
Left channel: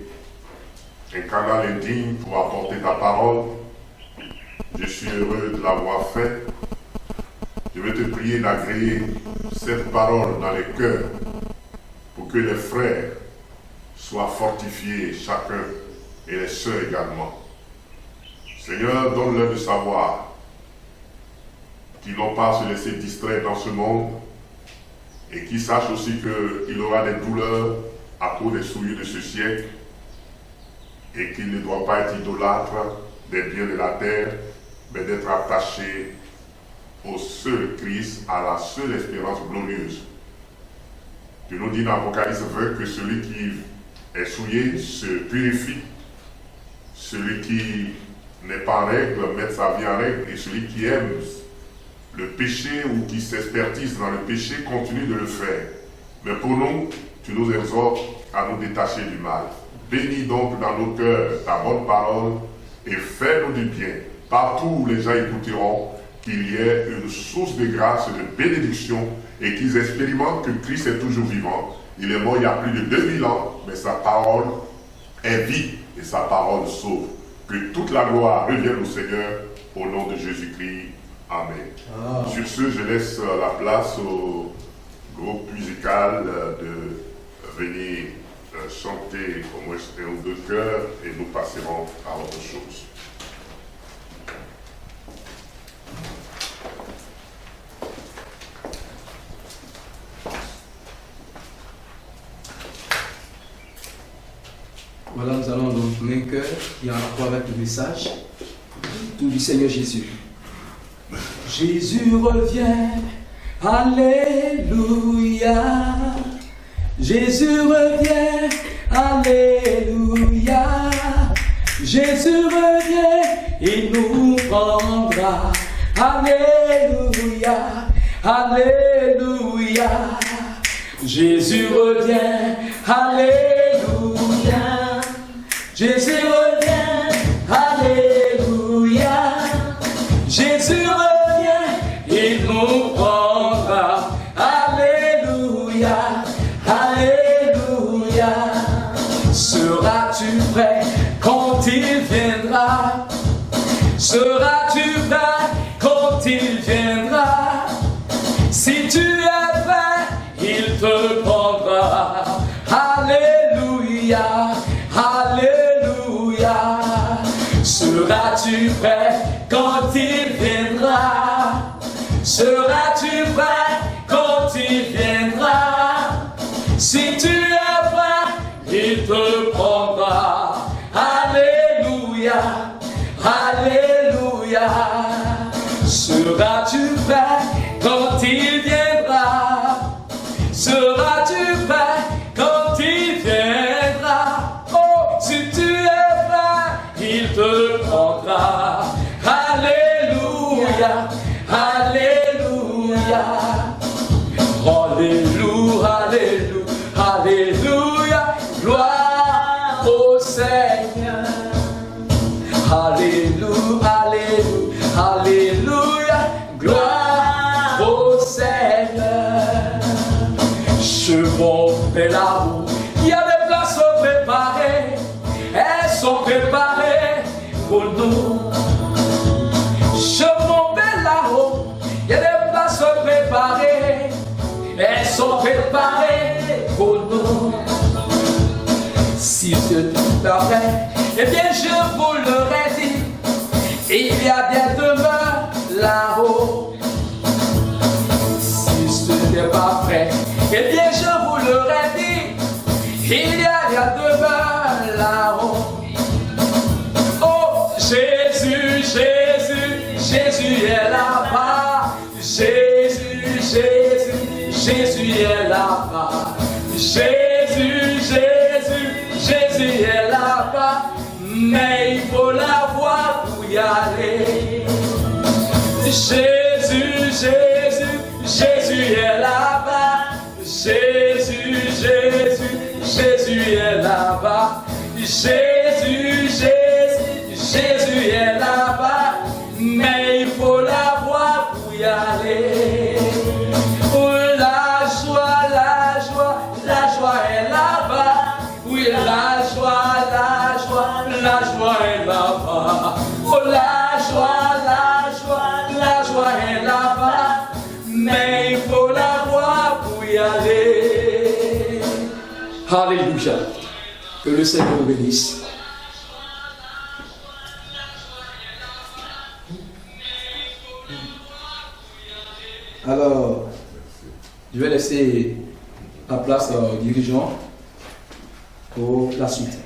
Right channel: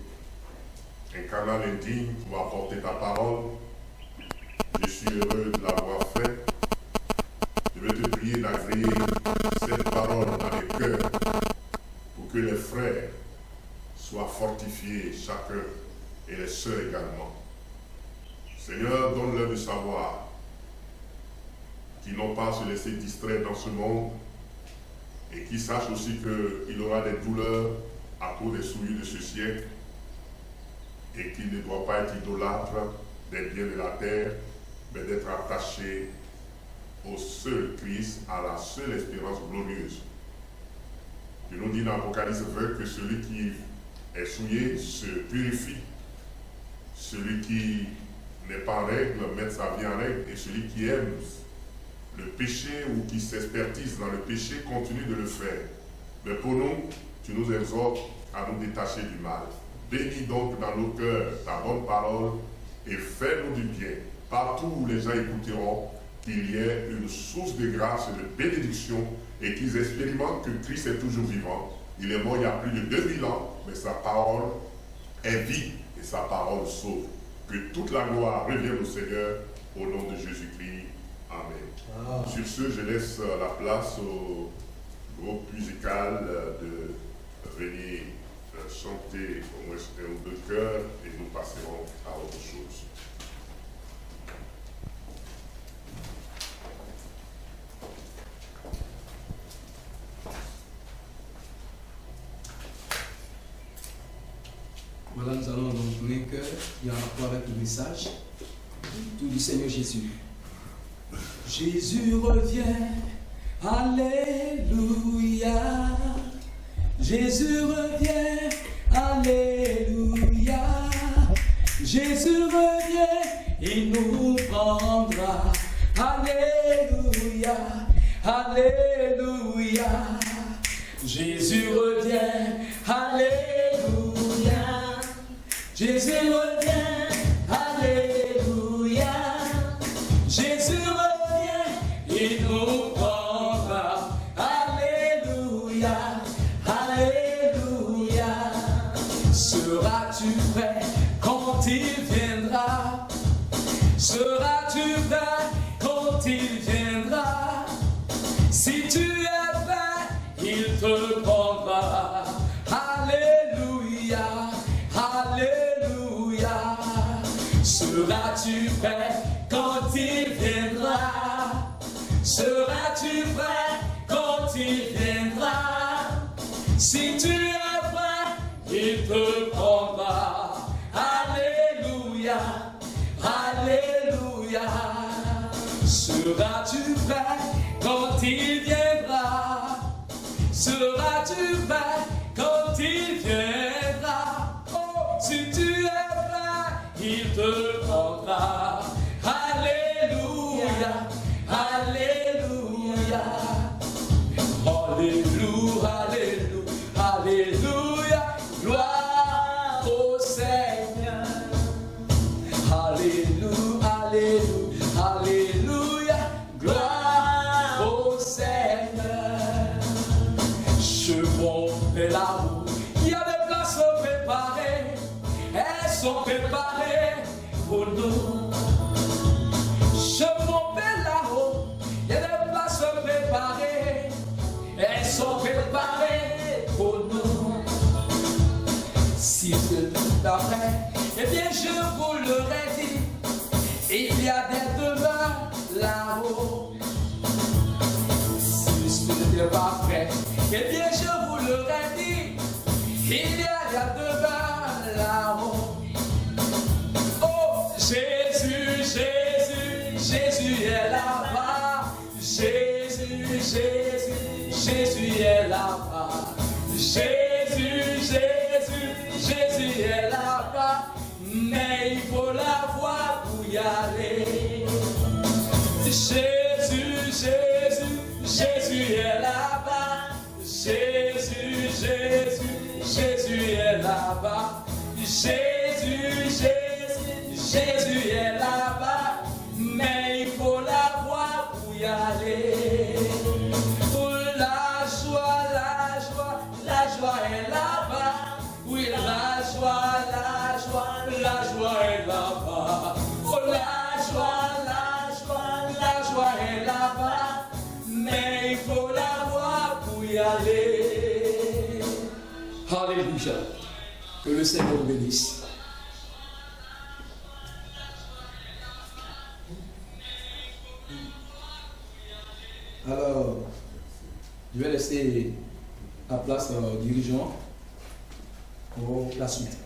un canal indigne pour apporter ta parole. Je suis heureux de l'avoir fait. Je vais te prier d'agréer cette parole dans les cœurs pour que les frères soient fortifiés chacun et les sœurs également. Seigneur, donne-leur de savoir qu'ils n'ont pas à se laisser distraire dans ce monde et qu'ils sachent aussi qu'il aura des douleurs à cause des souillures de ce siècle et qu'ils ne doivent pas être idolâtres des biens de la terre, mais d'être attachés au seul Christ, à la seule espérance glorieuse. Tu nous dis dans Apocalypse 20 que celui qui est souillé se purifie, celui qui n'est pas en règle met sa vie en règle, et celui qui aime le péché ou qui s'expertise dans le péché continue de le faire. Mais pour nous, tu nous exhortes à nous détacher du mal. Bénis donc dans nos cœurs ta bonne parole et fais-nous du bien. Partout où les gens écouteront, qu'il y ait une source de grâce et de bénédiction et qu'ils expérimentent que Christ est toujours vivant. Il est mort il y a plus de 2000 ans, mais sa parole est vie et sa parole sauve. Que toute la gloire revienne au Seigneur au nom de Jésus-Christ. Amen. Sur ce, je laisse la place au groupe musical de venir chanter au moins un ou deux chœurs et nous passerons à autre chose. Voilà, nous allons donc un cœur qui a un rapport avec le message tout du Seigneur Jésus. Jésus revient, alléluia. Jésus revient, alléluia. Jésus revient, il nous prendra, alléluia, alléluia. Jésus revient, alléluia. Jésus revient, alléluia. Jésus revient, il nous prendra, alléluia, alléluia. Seras-tu prêt quand il viendra? Seras-tu prêt quand il viendra? Si tu es prêt, il te prendra, alléluia, alléluia. Seras-tu prêt quand il viendra? Seras-tu prêt quand il viendra? Si tu es prêt, il te prendra, alléluia, alléluia. Seras-tu prêt quand il viendra? Seras-tu prêt quand il viendra? Oh, si tu es prêt, il te prendra, alléluia, alléluia. Alléluia, alléluia, alléluia. Gloire au Seigneur. Alléluia, alléluia, alléluia. Gloire au Seigneur. Chemin fait la route, il y a des places préparées. Elles sont préparées pour nous. Chemin fait la route, il y a des places préparées. Elles sont préparées pour nous. Si ce n'est pas vrai, eh bien je vous l'aurais dit, il y a des demeures là-haut. Si ce n'est pas vrai, eh bien je vous l'aurais dit, il y a des demeures là-haut. Oh Jésus, Jésus, Jésus est là-bas. Jésus, Jésus, Jésus est là-bas. Jésus, Jésus, Jésus est là-bas. Mais il faut la voir pour y aller. Jésus, Jésus, Jésus est là-bas. Jésus, Jésus, Jésus est là-bas. Jésus, Jésus, Jésus est là-bas. Mais il faut la voir pour y aller. Oh, la joie, la joie, la joie est là-bas. Oui, la joie, la joie, la joie est là-bas. Oh, la joie, la joie, la joie est là-bas. Mais il faut la voir pour y aller. Alléluia. Que le Seigneur vous bénisse. Alors, je vais laisser la place au dirigeant pour la suite.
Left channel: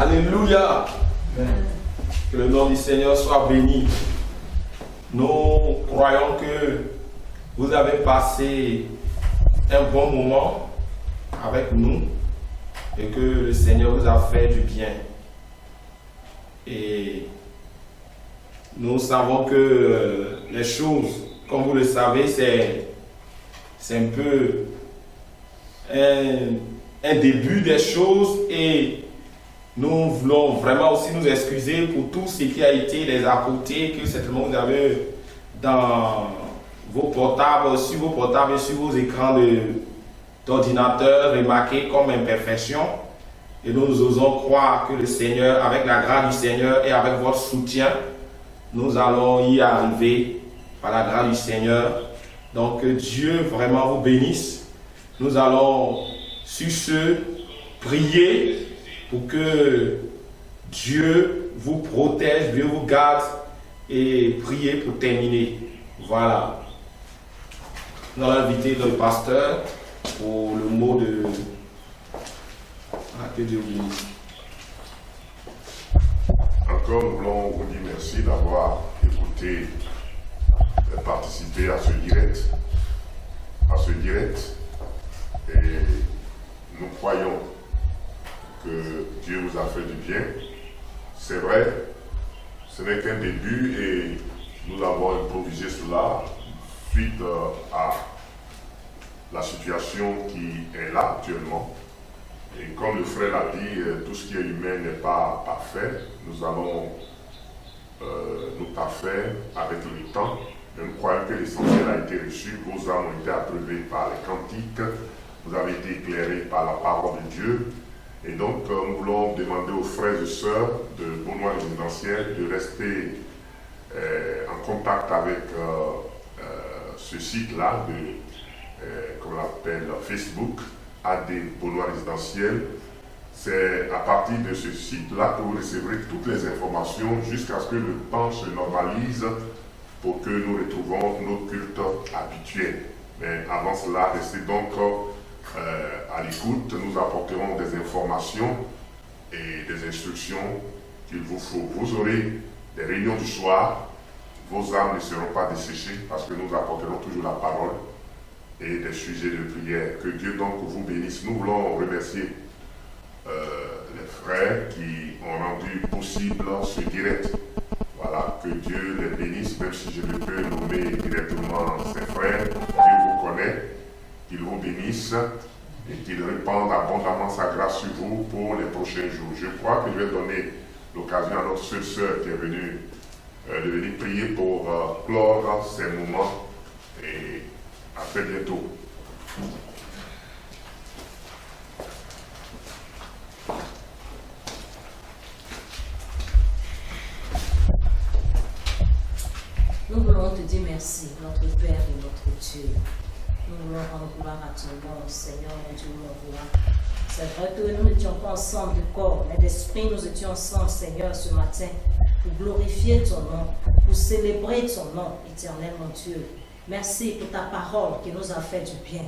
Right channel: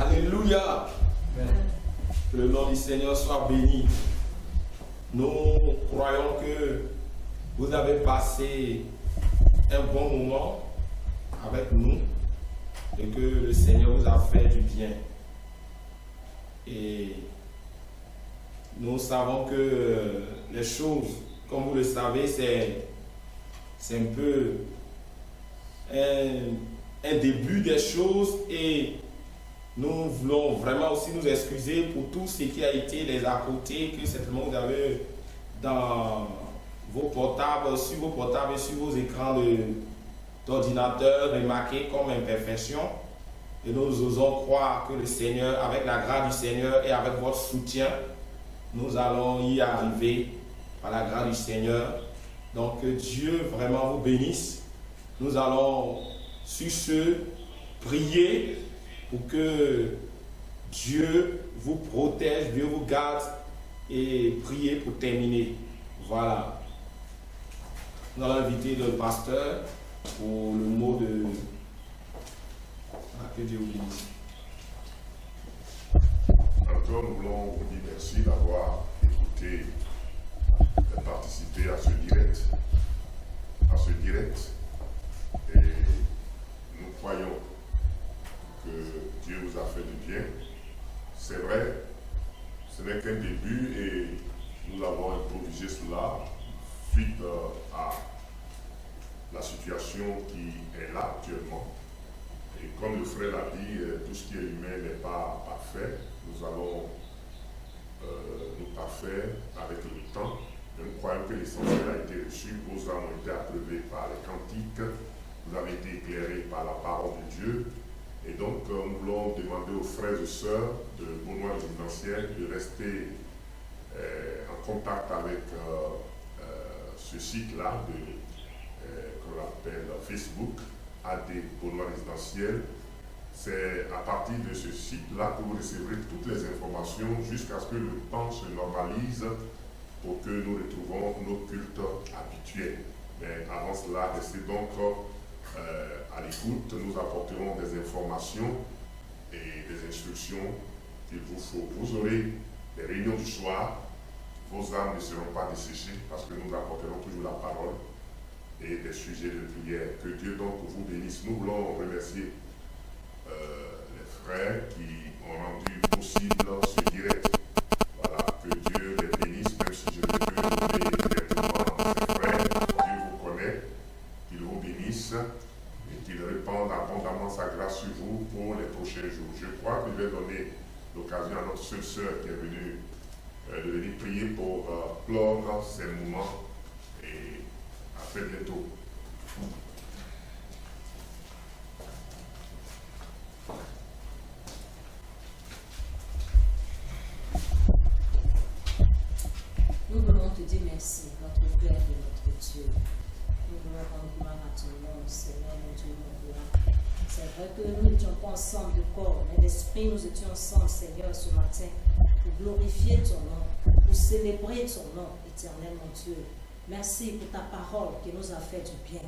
Alléluia. Que le nom du Seigneur soit béni. Nous croyons que vous avez passé un bon moment avec nous et que le Seigneur vous a fait du bien. Et nous savons que les choses, comme vous le savez, c'est un peu un début des choses et nous voulons vraiment aussi nous excuser pour tout ce qui a été les à côté que certainement vous avez dans vos portables, sur vos portables et sur vos écrans d'ordinateur remarqués comme imperfection. Et nous osons croire que le Seigneur, avec la grâce du Seigneur et avec votre soutien, nous allons y arriver par la grâce du Seigneur. Donc que Dieu vraiment vous bénisse. Nous allons sur ce prier pour que Dieu vous protège, Dieu vous garde et prier pour terminer. Voilà. Nous allons inviter le pasteur pour le mot de... Ah, que Dieu vous bénisse. Encore, nous voulons vous dire merci d'avoir écouté et participé à ce direct. Et nous croyons que Dieu vous a fait du bien. C'est vrai, ce n'est qu'un début et nous avons improvisé cela suite à la situation qui est là actuellement. Et comme le frère l'a dit, tout ce qui est humain n'est pas parfait. Nous allons nous parfaire avec le temps. Et nous croyons que l'essentiel a été reçu. Vos âmes ont été approuvées par les cantiques. Vous avez été éclairés par la parole de Dieu. Et donc, nous voulons demander aux frères et sœurs de Beaunois résidentiel de rester en contact avec ce site-là, comme on l'appelle Facebook, AD Beaunois résidentiel. C'est à partir de ce site-là que vous recevrez toutes les informations jusqu'à ce que le temps se normalise pour que nous retrouvons nos cultes habituels. Mais avant cela, restez donc à l'écoute. Nous apporterons des informations et des instructions qu'il vous faut. Vous aurez des réunions du soir. Vos âmes ne seront pas desséchées parce que nous apporterons toujours la parole et des sujets de prière. Que Dieu donc vous bénisse. Nous voulons remercier les frères qui ont rendu possible ce direct. Voilà, que Dieu les bénisse, même si je ne peux nommer directement ces frères. Dieu vous connaît, qu'il vous bénisse et qu'il répande abondamment sa grâce sur vous pour les prochains jours. Je crois que je vais donner l'occasion à notre seule sœur qui est venue de venir prier pour clore ces moments et à très bientôt. Nous voulons te dire merci, notre Père et notre Dieu. Nous voulons rendre gloire à ton nom, Seigneur, mon Dieu, mon roi. C'est vrai que nous n'étions pas ensemble de corps, mais d'esprit, nous étions ensemble, Seigneur, ce matin, pour glorifier ton nom, pour célébrer ton nom, éternel, mon Dieu. Merci pour ta parole qui nous a fait du bien.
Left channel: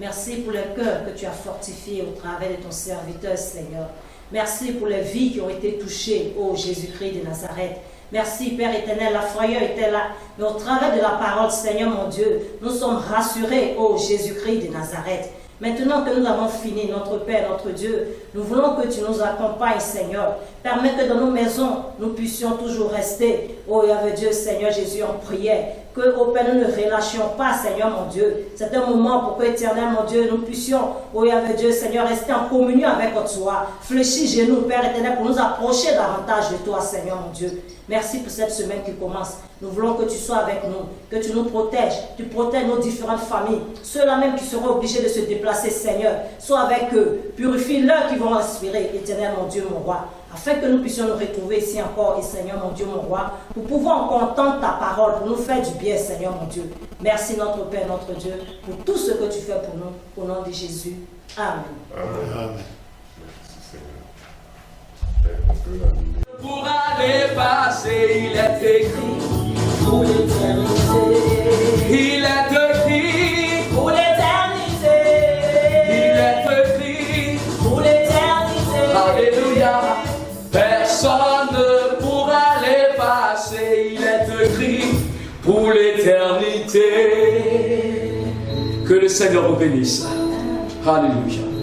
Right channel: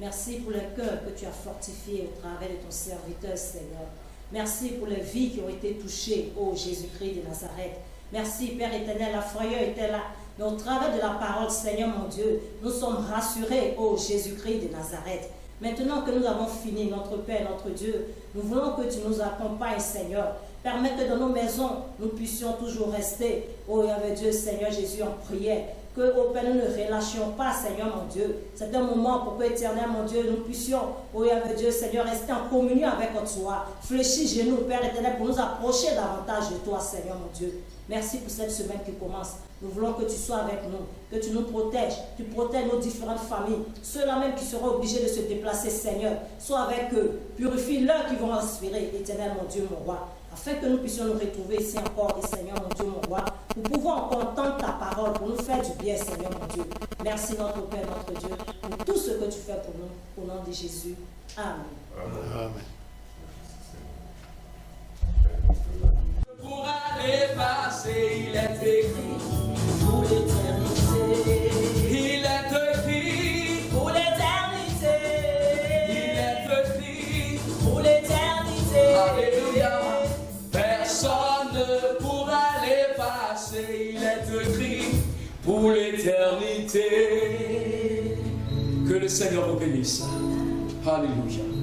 Merci pour le cœur que tu as fortifié au travers de ton serviteur, Seigneur. Merci pour les vies qui ont été touchées, ô Jésus-Christ de Nazareth. Merci, Père éternel, la frayeur était là. Mais au travers de la parole, Seigneur mon Dieu, nous sommes rassurés, ô Jésus-Christ de Nazareth. Maintenant que nous avons fini, notre Père, notre Dieu, nous voulons que tu nous accompagnes, Seigneur. Permets que dans nos maisons, nous puissions toujours rester, ô Yahvé Dieu, Seigneur Jésus, en prière. que, au Père, nous ne relâchions pas, Seigneur mon Dieu. C'est un moment pour que, éternel mon Dieu, nous puissions, oh Yahvé Dieu, Seigneur, rester en communion avec toi. Fléchis genoux, Père éternel, pour nous approcher davantage de toi, Seigneur mon Dieu. Merci pour cette semaine qui commence. Nous voulons que tu sois avec nous, que tu nous protèges, tu protèges nos différentes familles, ceux-là même qui seront obligés de se déplacer, Seigneur. Sois avec eux, purifie-leurs qui vont respirer, éternel mon Dieu, mon roi, afin que nous puissions nous retrouver ici encore, et Seigneur mon Dieu, mon roi, pour pouvoir entendre ta parole, pour nous faire du bien, Seigneur mon Dieu. Merci notre Père, notre Dieu, pour tout ce que tu fais pour nous, au nom de Jésus. Amen. Amen. Pour aller passer, il est écrit pour l'éternité. Il est écrit Pour l'éternité. Il est écrit Pour l'éternité. Alléluia. Personne ne pourra les passer. Il est écrit pour l'éternité. Que le Seigneur vous bénisse. Alléluia.